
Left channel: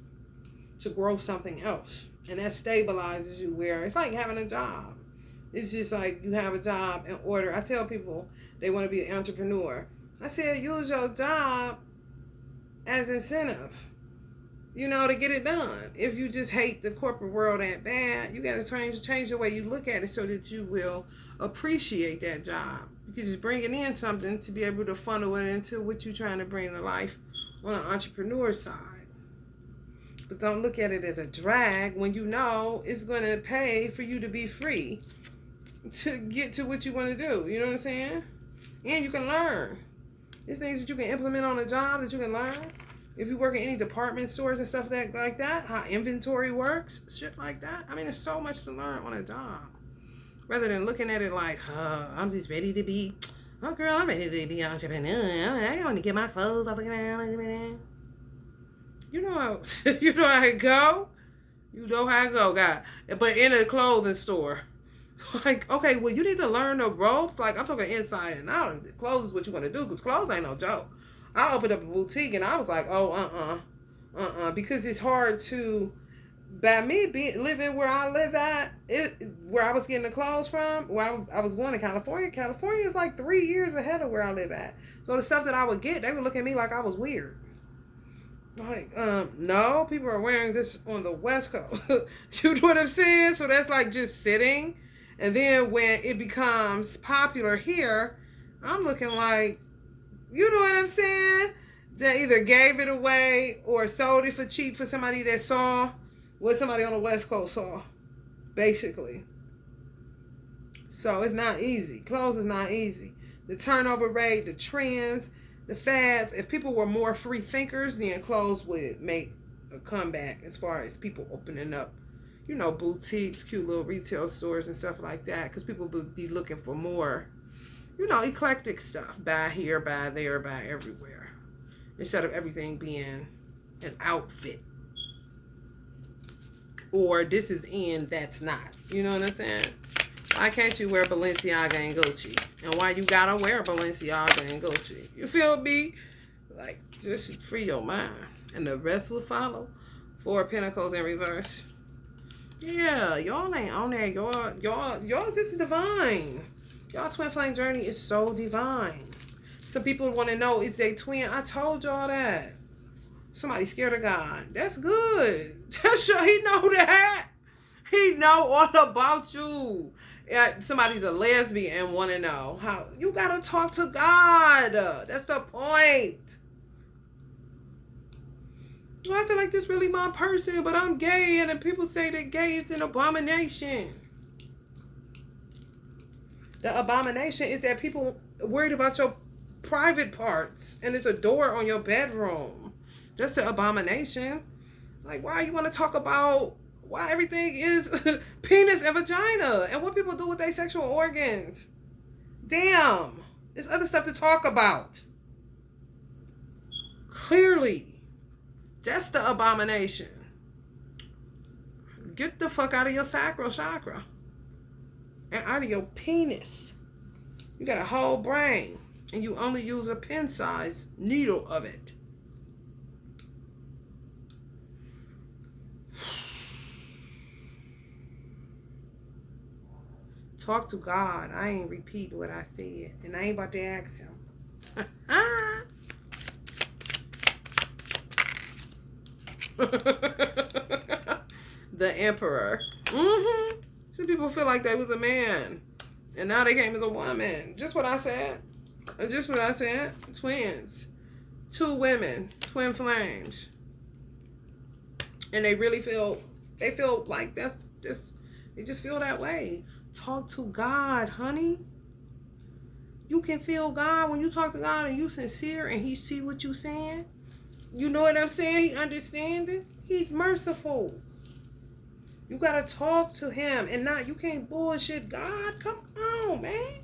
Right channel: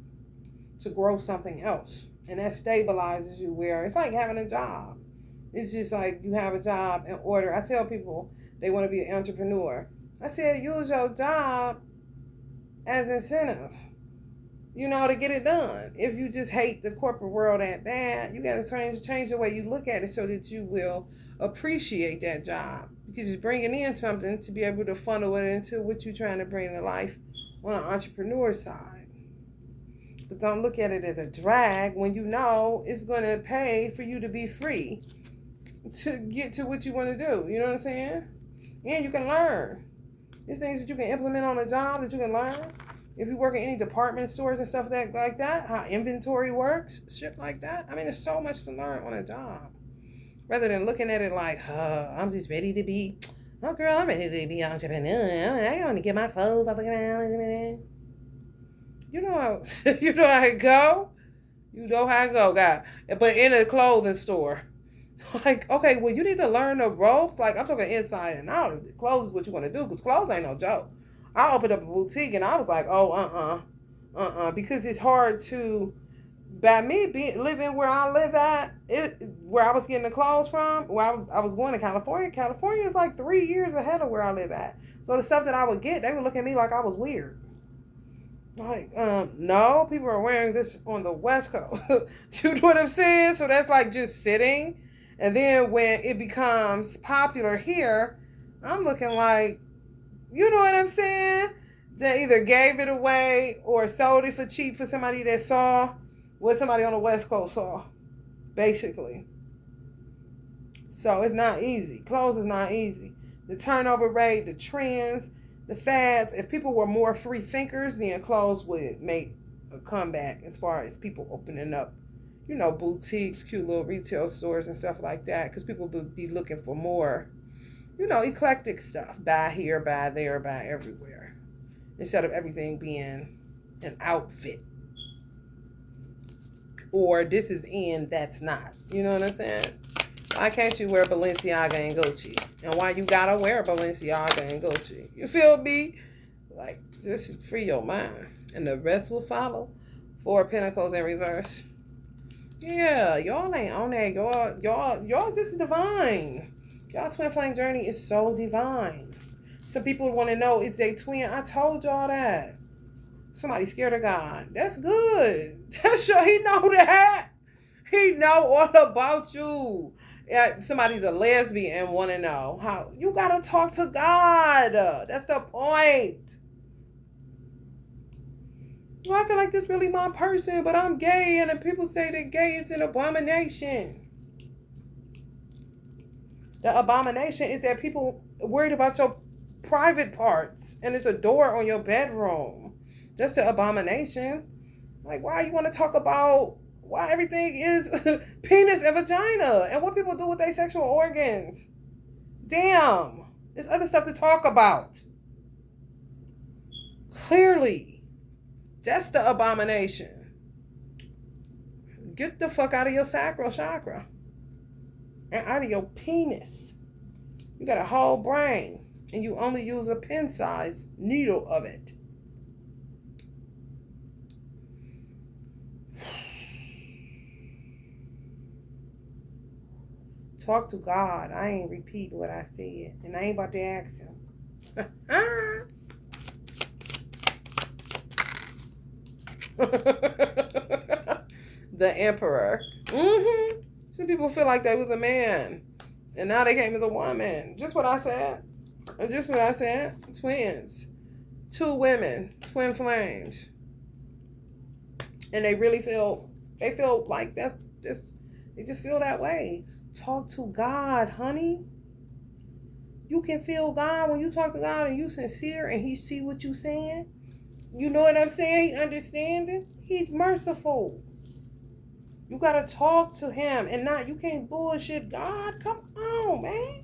To grow something else. And that stabilizes you where it's like having a job. It's just like you have a job in order. I tell people they want to be an entrepreneur. I said, use your job as incentive. You know, to get it done. If you just hate the corporate world that bad, you got to change the way you look at it so that you will appreciate that job. Because it's bringing in something to be able to funnel it into what you're trying to bring to life on an entrepreneur side. But don't look at it as a drag when you know it's going to pay for you to be free to get to what you want to do. You know what I'm saying? And you can learn. There's things that you can implement on a job that you can learn. If you work in any department stores and stuff like that, how inventory works, shit like that. I mean, there's so much to learn on a job. Rather than looking at it like, I'm just ready to be, oh girl, I'm ready to be an entrepreneur. I want to get my clothes off. You know how I go. You know how I go, guy. But in a clothing store. Like, okay, well, you need to learn the ropes. Like, I'm talking inside and out. Clothes is what you want to do, because clothes ain't no joke. I opened up a boutique and I was like, oh, because it's hard to, by me living where I live at, where I was getting the clothes from, where I was going to California. California is like 3 years ahead of where I live at. So the stuff that I would get, they would look at me like I was weird. Like, no, people are wearing this on the West Coast. You know what I'm saying? So that's like just sitting. And then when it becomes popular here, I'm looking like, you know what I'm saying? They either gave it away or sold it for cheap for somebody that saw what somebody on the West Coast saw, basically. So it's not easy. Clothes is not easy. The turnover rate, the trends, the fads. If people were more free thinkers, then clothes would make a comeback as far as people opening up, you know, boutiques, cute little retail stores and stuff like that. Because people would be looking for more, you know, eclectic stuff. Buy here, buy there, buy everywhere. Instead of everything being an outfit. Or this is in, that's not. You know what I'm saying? Why can't you wear Balenciaga and Gucci? And why you gotta wear Balenciaga and Gucci? You feel me? Like, just free your mind. And the rest will follow. Four of Pentacles in reverse. Yeah, y'all ain't on that. Y'all, this is divine. Y'all twin flame journey is so divine. Some people want to know, is they twin? I told y'all that. Somebody scared of God. That's good. That's sure he know that. He know all about you. Somebody's a lesbian and want to know how. You got to talk to God. That's the point. Well, I feel like this really my person, but I'm gay, and people say that gay is an abomination. The abomination is that people worried about your private parts, and it's a door on your bedroom. That's the abomination. Like, why you want to talk about why everything is penis and vagina and what people do with their sexual organs? Damn. There's other stuff to talk about. Clearly. That's the abomination. Get the fuck out of your sacral chakra. And out of your penis. You got a whole brain. And you only use a pin-sized needle of it. Talk to God. I ain't repeat what I said. And I ain't about to ask him. The Emperor. Some people feel like they was a man. And now they came as a woman. Just what I said. Just what I said. Twins. Two women. Twin flames. And they really feel like they just feel that way. Talk to God, honey. You can feel God when you talk to God and you sincere and he see what you saying. You know what I'm saying? He understands it. He's merciful. You got to talk to him and not, you can't bullshit God. Come on, man.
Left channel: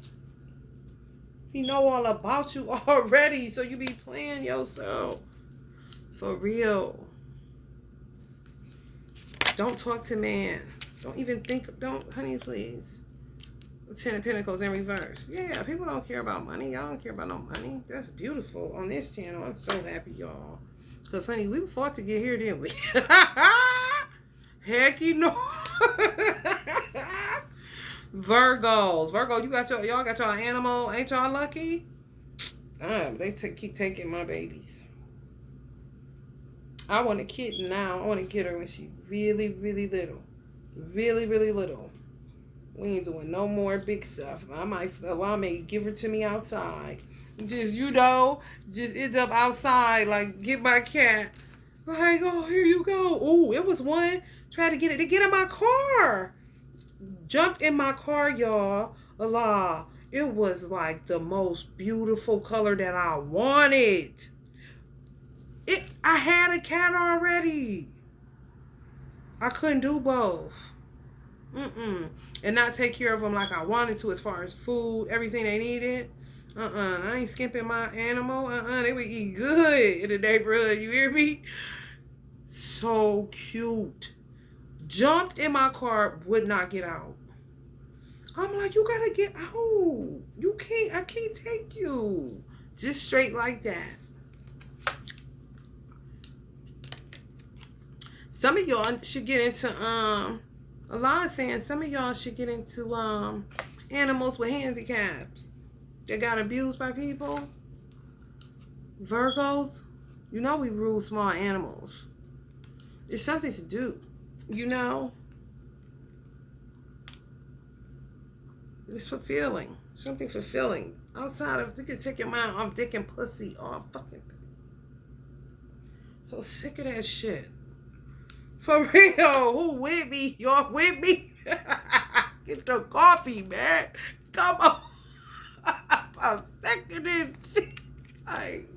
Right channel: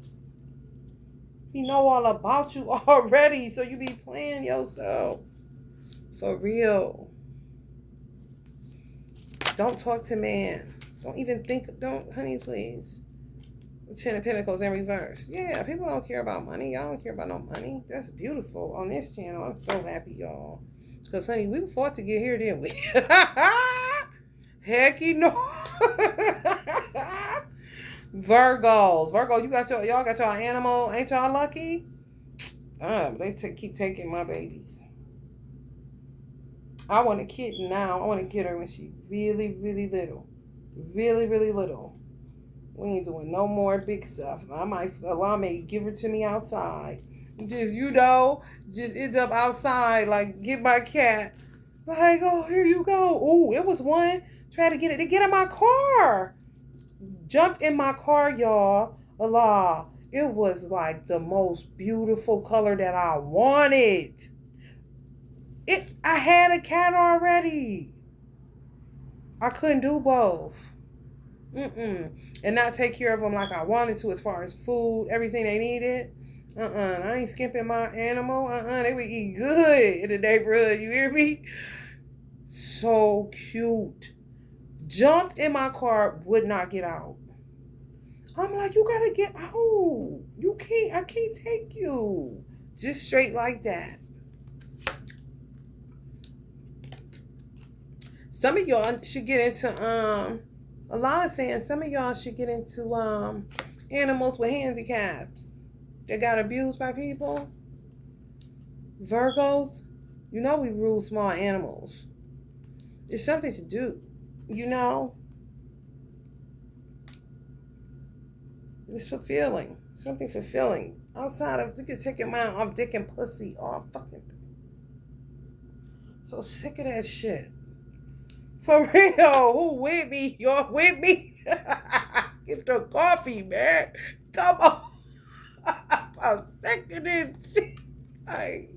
He know all about you already, so you be playing yourself. For real. Don't talk to man. Don't even think, honey, please. 10 of Pentacles in reverse. Yeah, people don't care about money. Y'all don't care about no money. That's beautiful on this channel. I'm so happy, y'all. Because, honey, we fought to get here, didn't we? Heck, you know. Virgos. Virgo, y'all got y'all animal. Ain't y'all lucky? They keep taking my babies. I want a kitten now. I want to get her when she's really, really little. Really, really little. We ain't doing no more big stuff. I may give her to me outside. Just, just end up outside, like, get my cat. Like, oh, here you go. Oh, it was one. Try to get it to get in my car. Jumped in my car, y'all. Allah. It was like the most beautiful color that I wanted. I had a cat already. I couldn't do both. And not take care of them like I wanted to as far as food, everything they needed. I ain't skimping my animal. They would eat good in the neighborhood. You hear me? So cute. Jumped in my car, would not get out. I'm like, you gotta get out. I can't take you. Just straight like that. Some of y'all should get into, a lot is saying some of y'all should get into animals with handicaps that got abused by people. Virgos, You know we rule small animals. It's something to do. You know? It's fulfilling. Something fulfilling. Outside of, you can take your mind off dick and pussy. All fucking thing. So sick of that shit. For real. Who with me? You're with me? Get the coffee, man. Come on. I'm sick of this shit.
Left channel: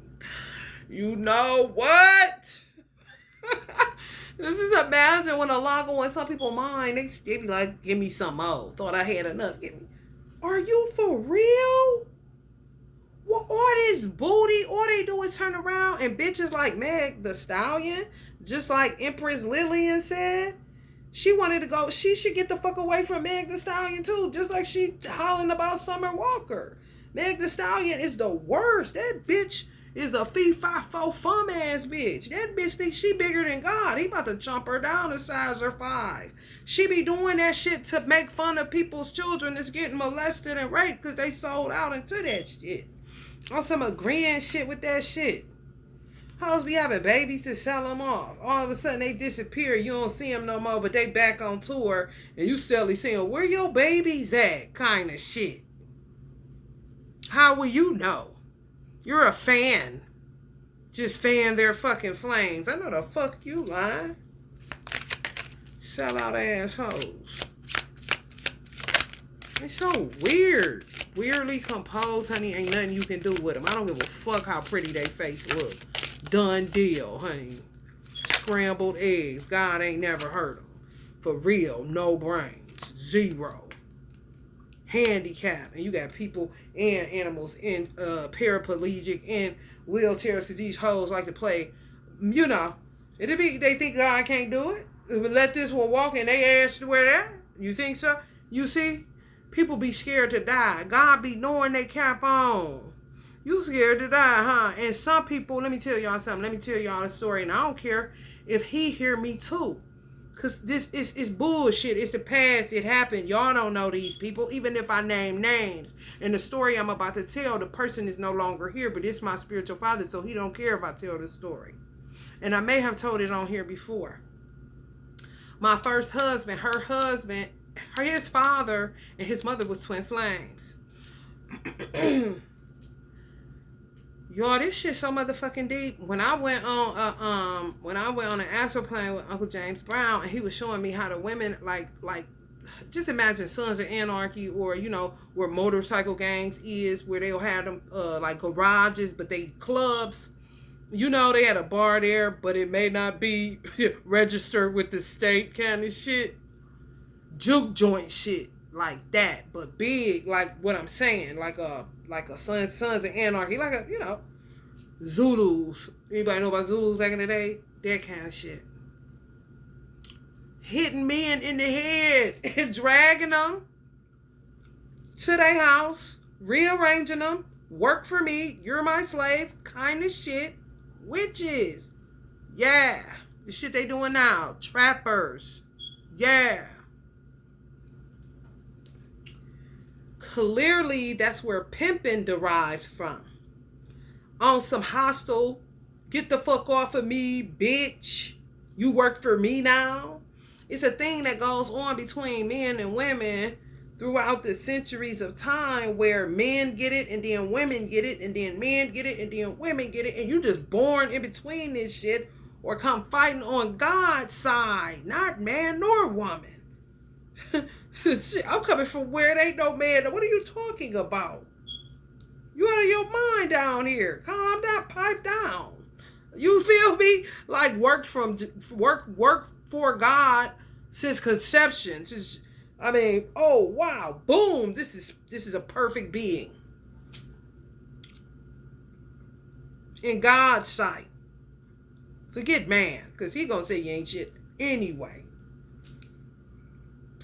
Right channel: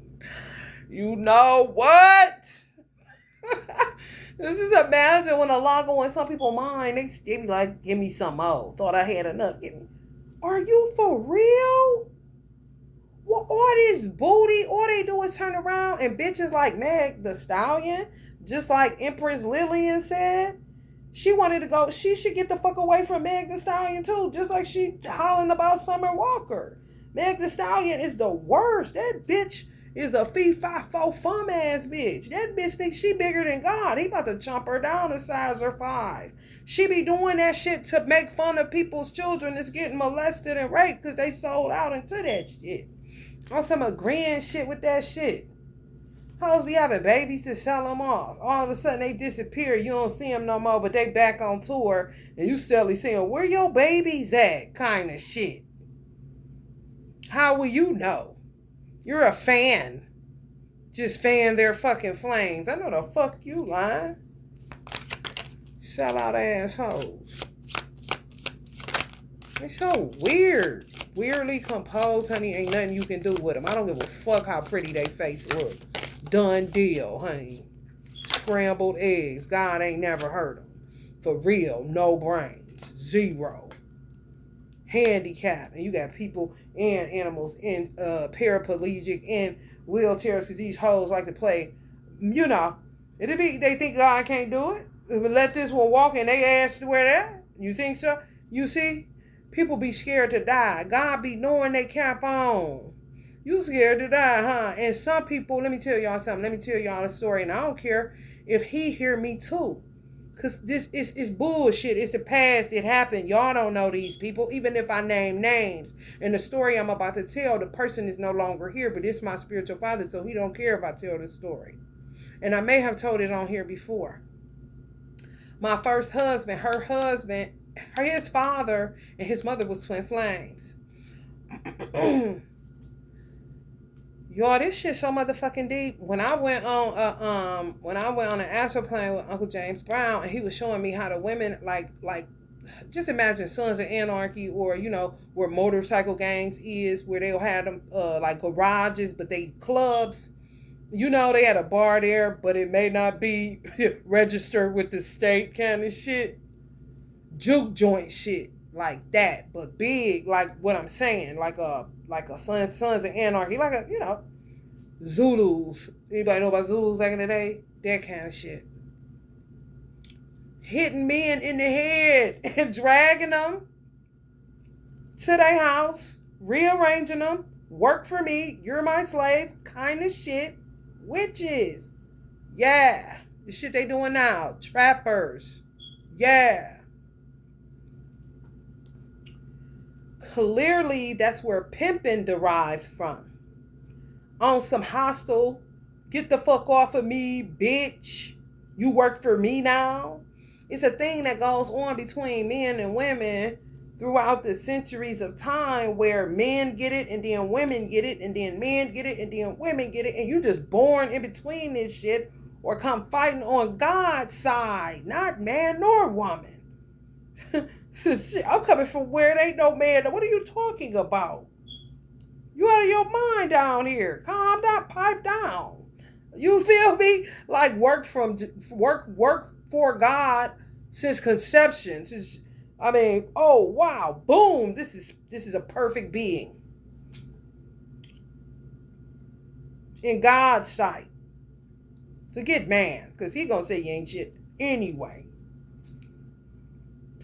You know what? This is imagine when a lot go in some people's mind. They be like, give me some more. Thought I had enough. Are you for real? Well, all this booty, all they do is turn around and bitches like Meg the Stallion, just like Empress Lillian said, she wanted to go, she should get the fuck away from Meg the Stallion too, just like she hollering about Summer Walker. Meg the Stallion is the worst. That bitch is a fee-fi-fo fum ass bitch. That bitch thinks she bigger than God. He about to chomp her down to size her 5. She be doing that shit to make fun of people's children that's getting molested and raped because they sold out into that shit. On some agreeing shit with that shit. Hoes be having babies to sell them off. All of a sudden they disappear. You don't see them no more, but they back on tour and you still see them. Where your babies at? Kind of shit. How will you know? You're a fan. Just fan their fucking flames. I know the fuck you lying. Sell out assholes. It's so weird. Weirdly composed, honey. Ain't nothing you can do with them. I don't give a fuck how pretty they face look. Done deal, honey. Scrambled eggs. God ain't never heard them. For real. No brains. 0. Handicap. And you got people and animals in paraplegic and wheelchairs because these hoes like to play. You know. They think God can't do it. Let this one walk and they ask to where that. You think so? You see? People be scared to die. God be knowing they cap on. You scared to die, huh? And some people, let me tell y'all something. Let me tell y'all a story. And I don't care if he hear me too. Because this is bullshit. It's the past. It happened. Y'all don't know these people. Even if I name names. And the story I'm about to tell, the person is no longer here. But it's my spiritual father. So he don't care if I tell the story. And I may have told it on here before. My first husband, his father and his mother was twin flames. Y'all, this shit so motherfucking deep. When I went on an astral plane with Uncle James Brown, and he was showing me how the women like just imagine Sons of Anarchy, or where motorcycle gangs is, where they'll have them like garages, but they clubs. They had a bar there, but it may not be registered with the state kind of shit. Juke joint shit like that, but big, like what I'm saying, like a Sons of Anarchy, like a Zulus. Anybody know about Zulus back in the day? That kind of shit. Hitting men in the head and dragging them to their house, rearranging them. Work for me, you're my slave, kind of shit. Witches, yeah. The shit they doing now. Trappers, yeah. Clearly, that's where pimping derived from. On some hostile, get the fuck off of me, bitch. You work for me now. It's a thing that goes on between men and women throughout the centuries of time, where men get it and then women get it and then men get it and then women get it, and you just born in between this shit or come fighting on God's side, not man nor woman. I'm coming from where it ain't no man. What are you talking about? You out of your mind down here. Calm down, pipe down. You feel me? Like work for God since conception. Oh wow, boom! This is a perfect being in God's sight. Forget man, because he gonna say you ain't shit anyway.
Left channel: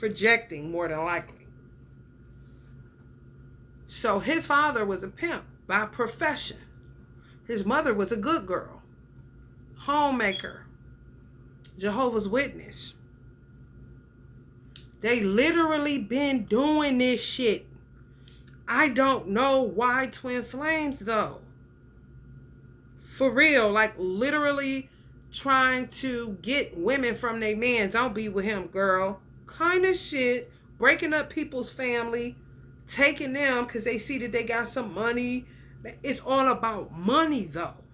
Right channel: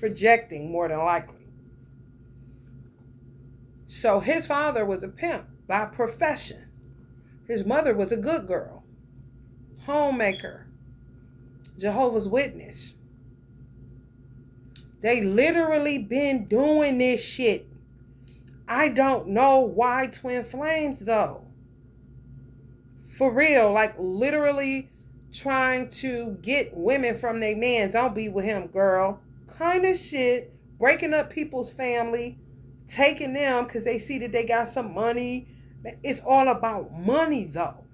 Projecting more than likely. So his father was a pimp by profession. His mother was a good girl, homemaker, Jehovah's Witness. They literally been doing this shit. I don't know why twin flames though. For real, like literally trying to get women from their man. Don't be with him, girl. Kind of shit. Breaking up people's family, taking them because they see that they got some money. It's all about money, though.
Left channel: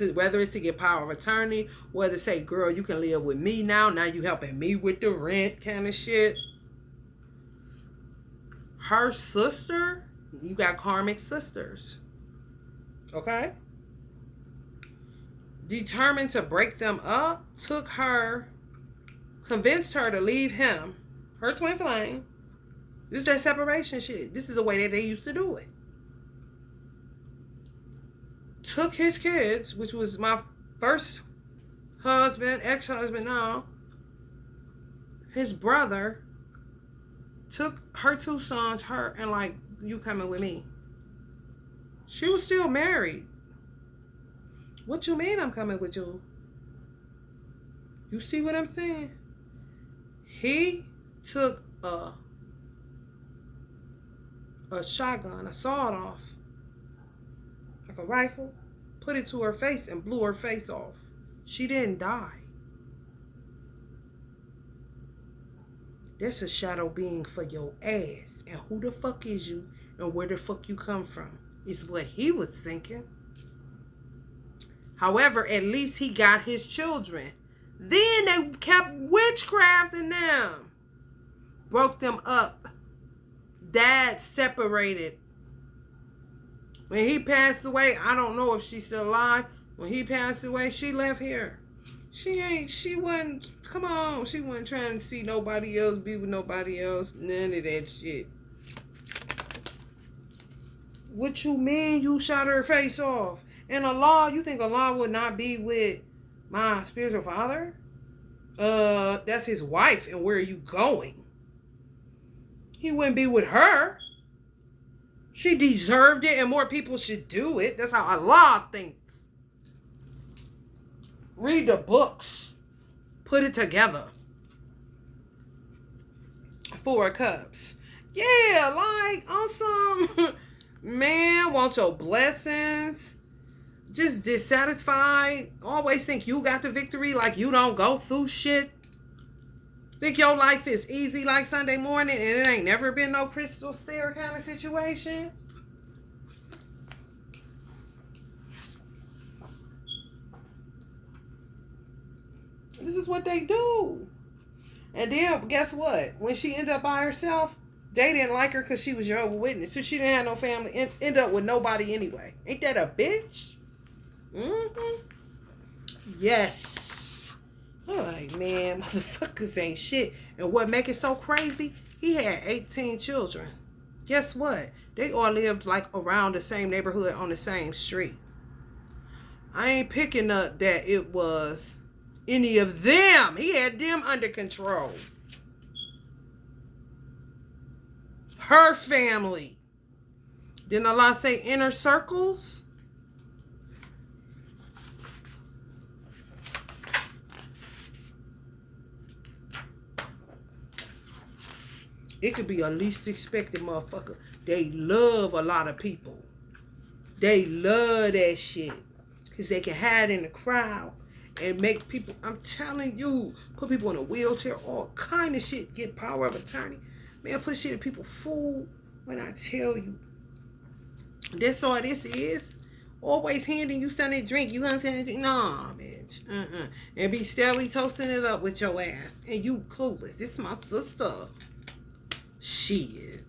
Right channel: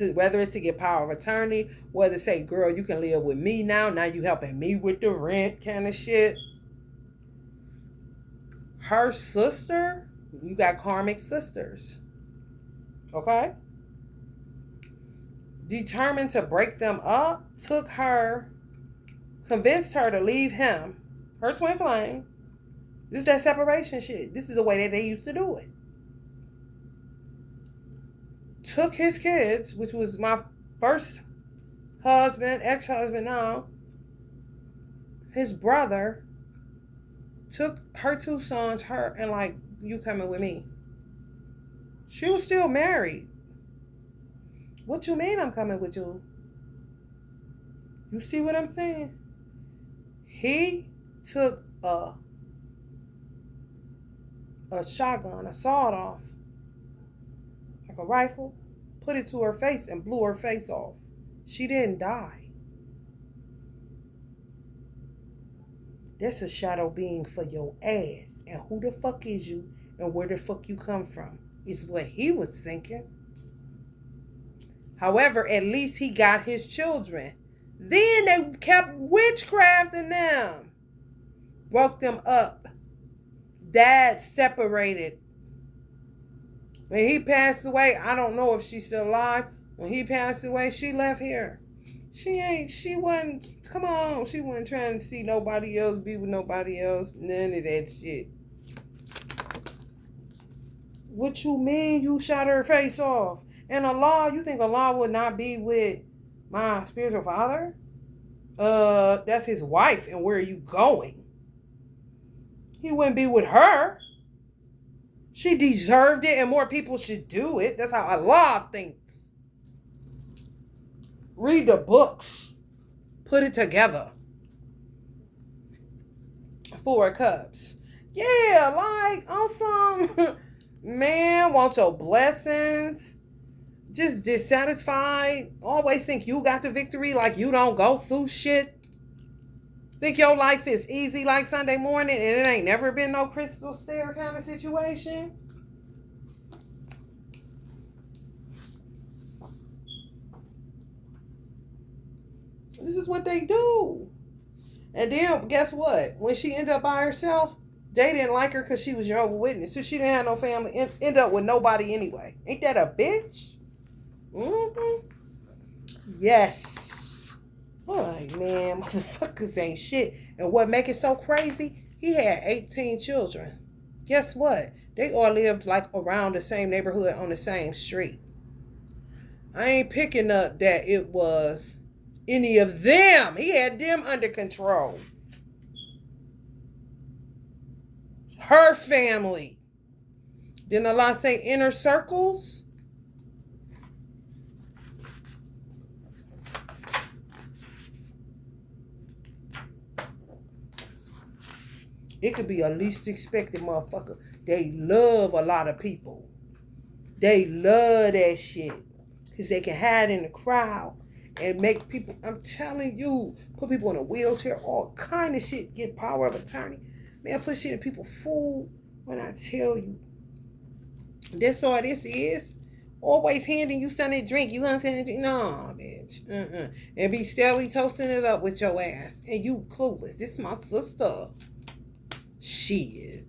Whether it's to get power of attorney, whether to say, girl, you can live with me now. Now you helping me with the rent kind of shit. Her sister, you got karmic sisters. Okay? Determined to break them up, convinced her to leave him, her twin flame. This is that separation shit. This is the way that they used to do it. Took his kids, which was my first husband, ex-husband now, his brother, took her two sons, and like, you coming with me. She was still married. What you mean I'm coming with you? You see what I'm saying? He took a shotgun, a sawed-off, like a rifle, put it to her face and blew her face off. She didn't die. That's a shadow being for your ass. And who the fuck is you and where the fuck you come from is what he was thinking. However, at least he got his children. Then they kept witchcrafting them. Broke them up. Dad separated. When he passed away, I don't know if she's still alive. When he passed away, she left here. She wasn't trying to see nobody else, be with nobody else. None of that shit. What you mean you shot her face off? And Allah, you think Allah would not be with my spiritual father? That's his wife, and where are you going? He wouldn't be with her. She deserved it, and more people should do it. That's how Allah thinks. Read the books. Put it together. 4 cups. Yeah, like, awesome. Man, want your blessings. Just dissatisfied. Always think you got the victory, like you don't go through shit. Think your life is easy like Sunday morning and it ain't never been no crystal stair kind of situation. This is what they do. And then, guess what? When she ended up by herself, they didn't like her because she was Jehovah's Witness. So she didn't have no family. End up with nobody anyway. Ain't that a bitch? Mm-hmm. Yes. I'm like, man, motherfuckers ain't shit. And what make it so crazy? He had 18 children. Guess what? They all lived like around the same neighborhood on the same street. I ain't picking up that it was any of them. He had them under control. Her family. Didn't Allah say inner circles? It could be a least expected motherfucker. They love a lot of people. They love that shit. Because they can hide in the crowd and make people, I'm telling you, put people in a wheelchair, all kind of shit, get power of attorney. Man, put shit in people's food when I tell you. That's all this is. Always handing you something to drink. You understand? Nah, bitch. And be steadily toasting it up with your ass. And you clueless. This is my sister. Shit.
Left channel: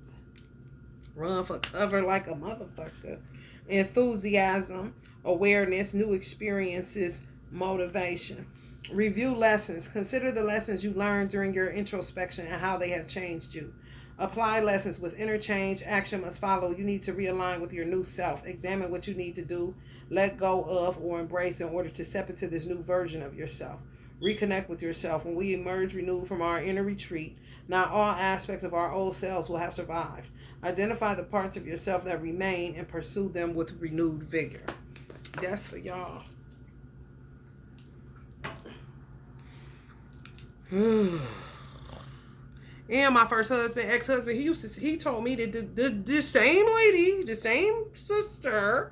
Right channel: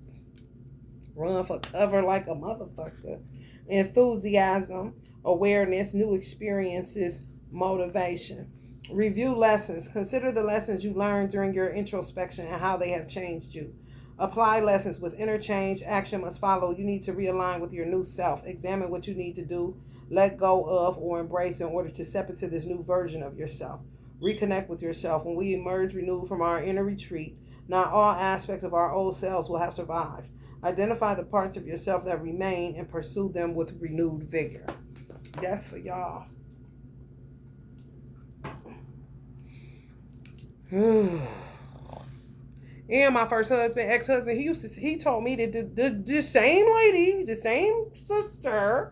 Run for cover like a motherfucker. Enthusiasm, awareness, new experiences, motivation. Review lessons. Consider the lessons you learned during your introspection and how they have changed you. Apply lessons with interchange. Action must follow. You need to realign with your new self. Examine what you need to do, let go of, or embrace in order to step into this new version of yourself. Reconnect with yourself. When we emerge renewed from our inner retreat, not all aspects of our old selves will have survived. Identify the parts of yourself that remain and pursue them with renewed vigor. That's for y'all. And my first husband, ex-husband, he told me that the same lady, the same sister,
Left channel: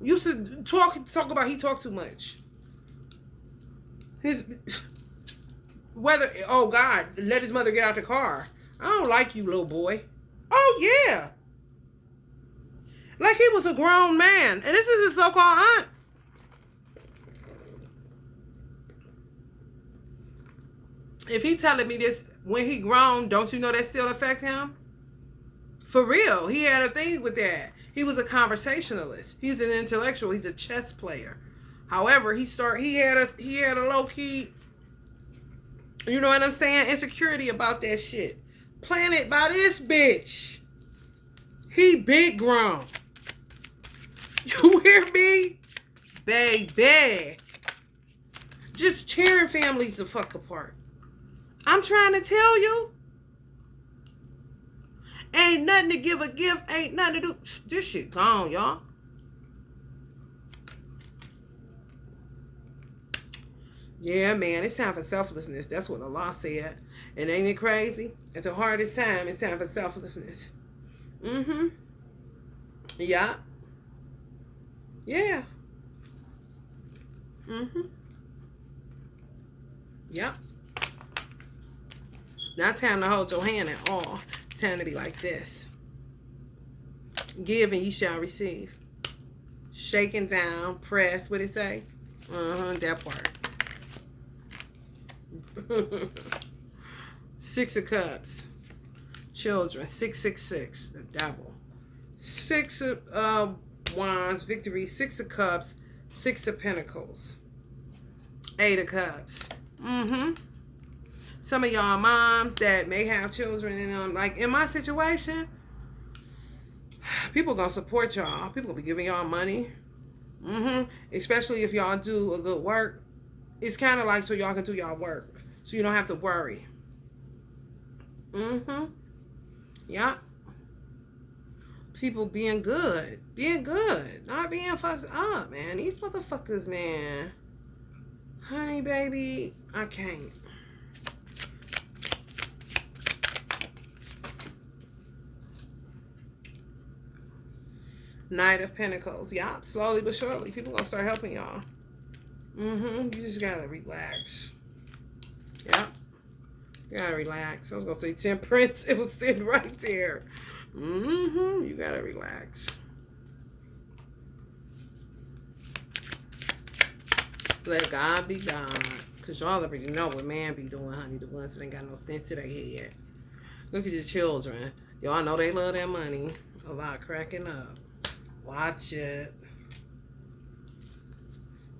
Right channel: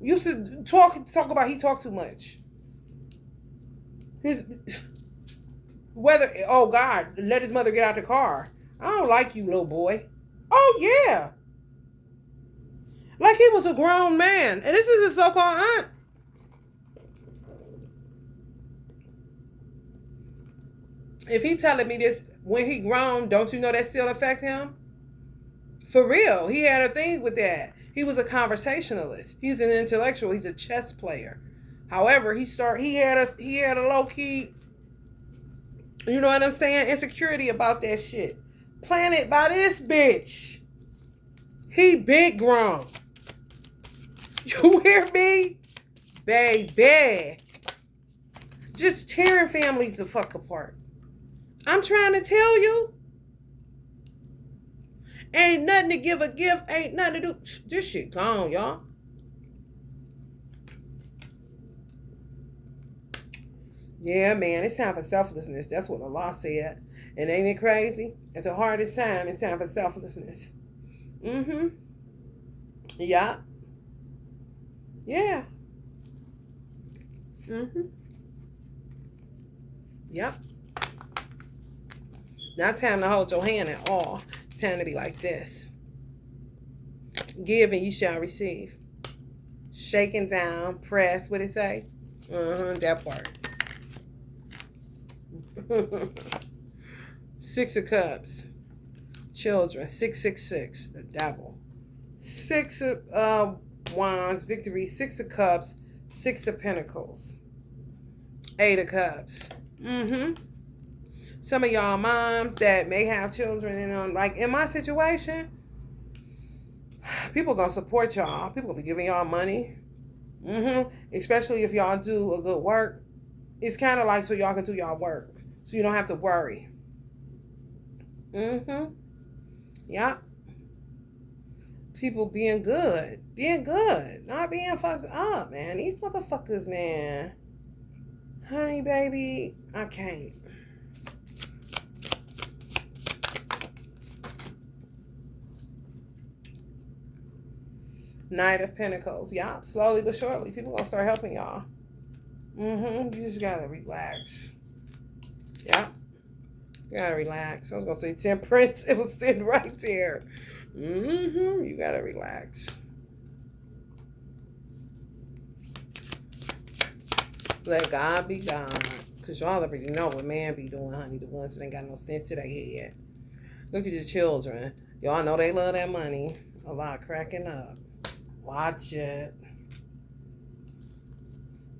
Used to talk about he talked too much. His whether oh God, let his mother get out the car. I don't like you, little boy. Oh yeah. Like he was a grown man. And this is his so-called aunt. If he telling me this when he grown, don't you know that still affect him? For real. He had a thing with that. He was a conversationalist. He's an intellectual. He's a chess player. However, he had a low key, you know what I'm saying, insecurity about that shit. Planted by this bitch. He big grown. You hear me? Baby. Just tearing families the fuck apart. I'm trying to tell you. Ain't nothing to give a gift. Ain't nothing to do. This shit gone, y'all. Yeah, man. It's time for selflessness. That's what the law said. And ain't it crazy? At the hardest time, it's time for selflessness. Mm-hmm. Yeah. Yeah. Mm-hmm. Yep. Not time to hold your hand at all. It's time to be like this. Give and you shall receive. Shaking down, press, what it say? That part. 6 of Cups. Children. 666. The devil. 6 of Wands. Victory. 6 of Cups. 6 of Pentacles. 8 of Cups. Some of y'all moms that may have children and like in my situation, people gonna support y'all. People gonna be giving y'all money. Especially if y'all do a good work. It's kind of like so y'all can do y'all work. So you don't have to worry. Yeah. People being good. Being good. Not being fucked up, man. These motherfuckers, man. Honey, baby, I can't. Knight of Pentacles. Yeah, slowly but surely. People gonna start helping y'all. You just gotta relax. Yeah. You gotta relax. I was gonna say Temperance. It was sitting right there. You gotta relax. Let God be God. Because y'all already know what man be doing, honey. The ones that ain't got no sense to their head. Look at your children. Y'all know they love that money. A lot cracking up. Watch it.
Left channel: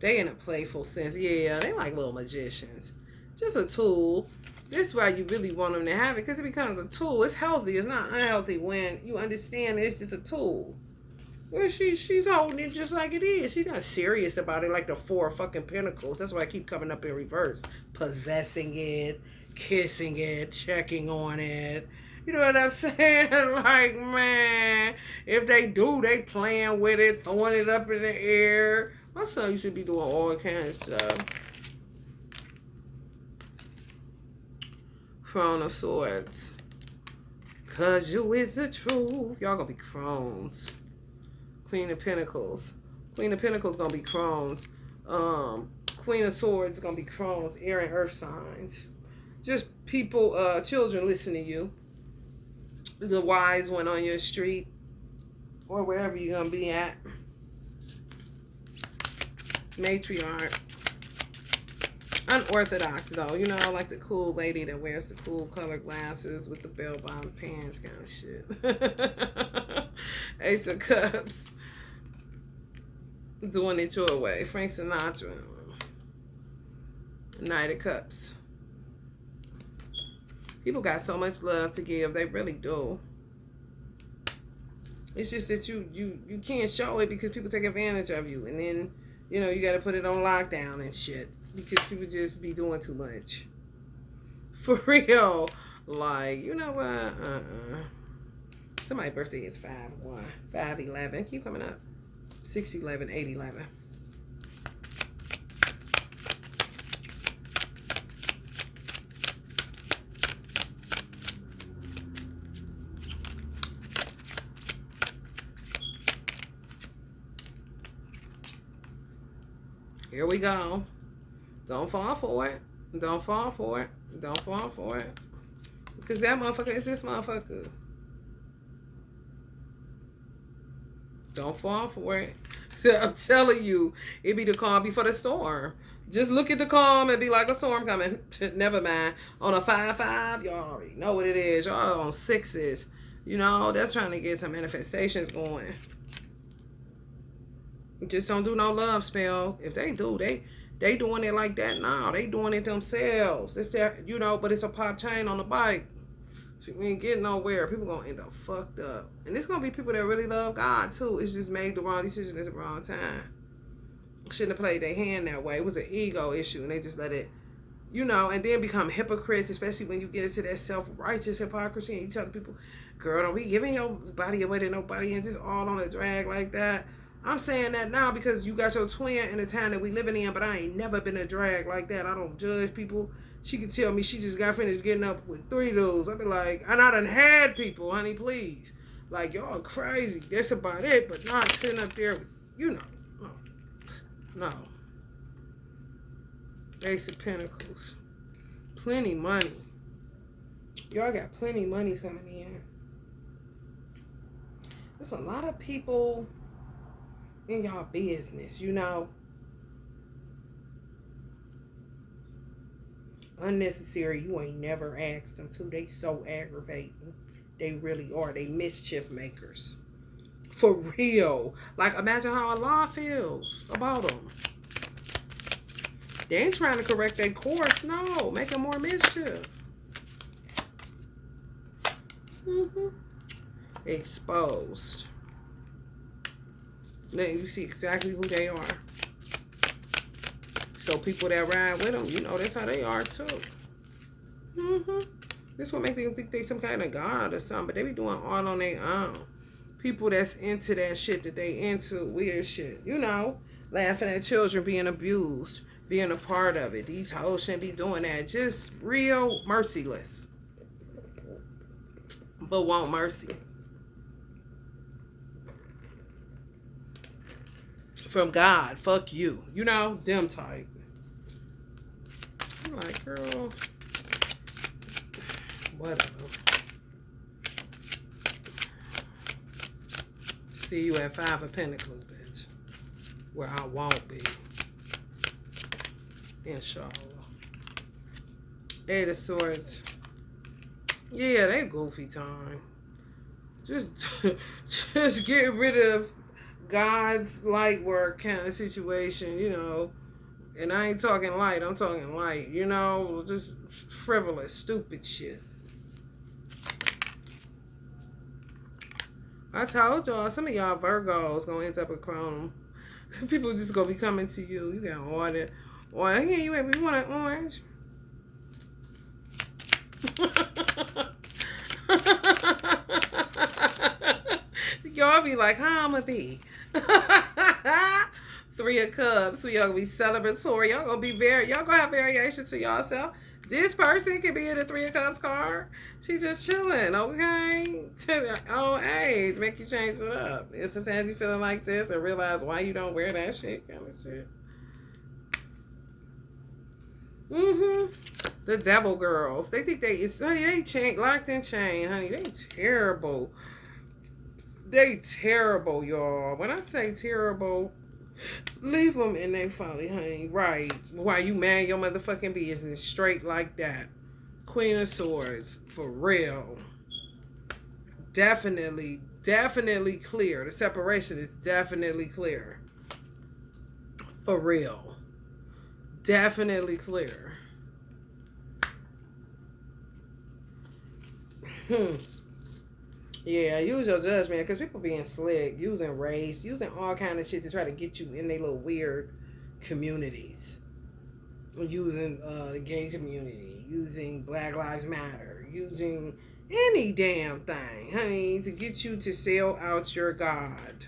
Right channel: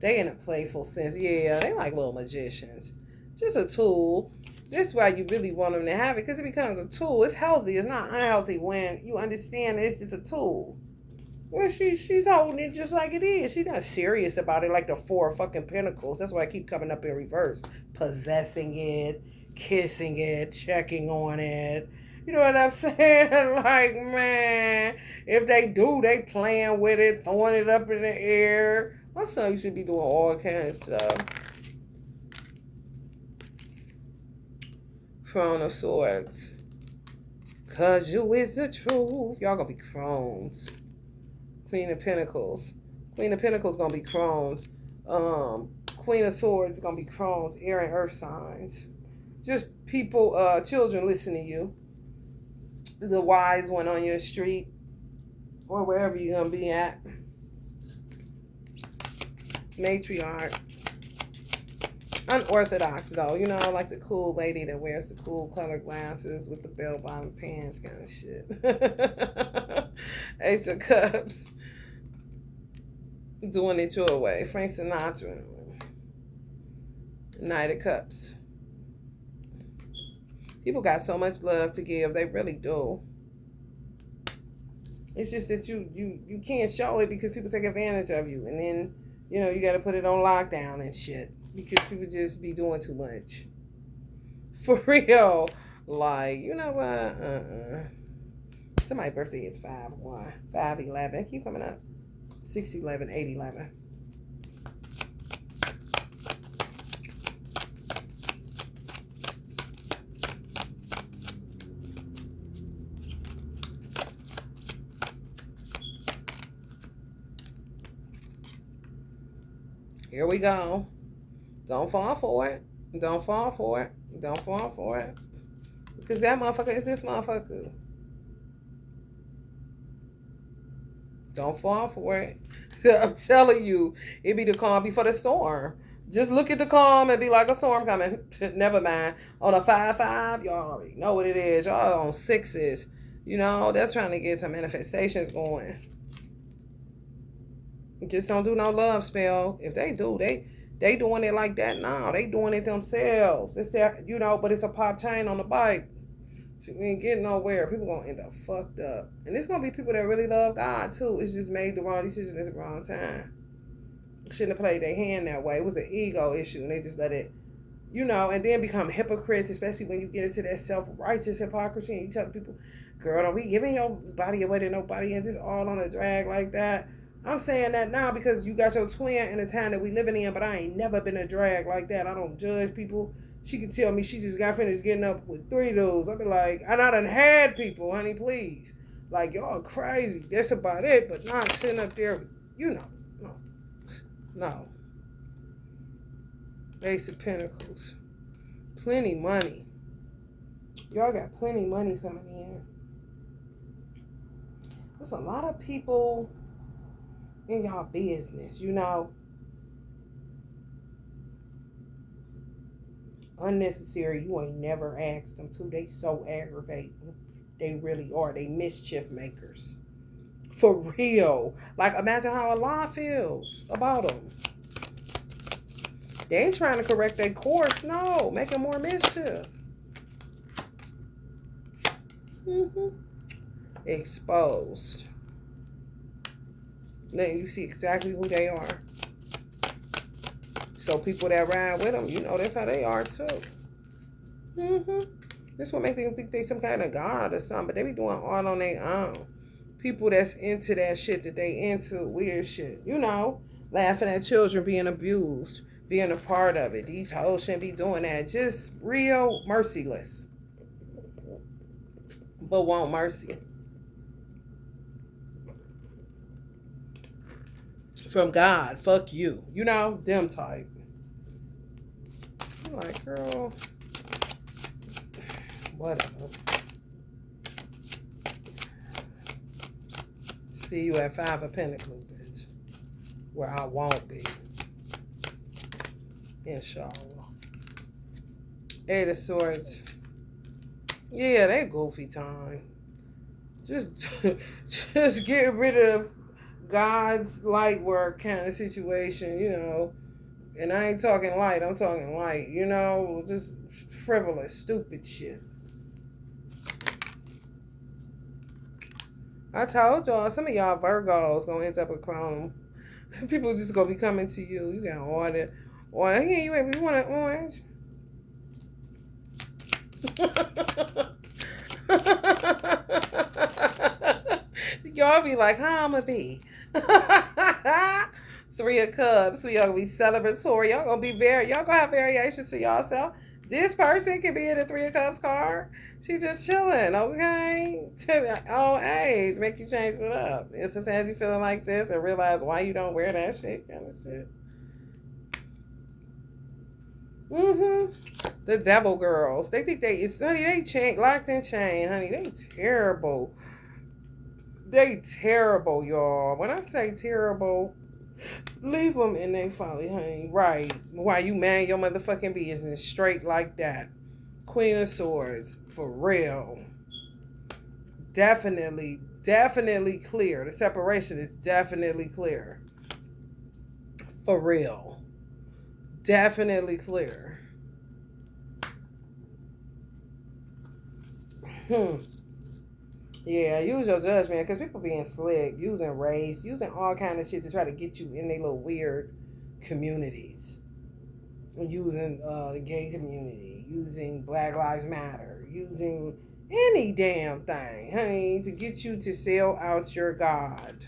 They in a playful sense. Yeah, they like little magicians. Just a tool. This is why you really want them to have it. Because it becomes a tool. It's healthy. It's not unhealthy when you understand it's just a tool. She's holding it just like it is. She's not serious about it like the 4 fucking Pentacles. That's why I keep coming up in reverse. Possessing it, kissing it, checking on it. You know what I'm saying? Like, man, if they do, they playing with it, throwing it up in the air. My son used to be doing all kinds of stuff. Crown of Swords. Cause you is the truth. Y'all gonna be crones. Queen of Pentacles. Queen of Pentacles gonna be crones. Queen of Swords gonna be crones. Air and earth signs. Just people, children listen to you. The wise one on your street. Or wherever you're gonna be at. Matriarch. Unorthodox though, you know, like the cool lady that wears the cool colored glasses with the bell-bottom pants kind of shit. Ace of Cups. Doing it your way. Frank Sinatra. Knight of Cups. People got so much love to give. They really do. It's just that you can't show it because people take advantage of you. And then, you know, you got to put it on lockdown and shit. Because people just be doing too much. For real. Like, you know what? Somebody's birthday is 5-1. 5-11. Keep coming up. 6-11. 8-11. Here we go. Don't fall for it. Don't fall for it. Don't fall for it. Because that motherfucker is this motherfucker. Don't fall for it. I'm telling you, it be the calm before the storm. Just look at the calm and be like a storm coming. Never mind. On a 5-5, y'all already know what it is. Y'all on 6s. You know, that's trying to get some manifestations going. Just don't do no love spell. If they do, they doing it like that now. They doing it themselves. It's their, you know, but it's a pop chain on the bike. We ain't getting nowhere. People gonna end up fucked up. And it's gonna be people that really love God too. It's just made the wrong decision at the wrong time. Shouldn't have played their hand that way. It was an ego issue and they just let it, you know, and then become hypocrites, especially when you get into that self-righteous hypocrisy and you tell people, girl, don't be giving your body away to nobody and just all on a drag like that. I'm saying that now because you got your twin in the time that we living in, but I ain't never been a drag like that. I don't judge people. She could tell me she just got finished getting up with 3 dudes. I'd be like, and I done had people, honey, please. Like, y'all crazy. That's about it, but not sitting up there, you know. No. Ace of Pentacles. Plenty money. Y'all got plenty money coming in. There's a lot of people in y'all business, you know. Unnecessary. You ain't never asked them to. They so aggravating. They really are. They mischief makers. For real. Like, imagine how Allah feels about them. They ain't trying to correct their course. No. Making more mischief. Exposed. Then you see exactly who they are. So people that ride with them, you know, that's how they are too. This will make them think they some kind of god or something, but they be doing all on their own. People that's into that shit that they into, weird shit, you know, laughing at children being abused, being a part of it. These hoes shouldn't be doing that. Just real merciless, but want mercy from God. Fuck you, you know, them type. I'm like, girl, whatever. See you at 5 of Pentacles, bitch. Where I won't be. Inshallah. 8 of Swords. Yeah, they goofy time. Just get rid of God's light work kind of situation, you know. And I ain't talking light, I'm talking light, you know, just frivolous, stupid shit. I told y'all, some of y'all Virgos gonna end up with Chrome. People just gonna be coming to you. You got order. Or here you want an orange? Y'all be like, how I'ma be? 3 of Cups. So y'all gonna be celebratory. Y'all gonna have variations to yourself. This person can be in the 3 of Cups card. She just chilling, okay? Old age make you change it up. And sometimes you feeling like this and realize why you don't wear that shit kind of shit. The devil girls. They think they locked in chain, honey. They terrible. They terrible, y'all. When I say terrible, leave them in their folly, honey. Right. Why you man your motherfucking business straight like that. Queen of Swords. For real. Definitely clear. The separation is definitely clear. For real. Definitely clear. Yeah, use your judgment, because people being slick, using race, using all kind of shit to try to get you in their little weird communities. Using the gay community, using Black Lives Matter, using any damn thing, honey, to get you to sell out your God.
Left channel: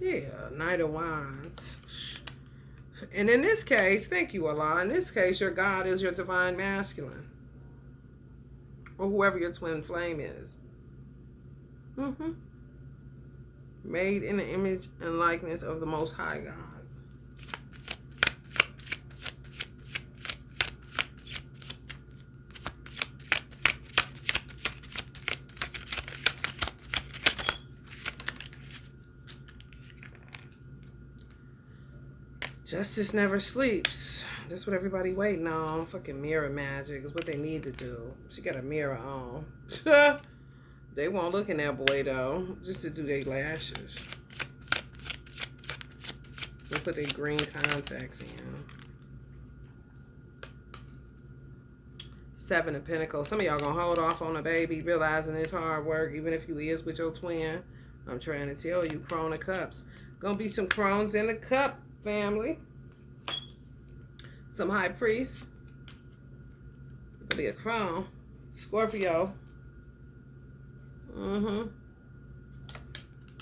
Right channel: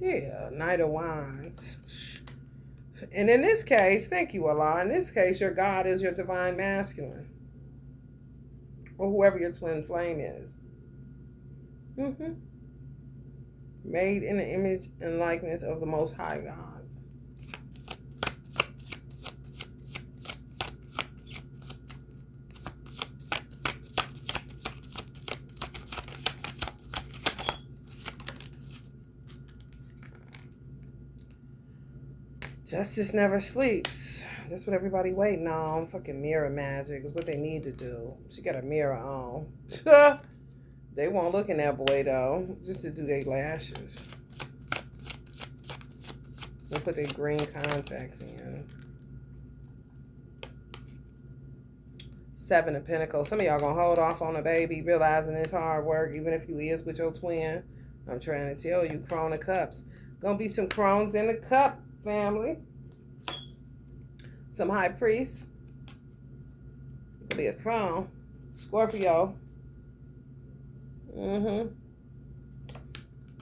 Yeah, Knight of Wands. And in this case, thank you, Allah. In this case, your God is your divine masculine. or whoever your twin flame is. Made in the image and likeness of the Most High God. Justice never sleeps. That's what everybody waiting on. Fucking mirror magic is what they need to do. She got a mirror on. They won't look in that boy though, just to do their lashes. They put their green contacts in. Seven of Pentacles. Some of y'all gonna hold off on a baby, realizing it's hard work, even if you is with your twin. I'm trying to tell you, Crone of Cups. Gonna be some crones in the cup, family. Some High Priest. Gonna be a crone. Scorpio.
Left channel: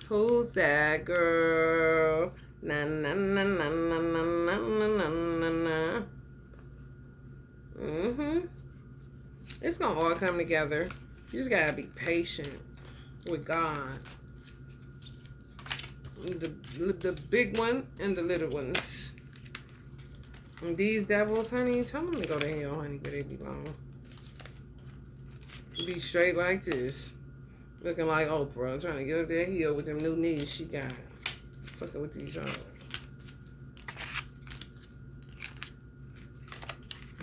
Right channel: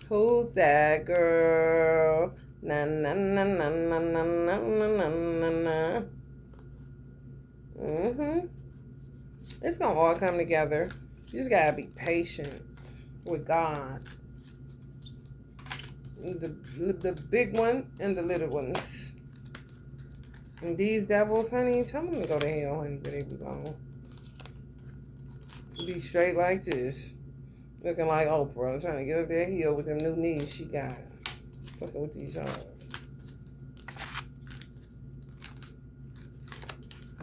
Who's that girl? Na na na na na na na na na na. It's gonna all come together. You just gotta be patient with God. The big one and the little ones. And these devils, honey, tell them to go to hell, honey, where they belong. Be straight like this. Looking like Oprah, trying to get up that hill with them new knees she got. Fucking with these arms.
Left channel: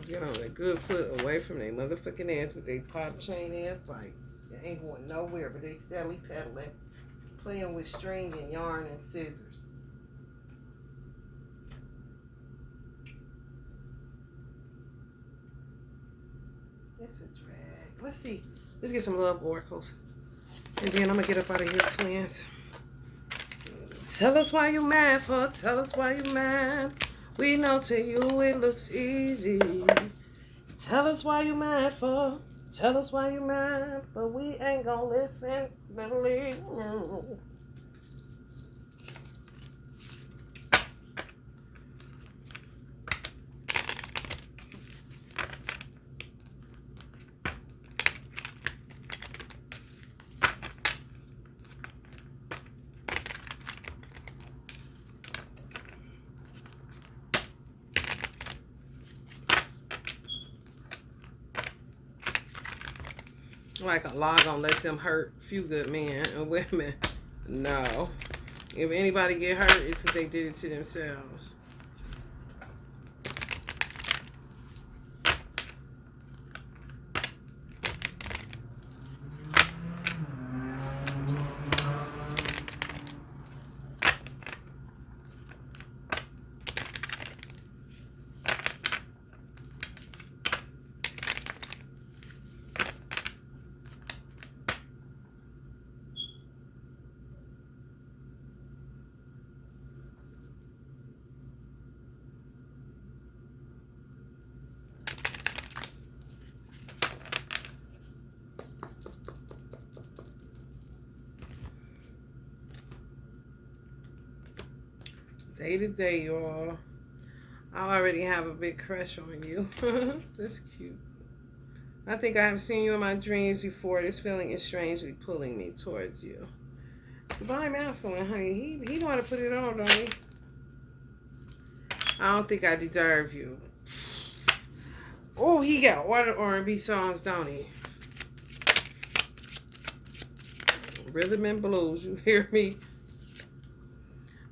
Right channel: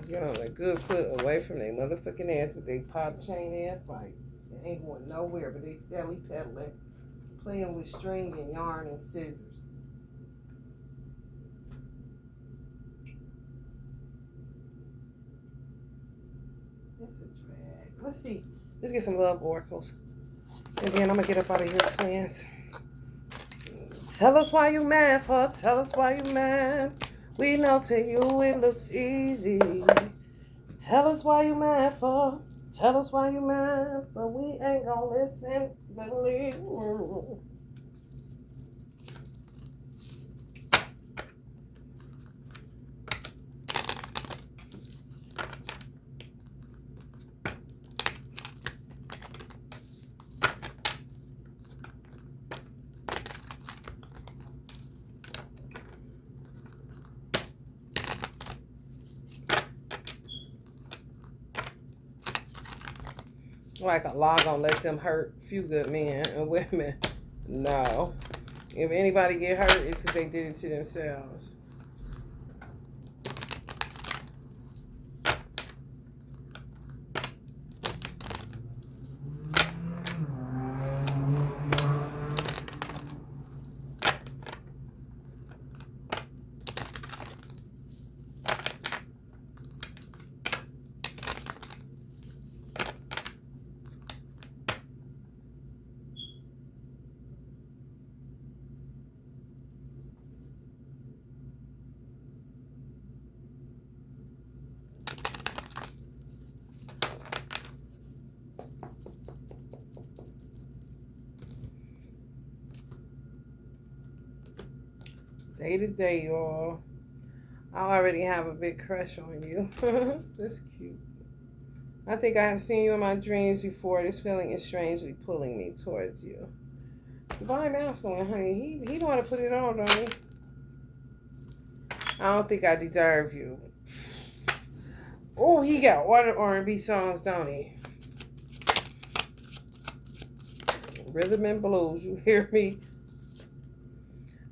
Get on a good foot away from their motherfucking ass with their pop chain ass fight. They ain't going nowhere, but they steadily pedaling. Playing with string and yarn and scissors. That's a drag. Let's see. Let's get some love oracles. And then I'm going to get up out of here, twins. Tell us why you mad for. Tell us why you mad. We know to you it looks easy. Tell us why you mad for. Tell us why you mad. But we ain't going to listen. Believe me. Like a law gonna let them hurt few good men and women. No. If anybody get hurt, it's because they did it to themselves. Day to day, y'all. I already have a big crush on you. That's cute. I think I have seen you in my dreams before. This feeling is strangely pulling me towards you. Divine Masculine, honey. He know how to put it on, don't he? I don't think I deserve you. Oh, he got all the R&B songs, don't he? Rhythm and blues, you hear me?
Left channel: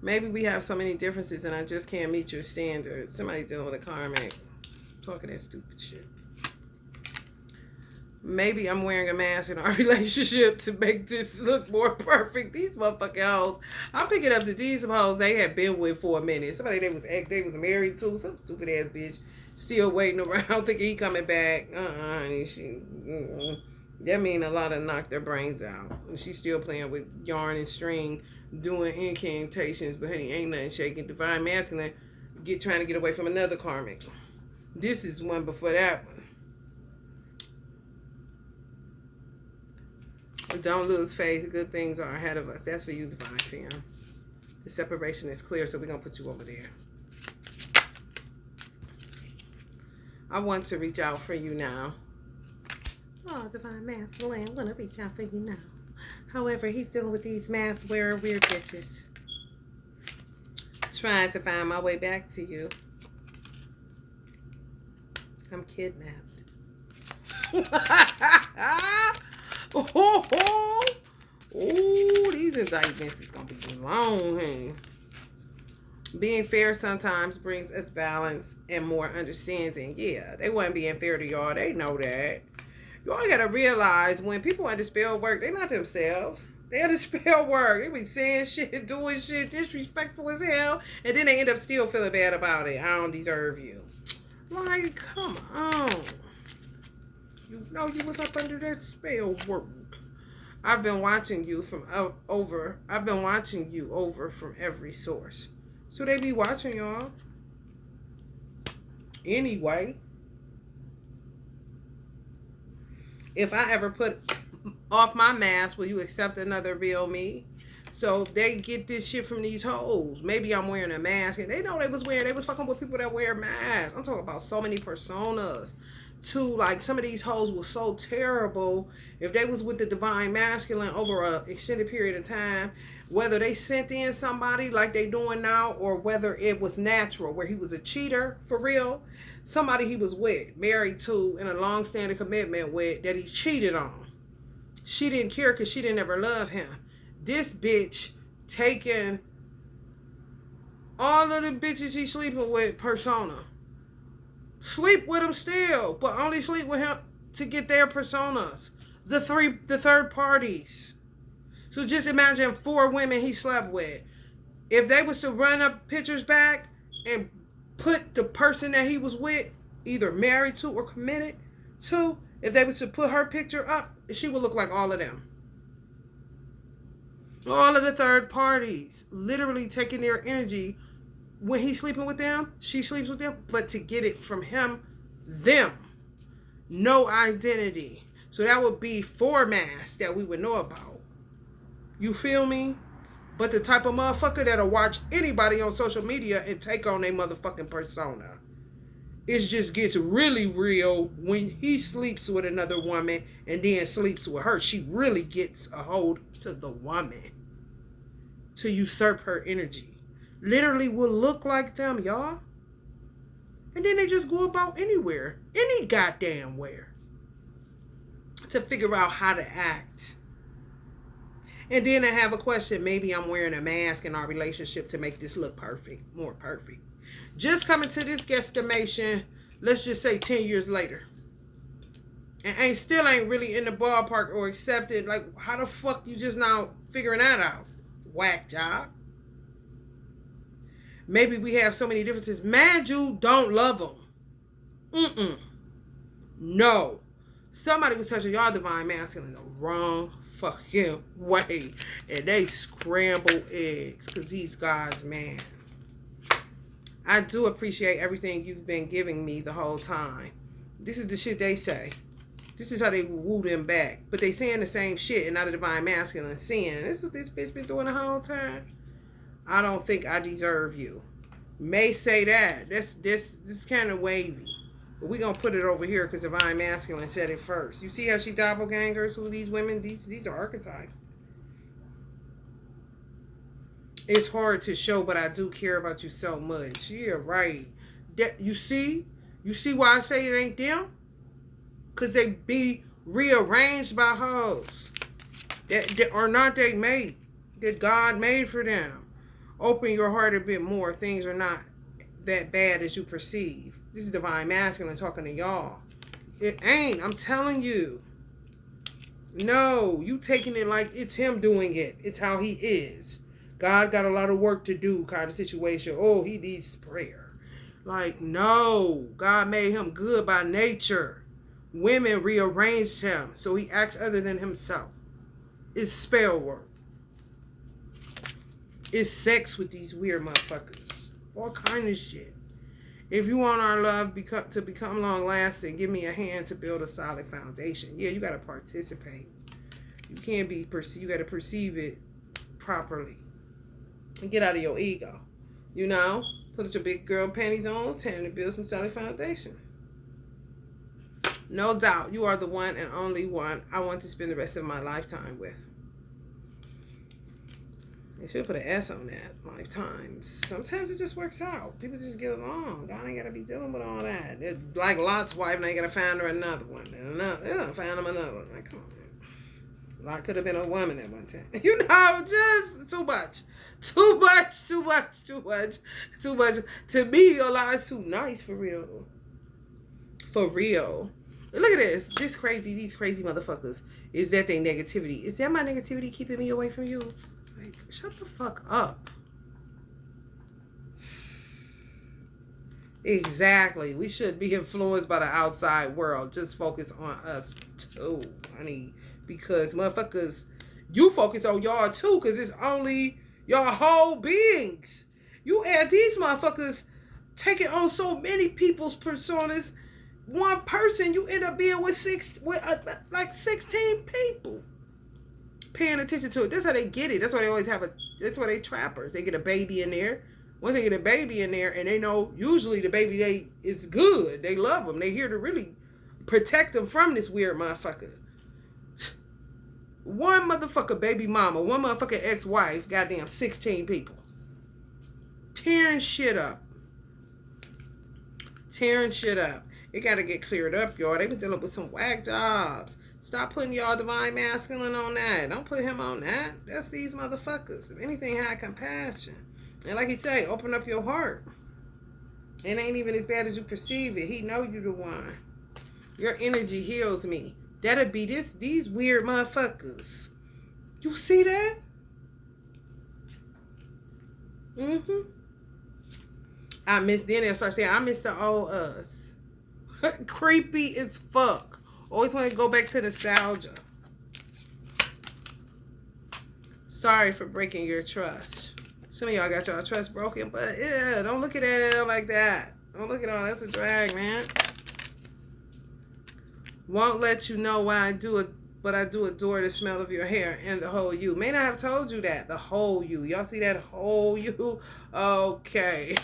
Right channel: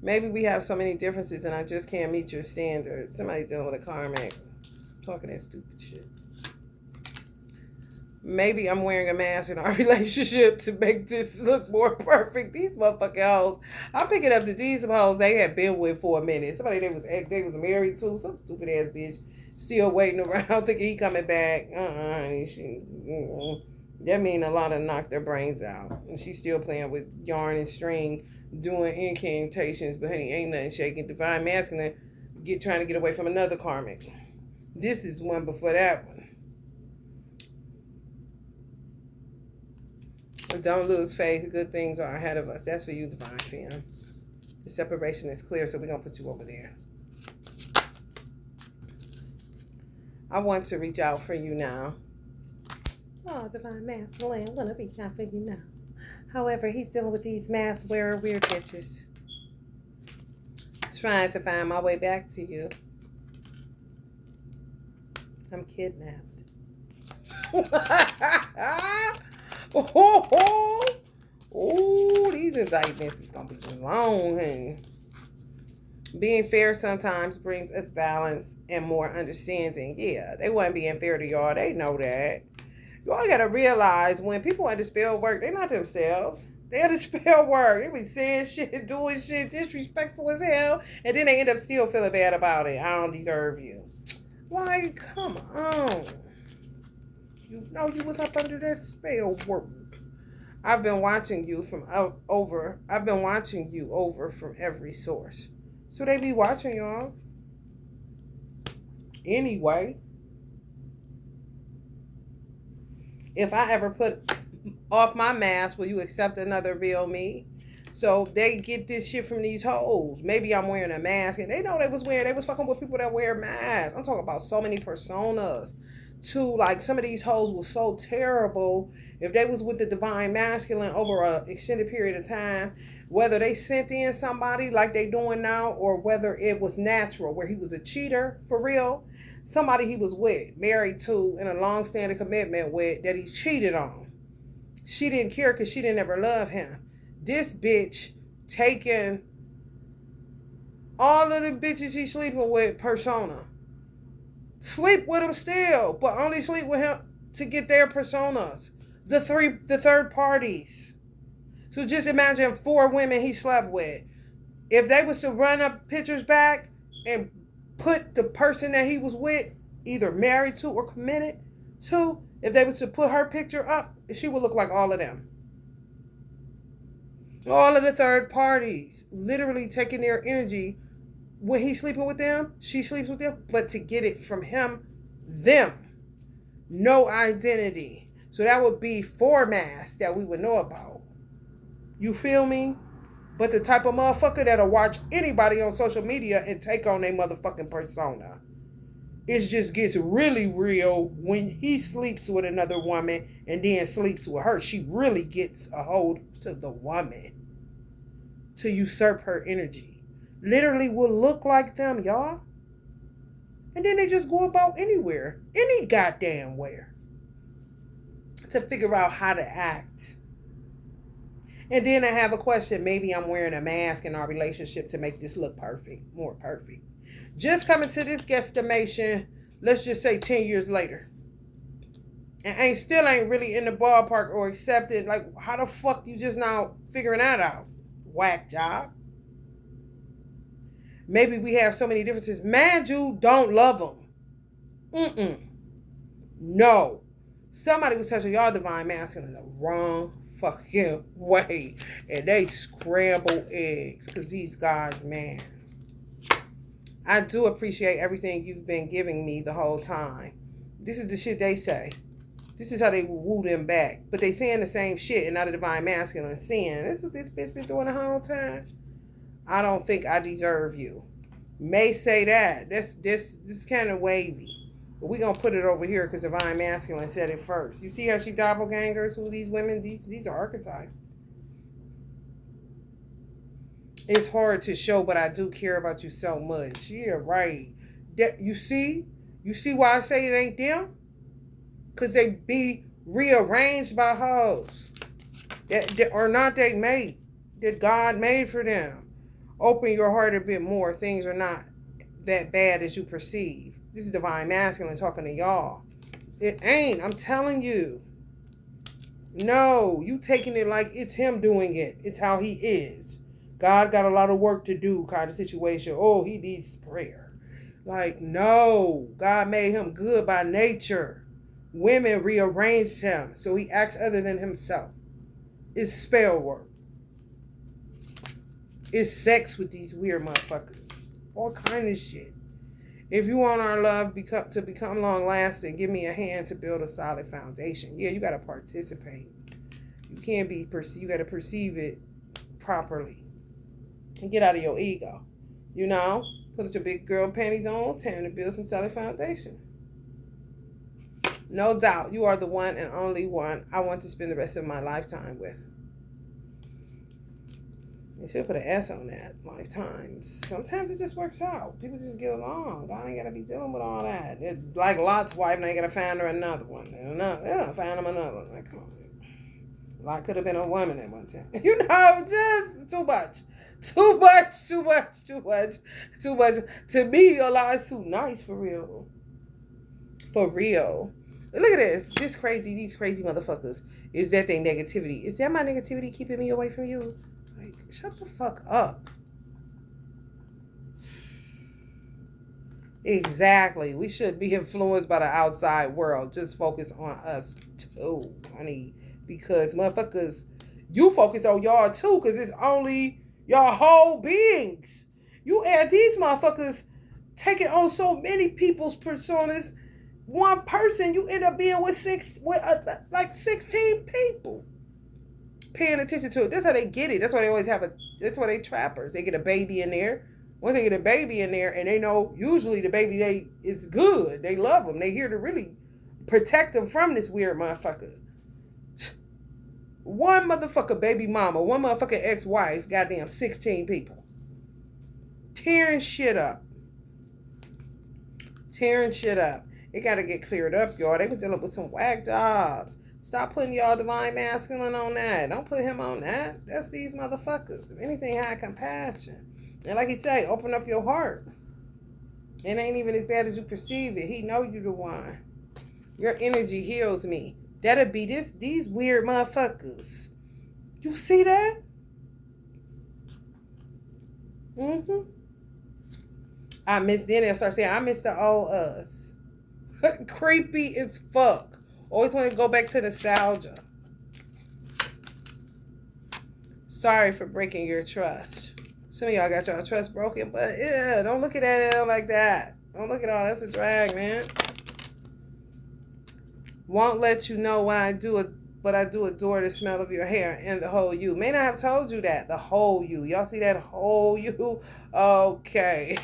Maybe we have so many differences and I just can't meet your standards. Somebody dealing with a karmic. Talking that stupid shit. Maybe I'm wearing a mask in our relationship to make this look more perfect. These motherfucking hoes. I'm picking up that these hoes they had been with for a minute. Somebody they was married to. Some stupid ass bitch. Still waiting around thinking he coming back. That mean a lot of knocked their brains out. And she's still playing with yarn and string, doing incantations, but honey, ain't nothing shaking. Divine Masculine trying to get away from another karmic. This is one before that one. But don't lose faith. Good things are ahead of us. That's for you, Divine Femme. The separation is clear, so we're going to put you over there. I want to reach out for you now. Oh, divine masculine, I'm gonna be time for you now. However, he's dealing with these mask wearer weird bitches. Trying to find my way back to you. I'm kidnapped. Oh, these indictments is gonna be long, honey. Being fair sometimes brings us balance and more understanding. Yeah, they wasn't being fair to y'all. They know that. Y'all gotta realize when people under spell work, they not themselves. They under spell work. They be saying shit, doing shit, disrespectful as hell, and then they end up still feeling bad about it. I don't deserve you. Like, come on. You know you was up under that spell work. I've been watching you over from every source. So they be watching y'all. Anyway. If I ever put off my mask, will you accept another real me? So they get this shit from these hoes. Maybe I'm wearing a mask and they know they was fucking with people that wear masks. I'm talking about so many personas. Too, like some of these hoes was so terrible. If they was with the divine masculine over an extended period of time, whether they sent in somebody like they doing now or whether it was natural, where he was a cheater for real, somebody he was with, married to, in a long-standing commitment with, that he cheated on. She didn't care because she didn't ever love him. This bitch taking all of the bitches he's sleeping with persona. Sleep with him still, but only sleep with him to get their personas. The third parties. So just imagine 4 women he slept with. If they was to run up pictures back and put the person that he was with, either married to or committed to, if they was to put her picture up, she would look like all of them. All of the third parties, literally taking their energy. When he's sleeping with them, she sleeps with them, but to get it from him, them. No identity. So that would be 4 masks that we would know about. You feel me? But the type of motherfucker that'll watch anybody on social media and take on their motherfucking persona. It just gets really real when he sleeps with another woman and then sleeps with her. She really gets a hold to the woman to usurp her energy. Literally will look like them, y'all. And then they just go about anywhere, any goddamn where, to figure out how to act. And then I have a question. Maybe I'm wearing a mask in our relationship to make this look perfect, more perfect. Just coming to this guesstimation, let's just say 10 years later. And still ain't really in the ballpark or accepted. Like, how the fuck you just now figuring that out? Whack job. Maybe we have so many differences. Man, you don't love them. No. Somebody was touching y'all divine masculine in the wrong fucking way. And they scramble eggs because he's God's man. I do appreciate everything you've been giving me the whole time. This is the shit they say. This is how they woo them back. But they saying the same shit and not a divine masculine saying. This is what this bitch been doing the whole time. I don't think I deserve you. May say that. This kind of wavy. But we gonna put it over here because divine masculine said it first. You see how she doppelgangers? Who these women? These are archetypes. It's hard to show, but I do care about you so much. Yeah, right. You see why I say it ain't them? Cause they be rearranged by hoes that are not they made, that God made for them. Open your heart a bit more. Things are not that bad as you perceive. This is divine masculine talking to y'all. It ain't. I'm telling you. No, you taking it like it's him doing it. It's how he is. God got a lot of work to do kind of situation. Oh, he needs prayer. Like, no. God made him good by nature. Women rearranged him so he acts other than himself. It's spell work. It's sex with these weird motherfuckers. All kind of shit. If you want our love to become long lasting, give me a hand to build a solid foundation. Yeah, you gotta participate. You can't be you gotta perceive it properly. And get out of your ego. You know? Put your big girl panties on, time to build some solid foundation. No doubt, you are the one and only one I want to spend the rest of my lifetime with. They should put an S on that. Lifetimes. Sometimes it just works out. People just get along. God ain't gotta be dealing with all that. It's like Lot's wife, and they gotta find her another one. And find him another one. Like, come on, man. Lot could have been a woman at one time. Just too much. Too much. To me, a lot is too nice for real. For real. Look at this. These crazy motherfuckers. Is that their negativity? Is that my negativity keeping me away from you? Like, shut the fuck up. Exactly. We should be influenced by the outside world. Just focus on us too, honey. Because motherfuckers, you focus on y'all too, because it's only y'all whole beings. You add these motherfuckers taking on so many people's personas. One person, you end up being with 16 people paying attention to it. That's how they get it. That's why they always have that's why they trappers. They get a baby in there. Once they get a baby in there, and they know usually the baby is good. They love them. They here to really protect them from this weird motherfucker. One motherfucker baby mama, one motherfucking ex-wife, goddamn 16 people. Tearing shit up. It got to get cleared up, y'all. They was dealing with some whack jobs. Stop putting y'all divine masculine on that. Don't put him on that. That's these motherfuckers. If anything, have compassion. And like he say, open up your heart. It ain't even as bad as you perceive it. He know you the one. Your energy heals me. That'll be these weird motherfuckers. You see that? Mm-hmm. Then they'll start saying, I miss the old us. Creepy as fuck. Always want to go back to nostalgia. Sorry for breaking your trust. Some of y'all got y'all trust broken, but yeah, don't look at it like that. Don't look at all that's a drag, man. Won't let you know when I do it, but I do adore the smell of your hair and the whole you. May not have told you that. The whole you. Y'all see that whole you? Okay.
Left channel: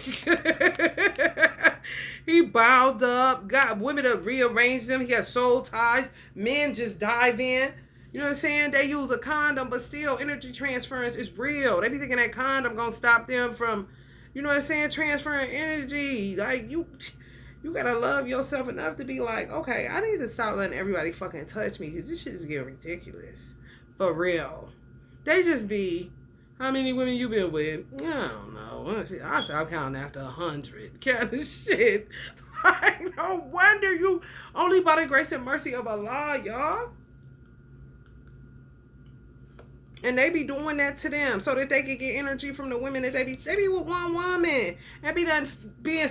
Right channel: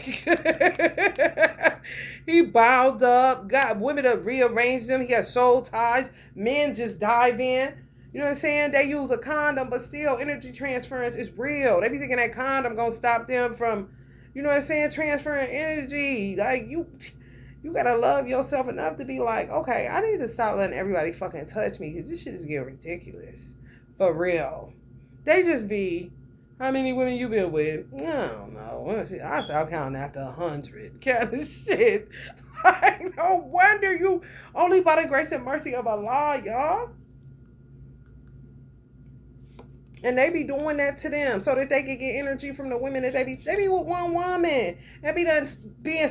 He bound up, got women to rearrange them. He got soul ties. Men just dive in. You know what I'm saying? They use a condom, but still energy transference is real. They be thinking that condom gonna stop them from, you know what I'm saying, transferring energy. Like, you gotta love yourself enough to be like, okay, I need to stop letting everybody fucking touch me, because this shit is getting ridiculous. For real. They just be, how many women you been with? I don't know. I stop counting after 100. Kind of shit. Like, no wonder you only by the grace and mercy of Allah, y'all. And they be doing that to them so that they can get energy from the women that they be with one woman. And be done being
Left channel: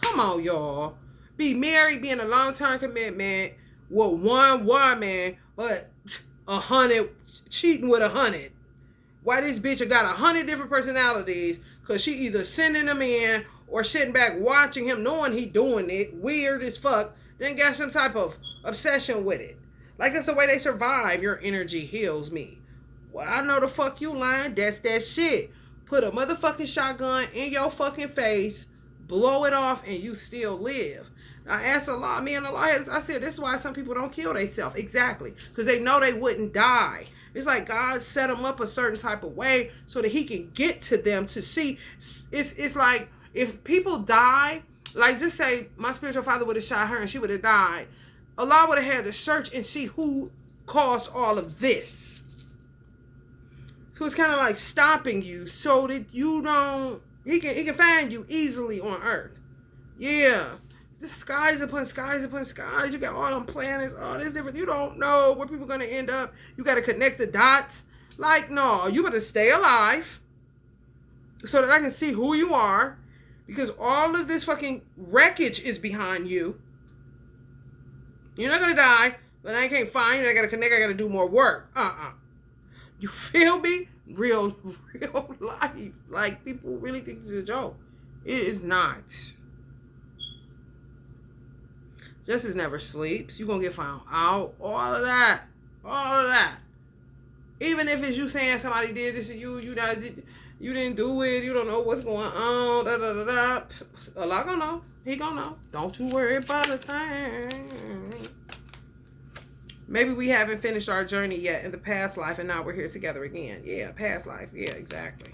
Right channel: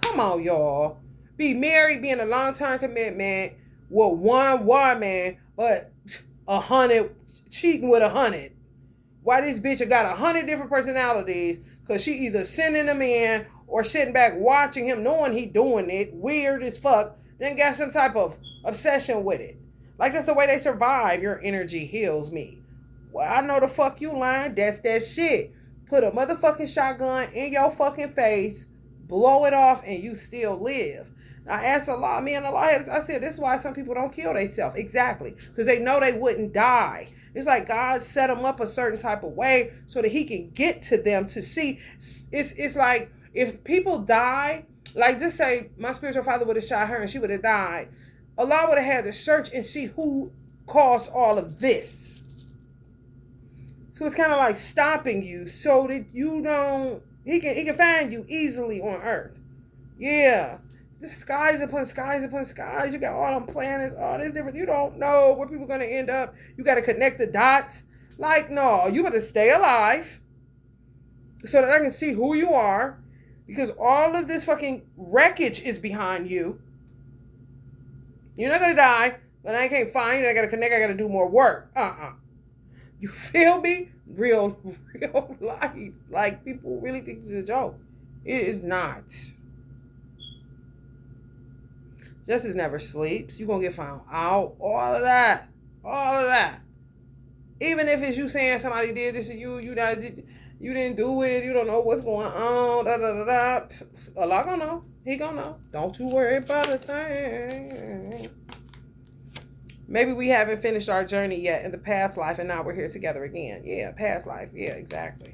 come on, y'all. Be married, be in a long-term commitment with one woman, but 100, cheating with 100. Why this bitch got 100 different personalities? Because she either sending them in or sitting back watching him knowing he doing it, weird as fuck, then got some type of obsession with it. Like, that's the way they survive. Your energy heals me. Well, I know the fuck you lying. That's that shit. Put a motherfucking shotgun in your fucking face, blow it off, and you still live. I asked Allah, me and Allah, I said, this is why some people don't kill themselves. Exactly. Because they know they wouldn't die. It's like God set them up a certain type of way so that he can get to them to see. It's like if people die, like just say my spiritual father would have shot her and she would have died. Allah would have had to search and see who caused all of this. So it's kind of like stopping you so that you don't, he can find you easily on earth. Yeah. Just skies upon skies upon skies. You got all them planets, all this different. You don't know where people are going to end up. You got to connect the dots. Like, no, you better stay alive so that I can see who you are, because all of this fucking wreckage is behind you. You're not going to die, but I can't find you. I got to connect. I got to do more work. You feel me? Real life. Like, people really think this is a joke. It is not. Justice never sleeps. You're going to get found out. All of that. Even if it's you saying somebody did this to you, You didn't do it. You don't know what's going on. Da da da da. Allah gonna know. He gonna know. Don't you worry about a thing. Maybe we haven't finished our journey yet in the past life, and now we're here together again. Yeah, past life. Yeah, exactly.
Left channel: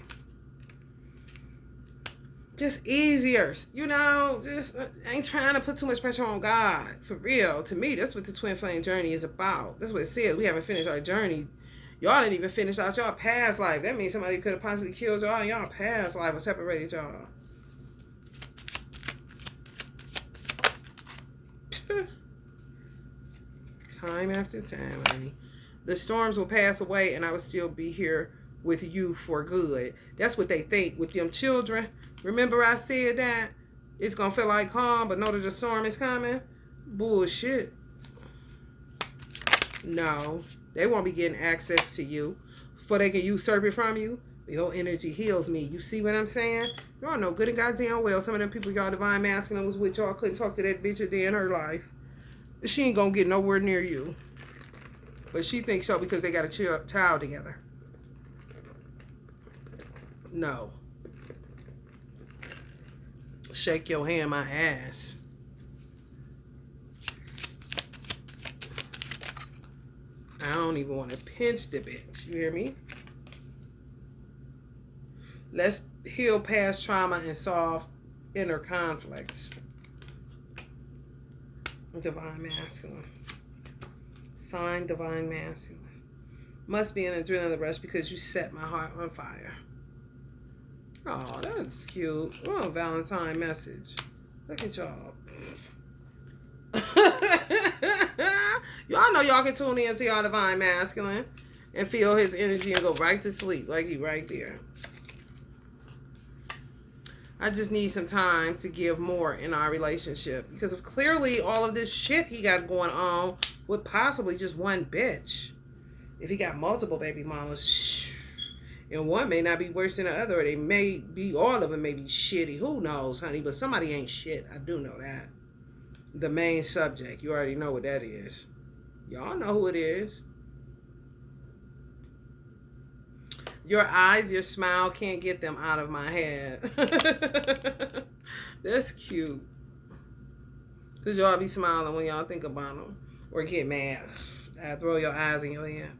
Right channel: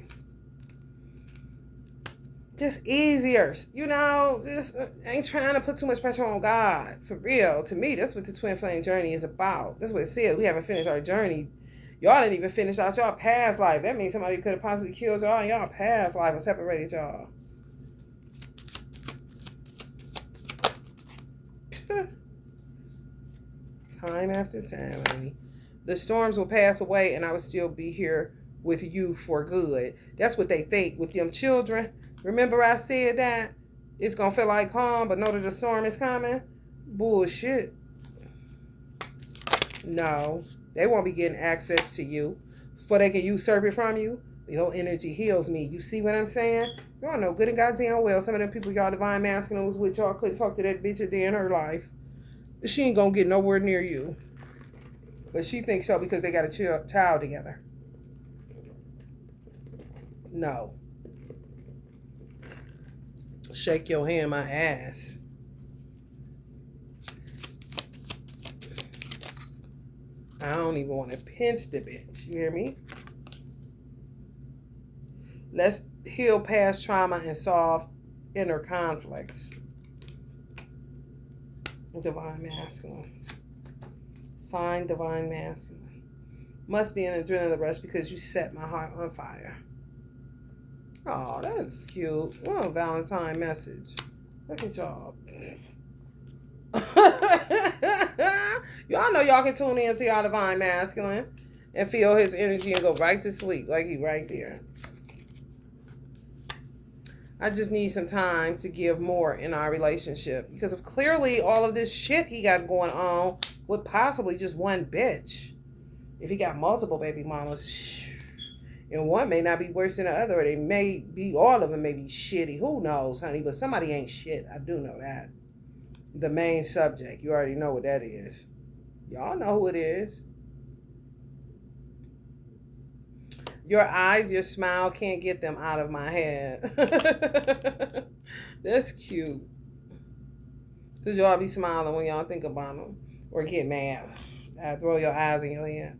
Just easier, you know. Just ain't trying to put too much pressure on God. For real, to me, that's what the twin flame journey is about. That's what it says. We haven't finished our journey. Y'all didn't even finish out y'all past life. That means somebody could have possibly killed y'all in y'all past life or separated y'all. Time after time, honey. The storms will pass away and I will still be here with you for good. That's what they think with them children. Remember I said that? It's going to feel like calm, but know that the storm is coming? Bullshit. No. They won't be getting access to you so they can usurp it from you. Your energy heals me. You see what I'm saying? Y'all know good and goddamn well some of them people y'all divine masculine was with y'all couldn't talk to that bitch a day in her life. She ain't going to get nowhere near you. But she thinks so because they got a child together. No. Shake your hand, my ass. I don't even want to pinch the bitch. You hear me? Let's heal past trauma and solve inner conflicts. Divine masculine. Sign divine masculine. Must be an adrenaline rush because you set my heart on fire. Oh, that's cute. What a Valentine message. Look at y'all. Y'all know y'all can tune in to y'all divine masculine and feel his energy and go right to sleep like he right there. I just need some time to give more in our relationship because of clearly all of this shit he got going on with possibly just one bitch. If he got multiple baby mamas, and one may not be worse than the other, or they may be, all of them may be shitty. Who knows, honey? But somebody ain't shit. I do know that. The main subject, you already know what that is. Y'all know who it is. Your eyes, your smile, can't get them out of my head. That's cute. Because y'all be smiling when y'all think about them. Or get mad. I throw your eyes in your head.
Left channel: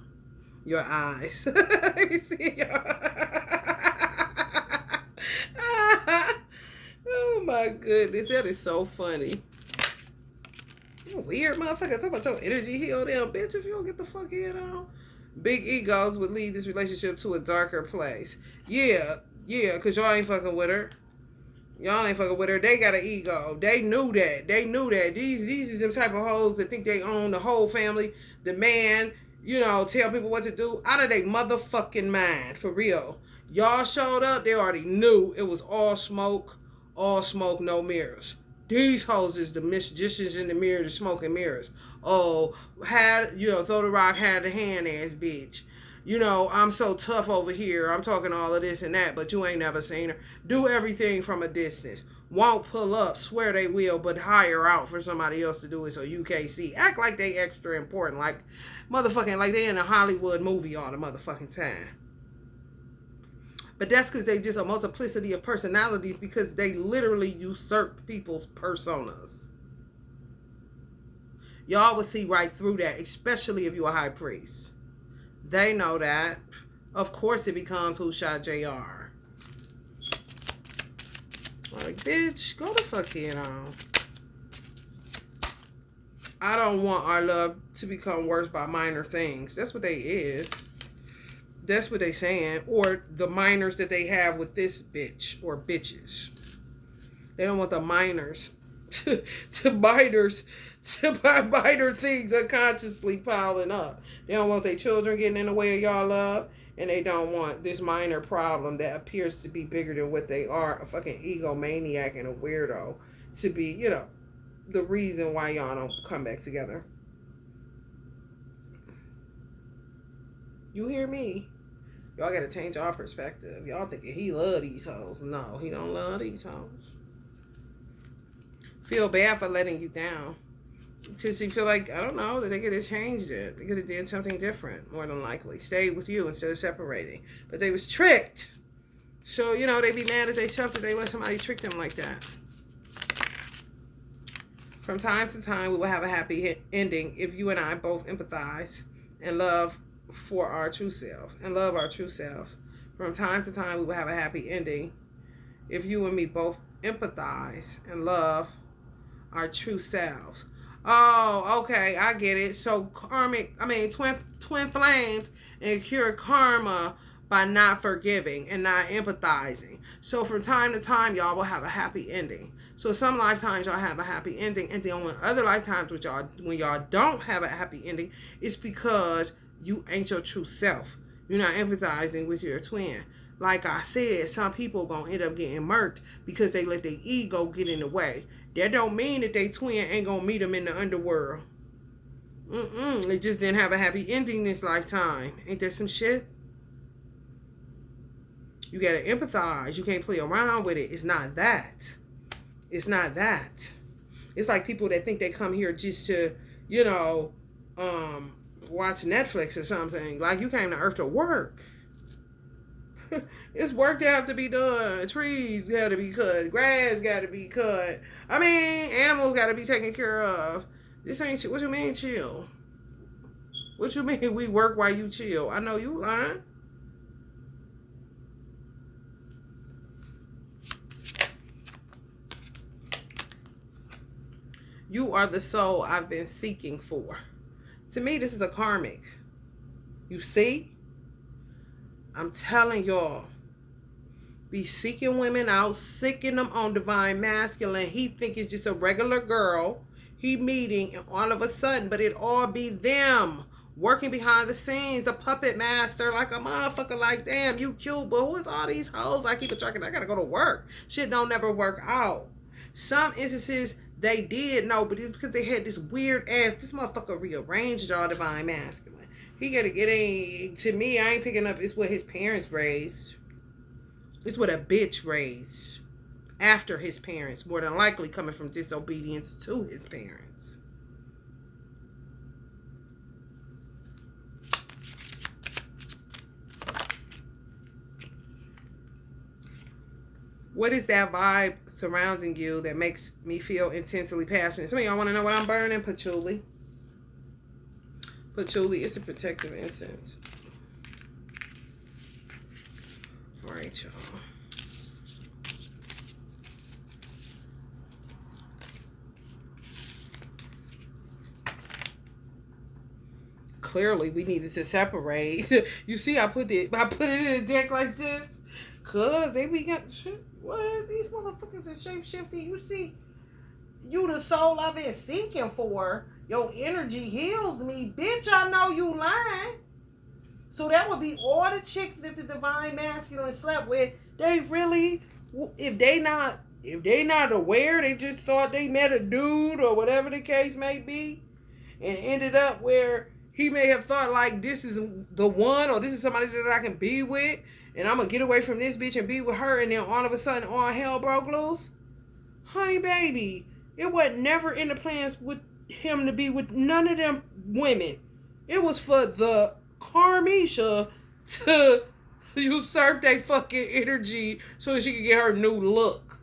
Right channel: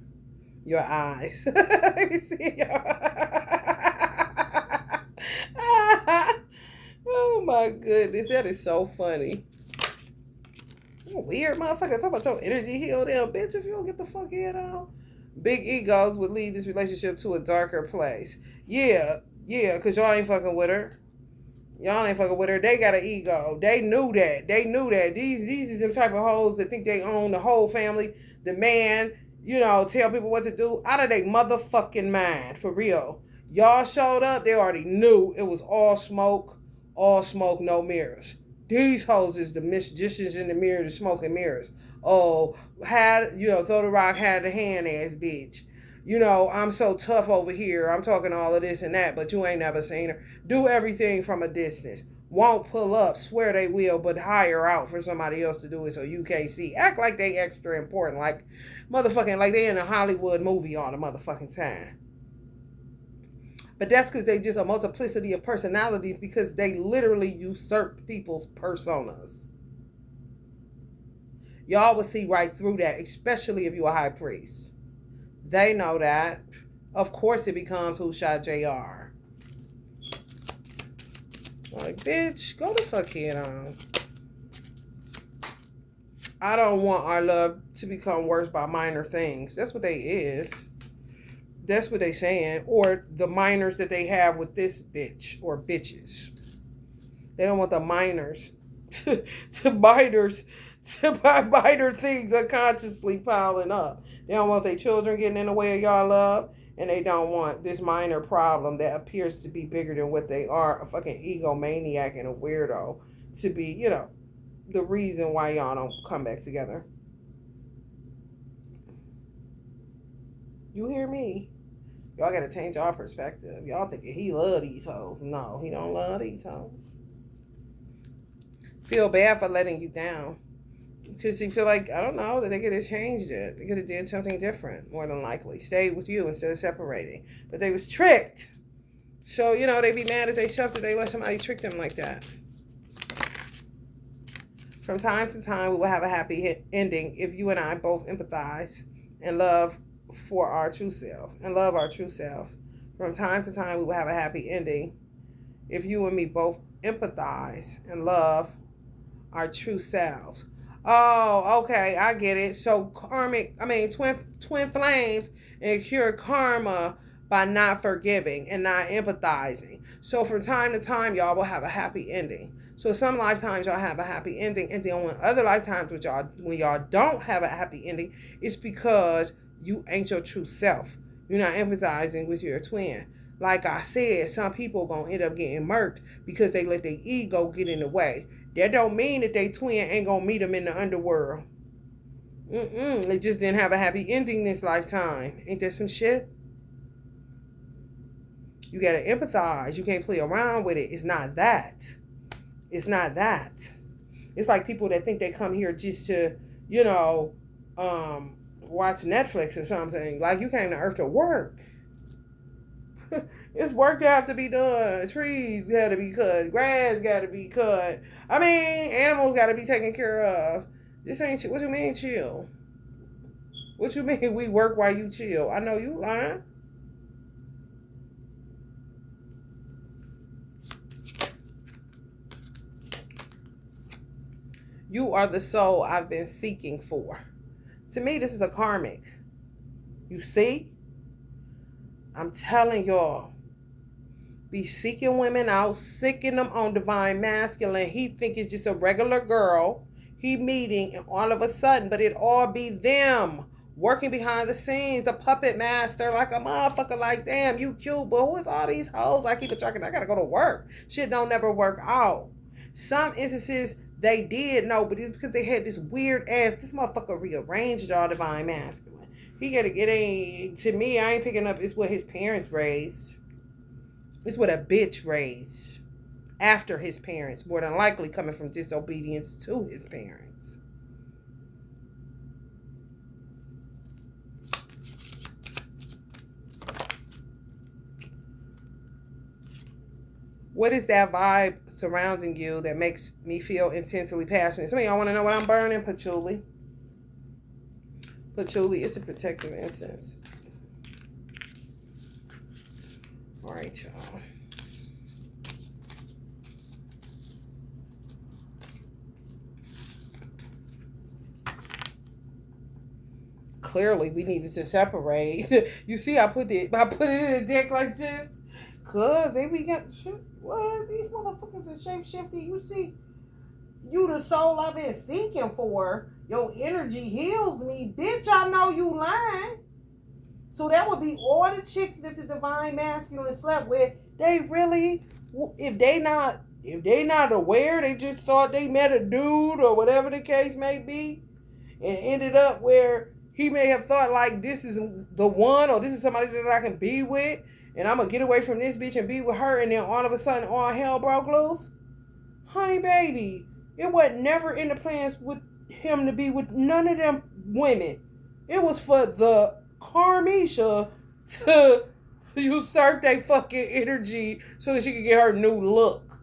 Your eyes. Let me see your Oh my goodness. That is so funny. You weird motherfucker. Talk about your energy heal them, bitch, if you don't get the fuck head on. Big egos would lead this relationship to a darker place. Yeah, because y'all ain't fucking with her. Y'all ain't fucking with her. They got an ego. They knew that. These is them type of hoes that think they own the whole family. The man, you know, tell people what to do. Out of their motherfucking mind. For real. Y'all showed up. They already knew it was all smoke, no mirrors. These hoes is the magicians in the mirror, the smoke and mirrors. Oh, throw the rock, had the hand ass bitch. You know, I'm so tough over here. I'm talking all of this and that, but you ain't never seen her. Do everything from a distance. Won't pull up, swear they will, but hire out for somebody else to do it so you can't see. Act like they extra important, like motherfucking, like they in a Hollywood movie all the motherfucking time. But that's because they just a multiplicity of personalities because they literally usurp people's personas. Y'all will see right through that, especially if you're a high priest. They know that. Of course it becomes who shot JR. Like, bitch, go the fuck head on. I don't want our love to become worse by minor things. That's what they is. That's what they saying. Or the minors that they have with this bitch or bitches. They don't want the minors to minor things unconsciously piling up. They don't want their children getting in the way of y'all love. And they don't want this minor problem that appears to be bigger than what they are, a fucking egomaniac and a weirdo, to be, you know, the reason why y'all don't come back together. You hear me? Y'all gotta change our perspective. Y'all thinking he love these hoes. No, he don't love these hoes. Feel bad for letting you down. Because you feel like, I don't know, that they could have changed it. They could have did something different, more than likely. Stayed with you instead of separating. But they was tricked. So, you know, they be mad at themselves that they let somebody trick them like that. From time to time, we will have a happy ending if you and I both empathize and love for our true selves and love our true selves. From time to time, we will have a happy ending if you and me both empathize and love our true selves. Oh, okay, I get it. So twin flames incur karma by not forgiving and not empathizing. So from time to time, y'all will have a happy ending. So some lifetimes y'all have a happy ending, and then on other lifetimes when y'all don't have a happy ending, it's because you ain't your true self. You're not empathizing with your twin. Like I said, some people gonna end up getting murked because they let their ego get in the way. That don't mean that they twin ain't gonna meet them in the underworld. They just didn't have a happy ending this lifetime. Ain't that some shit? You gotta empathize. You can't play around with it. It's not that. It's not that. It's like people that think they come here just to, you know, watch Netflix or something. Like you came to Earth to work. It's work that have to be done. Trees got to be cut. Grass got to be cut. I mean, animals got to be taken care of. This ain't what you mean chill. What you mean we work while you chill? I know you lying. You are the soul I've been seeking for. To me, this is a karmic. You see? I'm telling y'all. Be seeking women out, sicking them on divine masculine. He think it's just a regular girl he meeting, and all of a sudden, but it all be them working behind the scenes, the puppet master, like a motherfucker. Like, damn, you cute, but who is all these hoes? I keep a track, and I gotta go to work. Shit don't never work out. Some instances they did know, but it's because they had this weird ass. This motherfucker rearranged y'all divine masculine. He gotta get in. To me, I ain't picking up. It's what his parents raised. It's what a bitch raised after his parents, more than likely coming from disobedience to his parents. What is that vibe surrounding you that makes me feel intensely passionate? Some of y'all want to know what I'm burning? Patchouli. Patchouli is a protective incense. All right, y'all. Clearly, we needed to separate. You see, I put it in a deck like this, cause they be got what these motherfuckers are shape shifting. You see, you the soul I've been seeking for. Your energy heals me, bitch. I know you lying. So that would be all the chicks that the divine masculine slept with. They really, if they not aware, they just thought they met a dude or whatever the case may be, and ended up where he may have thought like this is the one, or this is somebody that I can be with, and I'm gonna get away from this bitch and be with her, and then all of a sudden all hell broke loose. Honey baby, it wasn't never in the plans with him to be with none of them women. It was for the Carmisha to usurp their fucking energy so she could get her new look.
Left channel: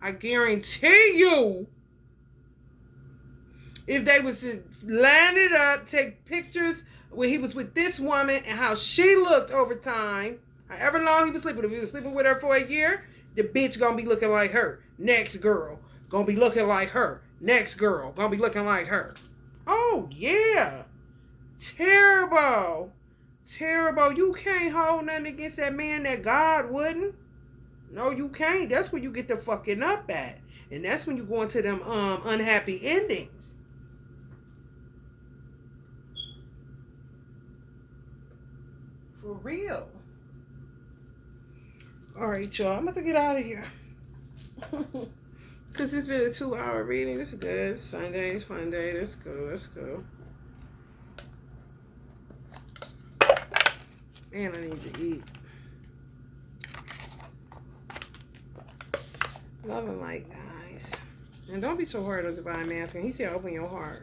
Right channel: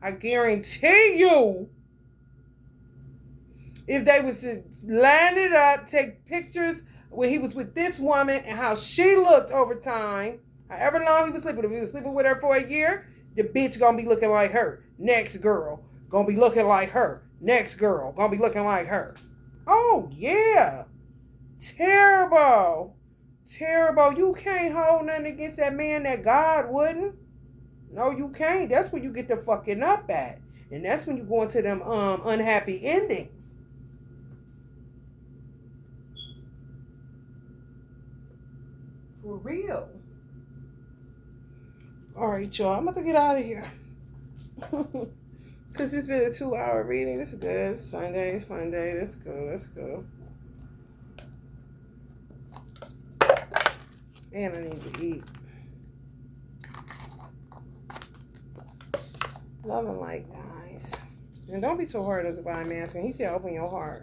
I guarantee you, if they was to line it up, take pictures when he was with this woman and how she looked over time, however long he was sleeping, if he was sleeping with her for a year, the bitch gonna be looking like her. Next girl gonna be looking like her. Next girl gonna be looking like her. Oh yeah. Terrible. Terrible. You can't hold nothing against that man that God wouldn't. No, you can't. That's where you get the fucking up at. And that's when you go into them unhappy endings. For real. Alright, y'all. I'm about to get out of here. Because it's been a 2-hour reading. This is good. It's Sunday. It's fun day. Let's go. Let's go. And I need to eat. Love and light, guys. And don't be so hard on divine masculine. He said open your heart.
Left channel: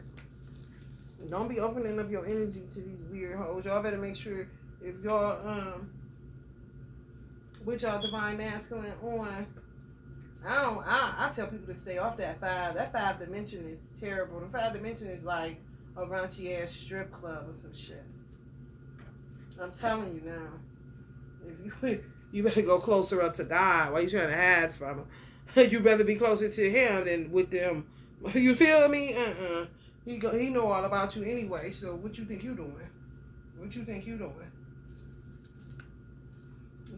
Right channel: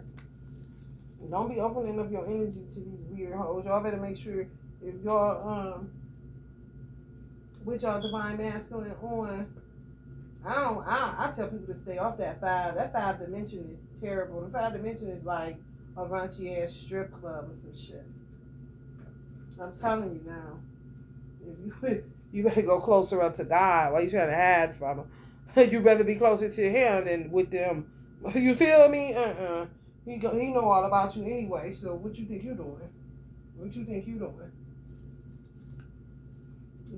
Don't be opening up your energy to these weird hoes. Y'all better make sure if y'all with y'all divine masculine on. I tell people to stay off that five. That five dimension is terrible. The five dimension is like a raunchy ass strip club or some shit. I'm telling you now. If you better go closer up to God. Why you trying to hide from him? You better be closer to him than with them. You feel me? He know all about you anyway. So what you think you doing? What you think you doing?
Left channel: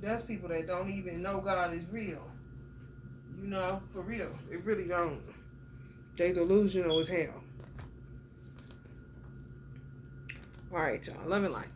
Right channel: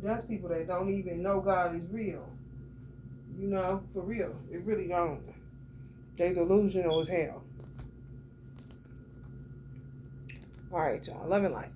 That's people that don't even know God is real. You know, for real. It really don't. They delusional as hell. All right, y'all. Love and light.